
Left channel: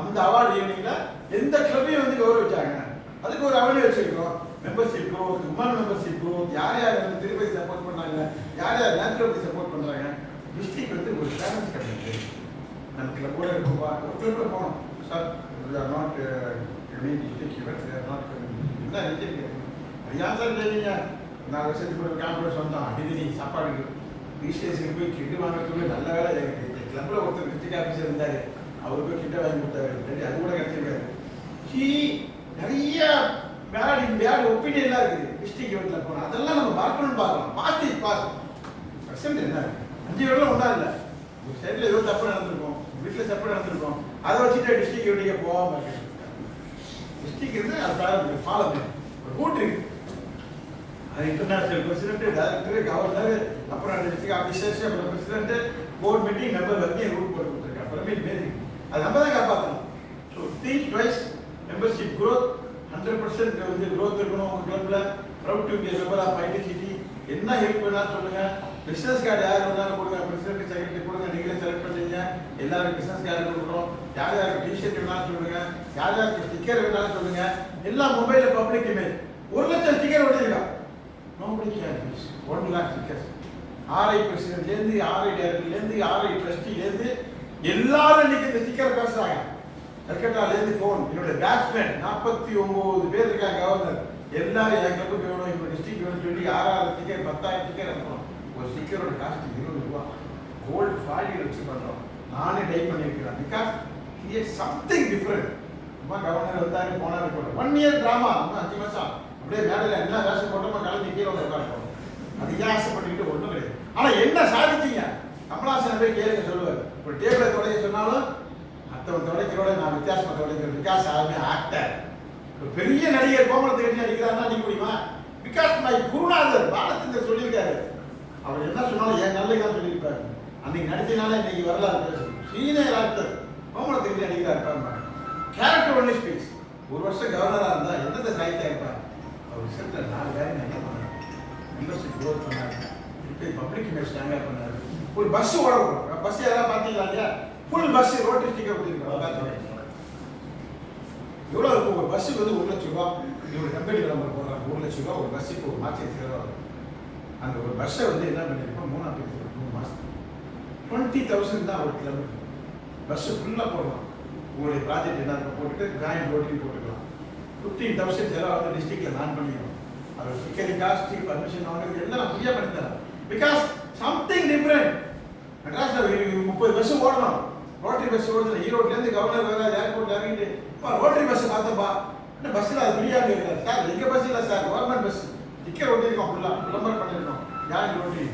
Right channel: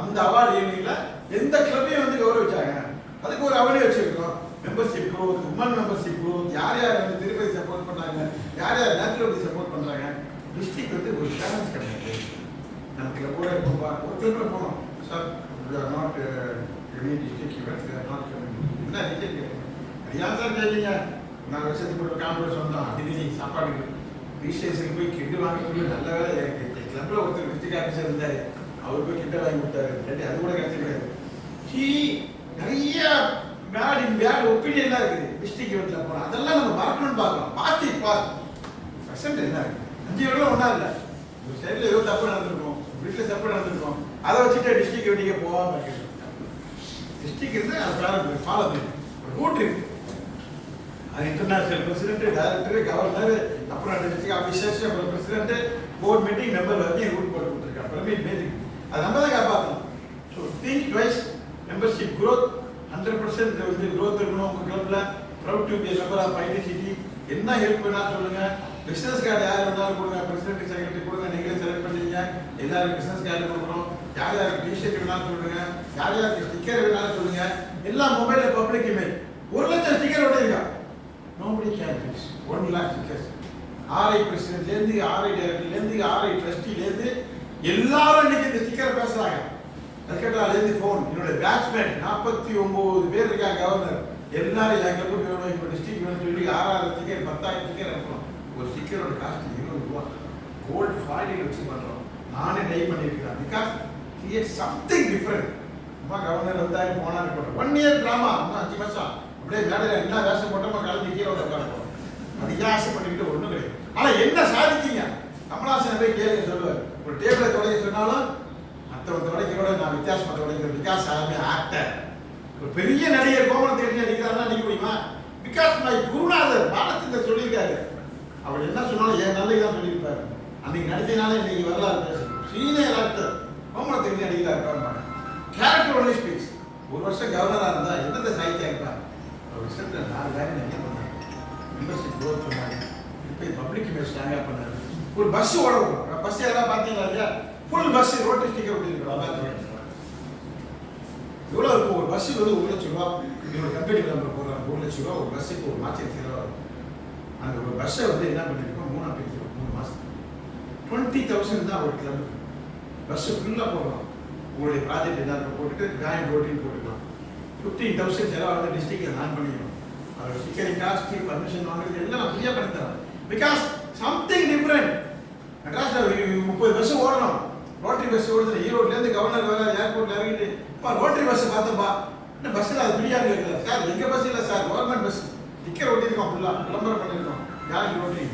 அந்த அவார்டு ஈவினிங்ல எந்த கிளப்பையும் வந்து கௌரவிச்சாங்க. அதுக்கு ஒரு அவார்டு வச்சிருக்கோம். Membership growth, women membership growth, யார் யார் வந்து திருப்பதி சப்போர்ட் பண்ணாங்க, யார் யார் நேச்சுரல் சப்போர்ட் பண்றாங்க. டிஸ்ட்ரிக்ட் வந்து ஒரு ஃபேமஸ் கம்பெனி. நம்ம கிளப்போட இருப்போம்ப்பா, ஒரு கிளப்ல போனோம் sir, not any district events not என்ன ரீசன் கேட்கணும். அது ஏன் சார் கேட்குறீங்க? 4 வருஷத்துக்கு ஒரு காம்பரன்ஸ் வந்தோம், அடிக்கடி சாப்பாடுக்கு ரீஸ்டேஷனுக்கு போய் கிட்டு வாங்கிட்டு நல்ல வேலை கிளப்ல ஒருத்தர் டிஸ்ட்ரிக்ட் ஆஃபீஸர் இருந்தாரு, அவர் போய் கிட்ட வாங்கி கொடுத்தாரு. அது கூட கிடைச்சிருக்காரு. நிறைய பேட் ஒப்பீனியன்லாம் இருக்குது டிஸ்ட்ரிக்ட் ஈவெண்ட்ல போனா. அதெல்லாம் நம்ம மறக்கணும்னு பார்க்கலாம். பர்சன்ட் என்ன இருக்கு, 5 வருடம் ஒன்றா இல்லை. ஒரு சைடில் ஏதோ தப்பு நடந்திருக்கும், வீட்டில் தப்பு நடந்திருக்கும், அதை வச்சுட்டு டிஸ்ட்ரிக்ட் ஈவெண்ட்டுக்கே போகாம இருக்கு. டிஸ்ட்ரிக்ட் இருந்து அது ஃபாலோ பண்ணி ஒரு ரூட் இருக்கு. அது இன்டர்நேஷனல் பிரசிடென்ட், டைரக்டர், கவர்னர், அப்புறம் டிஸ்ட்ரிக்ட் ஆஃபீஸர்ஸ், அப்புறம் பிரசிடென்ட், போர்ட் மீட்டிங் மெம்பர் வரைக்கும் ரூட் போட்டு கொடுத்துருக்கா. அப்புறமே பேசிக் அது நம்ம தான் காப்பாற்றணும். So think twice. Membership growth 100% வந்து growth இருக்கணும் உங்கள் கிளப்பில். Proud to be member of ITCT. என்ன ஹெல்ப் வேணாலும் சொல்லுங்க. பிசினஸ் கார்டு யார் வேணாலும் கொடுங்க, பிரசிடென்ட் செக்ரட்டரி கொடுங்க, நீங்களே செலக்ட் பண்ணுறீங்க. எல்லாருக்கும் பிசினஸ் கார்டு கொடுக்குறோம். யார் யாருக்கு டிஷர்ட் வேணாலும் சொல்லுங்க, யார் யாருக்கு ஸ்டிக்கர் வேணாலும் சொல்லுங்க. எல்லாம் மொபைலில் பப்ளிக் இமேஜ். 1 லட்சம் ஸ்டிக்கர் ஒட்டிருக்கா. Nobody can miss 1 lakh stickers. RI பிரசிடென்ட்லேருந்து, RI டைரக்டர்லேருந்து, RI ட்ரஸ்டிலேருந்து எல்லாரும் இன்னைக்கு இந்த ஸ்டிக்கர் பேசுறாங்க. கல்கட்டாலேருந்து ஃபோன், என்னுடைய பேட்ச்மேன் 49 பேர் இருக்காங்க கவர்னர், எல்லாரும் என் கிளப்புக்கு வேணும், இப்போ டிஸ்ட்ரிக்ட் வேணும்னு சொல்லி 6000 ஸ்டிக்கர் 10,000 ஸ்டிக்கர் அனுப்புறோம். ஒரு ஸ்டிக்கரோட காஸ்ட் 20 ரூபா. கோல்டு ஃபாயிலில் வச்சு பண்ணுறோம். நானே டை பண்ணியிருக்கிறேன். Because create something different. அம்மா கவர்னர் வந்தாரு போனாரு இருக்கட்டும். 1 இயர் ட்ராமா, இன்னும் 5 வருஷம் அப்படியே மேடையில் என்ன வேஷம் போட்டோமோ கலந்து கீழே உட்காருப்போம். அது ஏன் ஆசைப்பட்டுக்கிட்டு ஒன்றும் கிடையாது. ஆனால் என்ன சாதிச்சீங்க? கமலாசன் போய் கேளுங்க சொல்லுவார். ஒரு டேபிளை தொலைக்க சொன்னாலும் மற்றவன் தொலைக்கிறோட நான் வித்தியாசமாக தொலைக்கிறேன். பிகாஸ் ஆகுமே ஆக்டர். ஒரு பெரிய நடிகர் கோமலத்தை கட்டி நடிக்கிறாருன்னா நடிக்க முடியுமா? பிகாஸ் மை குருநாதர் பாலச்சந்தர் சொல்லியிருக்காரு. அவர் என்ன சொன்னாலும் என் நல்லது தான் சொல்லியிருப்பாரு. அன்னைக்கு நடிச்சதுனால இன்னைக்கு வரலாறு பேசணும். சீனியர் ஆக்டர் கோமலத்தை கட்டி நடிக்கிறார் பாருங்க. Character only speaks. ஒரு வருஷம் கவர்னராக இருந்தால் எந்தெந்த சாகித்யா இருப்பார்? அவர் ரிசல்ட்டில் 4 வேலை நிறைய பண்ணார். மெம்பர்ஷிப் க்ரோத் பண்ணார். இப்போ பப்ளிக் இமேஜ் ஸ்ட்ராங்காக பண்ணார். ஒரு பஸ் ஓட விடுவோம். பஸ் யாராவது பார்த்தீங்களா இல்லையா? ஃபுல் பஸ் ரோட்டரி ஸ்டிக்கர் விட்டுருக்கோம். பார்த்துருக்கேன். எவ்வளோ இருக்கும்? ஒரு பஸ்ஸுக்கு வந்து 1 லட்சம் ரூபா. இவங்க கம்பெனி விளம்பரம் போடுறாங்க. 1 லட்சம் ரூபா ஒரு பஸ்ஸுக்கு ஒரு மாதம் செலவாக இருக்கும். அந்த ஒரு பஸ்ஸை வந்து என்ன பண்ணியிருக்கோம்? 3 பிரிக்கிறோம். 3 மாதத்துக்கு 20,000 தான் ஒரு கிலோமீட்டர். பஸ்ஸு ஃபுல்லாக போடுறோம். உங்களுடைய ப்ராஜெக்ட் என்ன இருக்க போட்டுட்டு ஜாயின் ரோட்டின்னு போட்டுக்கலாம். 15,000 செலவு வந்து டிஸ்ட்ரிக்டில் நான் பண்ணிக்கிறோம். அதோட ஸ்டிக்கரிங் காஸ்ட், பர்மிஷன் வாங்குறது எல்லாம் நான் ஃப்ரீயாக பண்ணி தரேன். Because something different. மெட்ராஸில் 30 பஸ் ஓடணும். ரோட்டரி பஸ் ஓடுது. ஈரோட்லேருந்து கவர்னர் வர ஏர்போர்ட்டில் இறங்கிட்டு ரோட்டரி பஸ் பார்த்தப்பா என்ன பஸ்ஸில் அது ஃப்ரீயாக கேட்கல சார். எங்கள் பஸ் இல்லை சார், கவர்மெண்ட் பஸ். டிக்கெட் ஓட்டியிருக்கோம், ஃபுல்லாக விளம்பரம் பண்ணியிருக்கோம். Join rotary.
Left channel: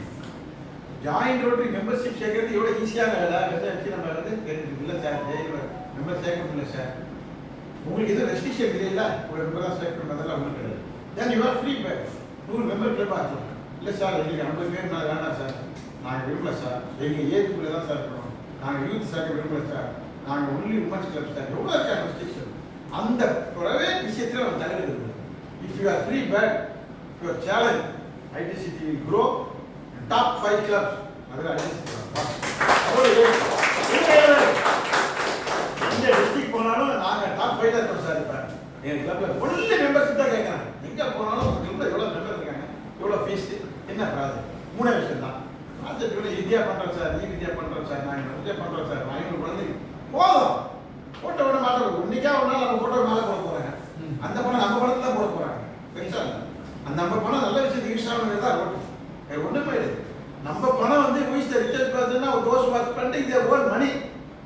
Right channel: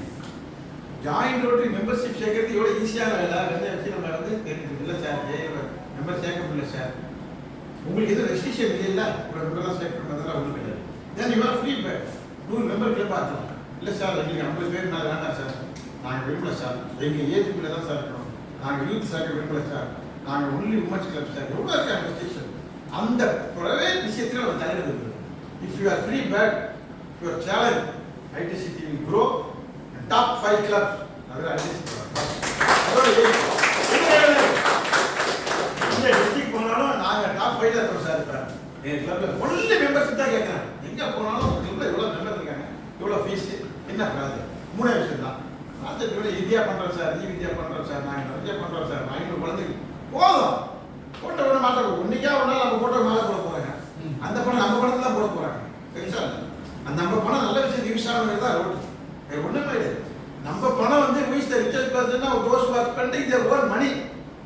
Join rotary membership சேர்க்கறது எவ்வளோ ஈஸியான வேலை. வெள்ளை வச்சு நம்ம வந்து தெரிஞ்சு இல்லை சார், மெம்பர் சேர்க்க முடியல சார். உங்களுக்கு எதுவும் ரெஸ்ட்ரிக்ஷன் இல்லைல்ல, ஒரு மெம்பர்லாம் சேர்க்கணும் அதெல்லாம் உங்களுக்கு கிடையாது. Then you are free bag. 100 member club ஆகலாம். இல்லை சார் எங்களுக்கு 50 பேர் நான் வேண்டாம் சார், நாங்கள் விரும்பல சார், எங்கள் ஏஜுக்குள்ளே தான் சார் இருக்கணும், நாங்கள் யூத் சேர்க்க விரும்பல சார், நாங்கள் ஒன்லி உமன்ஸ் கிளப் சார். எவ்வளோ இருக்கா ரெஸ்ட்ரிக்ஷன்? அந்த ஒரே விஷயத்தில் நம்ம தலைவர் இருக்குது. If you are free back, your challenge ITCT will grow. Top 5 clubs அதில் ஐடிசிடி அதோட இந்த டிஸ்ட்ரிக்ட் போனாலும் நாங்கள் டாப் 5 இருக்கோம் சார். இப்போ எங்கள் கிளப்பில் ஒன்லி மெம்பர்ஷிப் தான் கேட்குறாங்க. எங்கே போனாலும் உங்கள் கிளப்பில் எவ்வளோ மெம்பர் இருக்காங்க, எவ்வளோ ஃபீஸ், என்ன ப்ராஜெக்ட். 3 விஷயம் தான். ப்ராஜெக்ட் எவ்வளோ இந்தியா பண்ணுறோம் சார், வித்யா பண்ணுறோம் சார், நாங்கள் நிறைய பண்ணுறோம் சார். 500 குழந்தைங்க போதும். போட்டோ விட மாட்டோம். இன்னைக்கா ஒரு நாள் நம்ம போட்டோ மேலே போட போகிறாங்க. அந்த பணம் நம்ம பணத்தில் தான் போட போகிறாங்க. பெருசாக இல்லை. அந்த நம்ம பணம் நல்ல விஷயத்துக்கு யூஸ் ஆனது தான் ரோட்டு. வேறு ஒன்றுமே இல்லை. நம்ம பணம் வந்து யூஸ் த ரிச்சர்ஸ் பர்சன்னா those was spending their own money.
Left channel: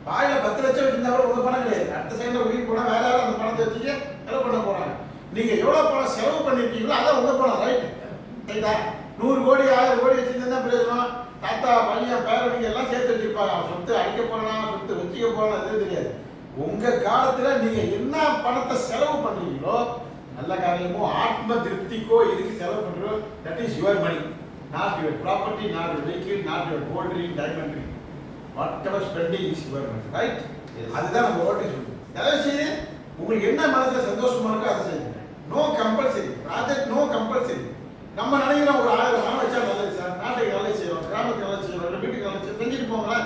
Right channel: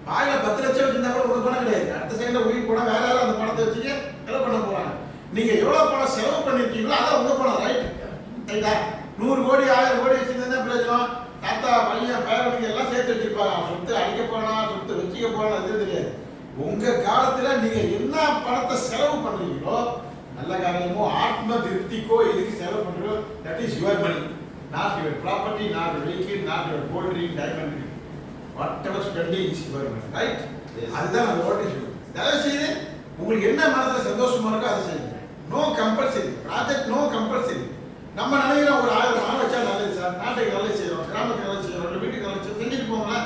வாயில 10 லட்சம் வச்சிருந்தா கூட உங்க பணம் கிடையாது. அடுத்த செகண்ட்ல உயிர் போனா வேற யாராவது அந்த பணத்தை வச்சுக்க செலவு பண்ண போறாங்க. நீங்க எவ்வளவு பணம் செலவு பண்ணிருக்கீங்களோ அதான் உங்க பணம். ரைட் ரைட்டா? 100 கோடி 1000 கோடி வச்சிருந்தா பிரயோஜனம். தாத்தா பையன் பேரனுக்கு எல்லாம் சேர்த்து வச்சிருப்பாங்க. அவன் சொத்து அடிக்க போறானா, சொத்து வச்சுக்க போறானா எதுவும் தெரியாது. உங்க காலத்துல நீங்க என்ன பணத்தை செலவு பண்றீங்களோ, நல்ல காரியமோ ஆத்ம திருப்திக்கோ எதுக்கு செலவு பண்றோ, that is your money. Not your property, not your vehicle, not your gold ring, diamond ring. whatever spending is your money, right? அதுதான் நம்ம ரோட்டி சொல்லுவோம். தயவு செய்து உங்களுக்கு என்ன மனசுல சந்தோஷமா இருக்கோ அதை செய்யுங்க. No compulsory project, no compulsory. நம்ம நினைக்கிறோம் ஒரு 1000 ஆள் வச்சா நல்லது சார், நாட்டுக்கு நல்லது செய்யறோம், கிராமத்துக்கு நல்லது செய்யறோம், இல்லை வீட்டுக்கு நல்லது செய்யறோம், செஞ்சுட்டு போங்களா.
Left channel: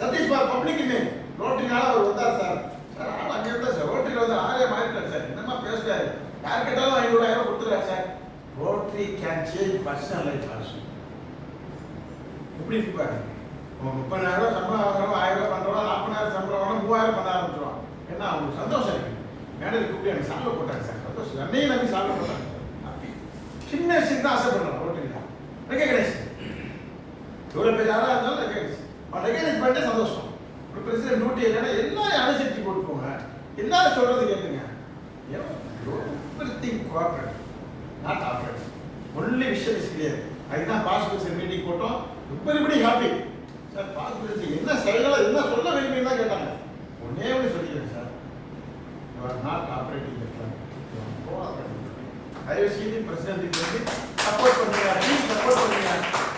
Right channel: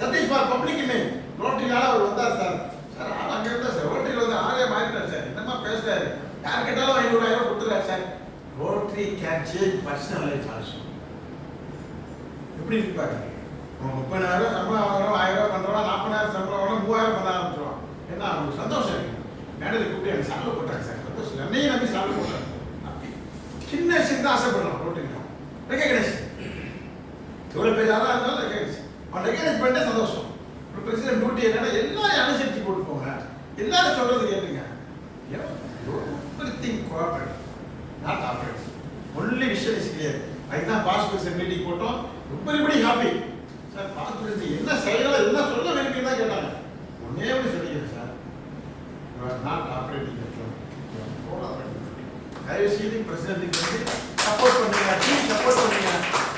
That is for public image. ரோட்டரினால அவர் வந்தார் சார், சார் ஆள் அங்கே இருந்தார் சார், ரோட்டரியில் வந்து ஆளே மாறிட்டார் சார், என்னமா பேசுறாரு, யார் கேட்டாலும் 500,000 கொடுத்துறாரு sir. Rotary can change personal life also. எப்படி இருப்பாரு? 30,000 சம்பளம் வாங்குறோம், 1000 பண்றோம், 40,000 சம்பளம் வாங்குறோம், 3,000 பண்ண ஆரம்பிச்சிடும். ஏன்னா அவங்களுக்கு சந்தோஷம் இருக்கு. மேடையில் கூப்பிட்டு எனக்கு சால்வை போட்டாங்க சார், சந்தோஷம். என்னையும் நம்பி சால்வை போட்டாங்க சார். அப்படி சின்ன விஷயம் தான் ஆசைப்படுறோம். ரோட்டில் ரெகக்னைஸ் எவ்வளோ பேர் யாராக இருந்தாலும் ரெகக்னைஸ். அவன் ரெகக்னைஸ் பண்ணிட்டே சந்தோஷம். ஒரு பிரசிடென்ட் டியூட்டி என்னன்னா எல்லாரும் அனுசரித்து போட்டு போங்க, எல்லாரும் சொல்றது கேட்டுங்க. Everything cooperate, not operate. Only விஷயம் இஸ் கிளியர். அதுதான் பாஸ்போர்ட் மீட்டிங் போட்டோம். ரொம்ப ஹாப்பி சார். பாஸ்போர்ட் என்ன செயலை என்ன சொல்ல விரும்பி தான் கேட்டாங்க. ஒன்னே ஒன்று சொல்லிக்கிறேன் சார், நாட் ஆபரேட்டிங் தயவு செய்து பிரசிடென்ட்டுக்கு வந்து சப்போர்ட் பண்ணுங்க, டீம் சப்போர்ட் பண்ணுங்க.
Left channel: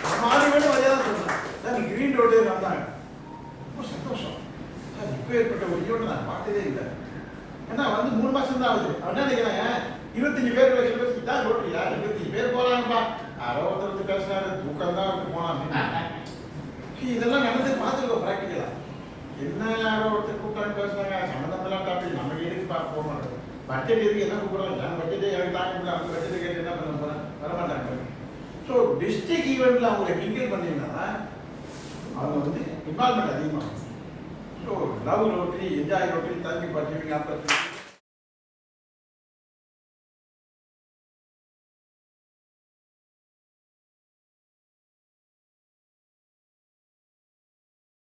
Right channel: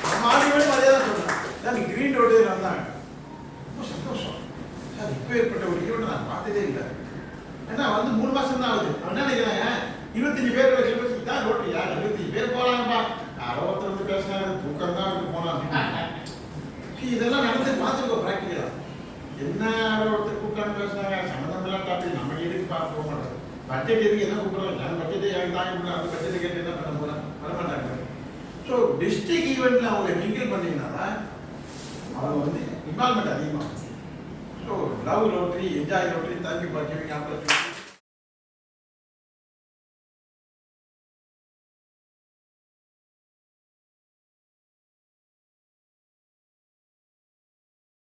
நம்ம ஆடியோடு அதே தான் சொல்றேன் சார். கிரீன் ரோடு வந்தாங்க, ரொம்ப சந்தோஷம் சார். இப்போ ஏற்பட்ட ஒரு ஈவெண்ட் நான் பார்த்ததே இல்லை. ஏன்னா வந்து 3 மாசம் தான் ஆகுது. அவன் என்ன நினைக்கிறாங்க, 25 பேர் கிலோமீட்டர் தான் ரோட்டு, யார் 25 பேர் போறாங்கப்பா, யாரோ ஒருத்தர் வந்து பேசினாரு, தூக்கம் தான் போனான் அப்படின்னு. இதெல்லாம் நடந்து பார்த்துருக்கோம் ப்ராக்டிக்கலா. என்ன யாரோ ஒருத்தர் கூப்பிட்டாங்க பேசுனாங்க, சம்மந்தமெல்லாம் டாபிக் நம்ம எதுக்கு போக மாட்டோம். பட்ஜெட் எதுக்கு என்ன கூப்பிடுறாங்க, என் பட்ஜெட்டே எனக்கு தாங்க முடியும், அந்த பட்ஜெட்டை கேட்டு என்ன பண்ண போறேன், வரமாட்டாங்க. ஸோ டிஸ்ட்ரிக்ட் ஈவெண்ட்ல அவங்க மிங்கிள் பண்ணீங்கன்னா அவங்க வந்து இன்வால்மெண்ட் அதிகமாகும். So love rotary, enjoy rotary, thank you for giving opportunity.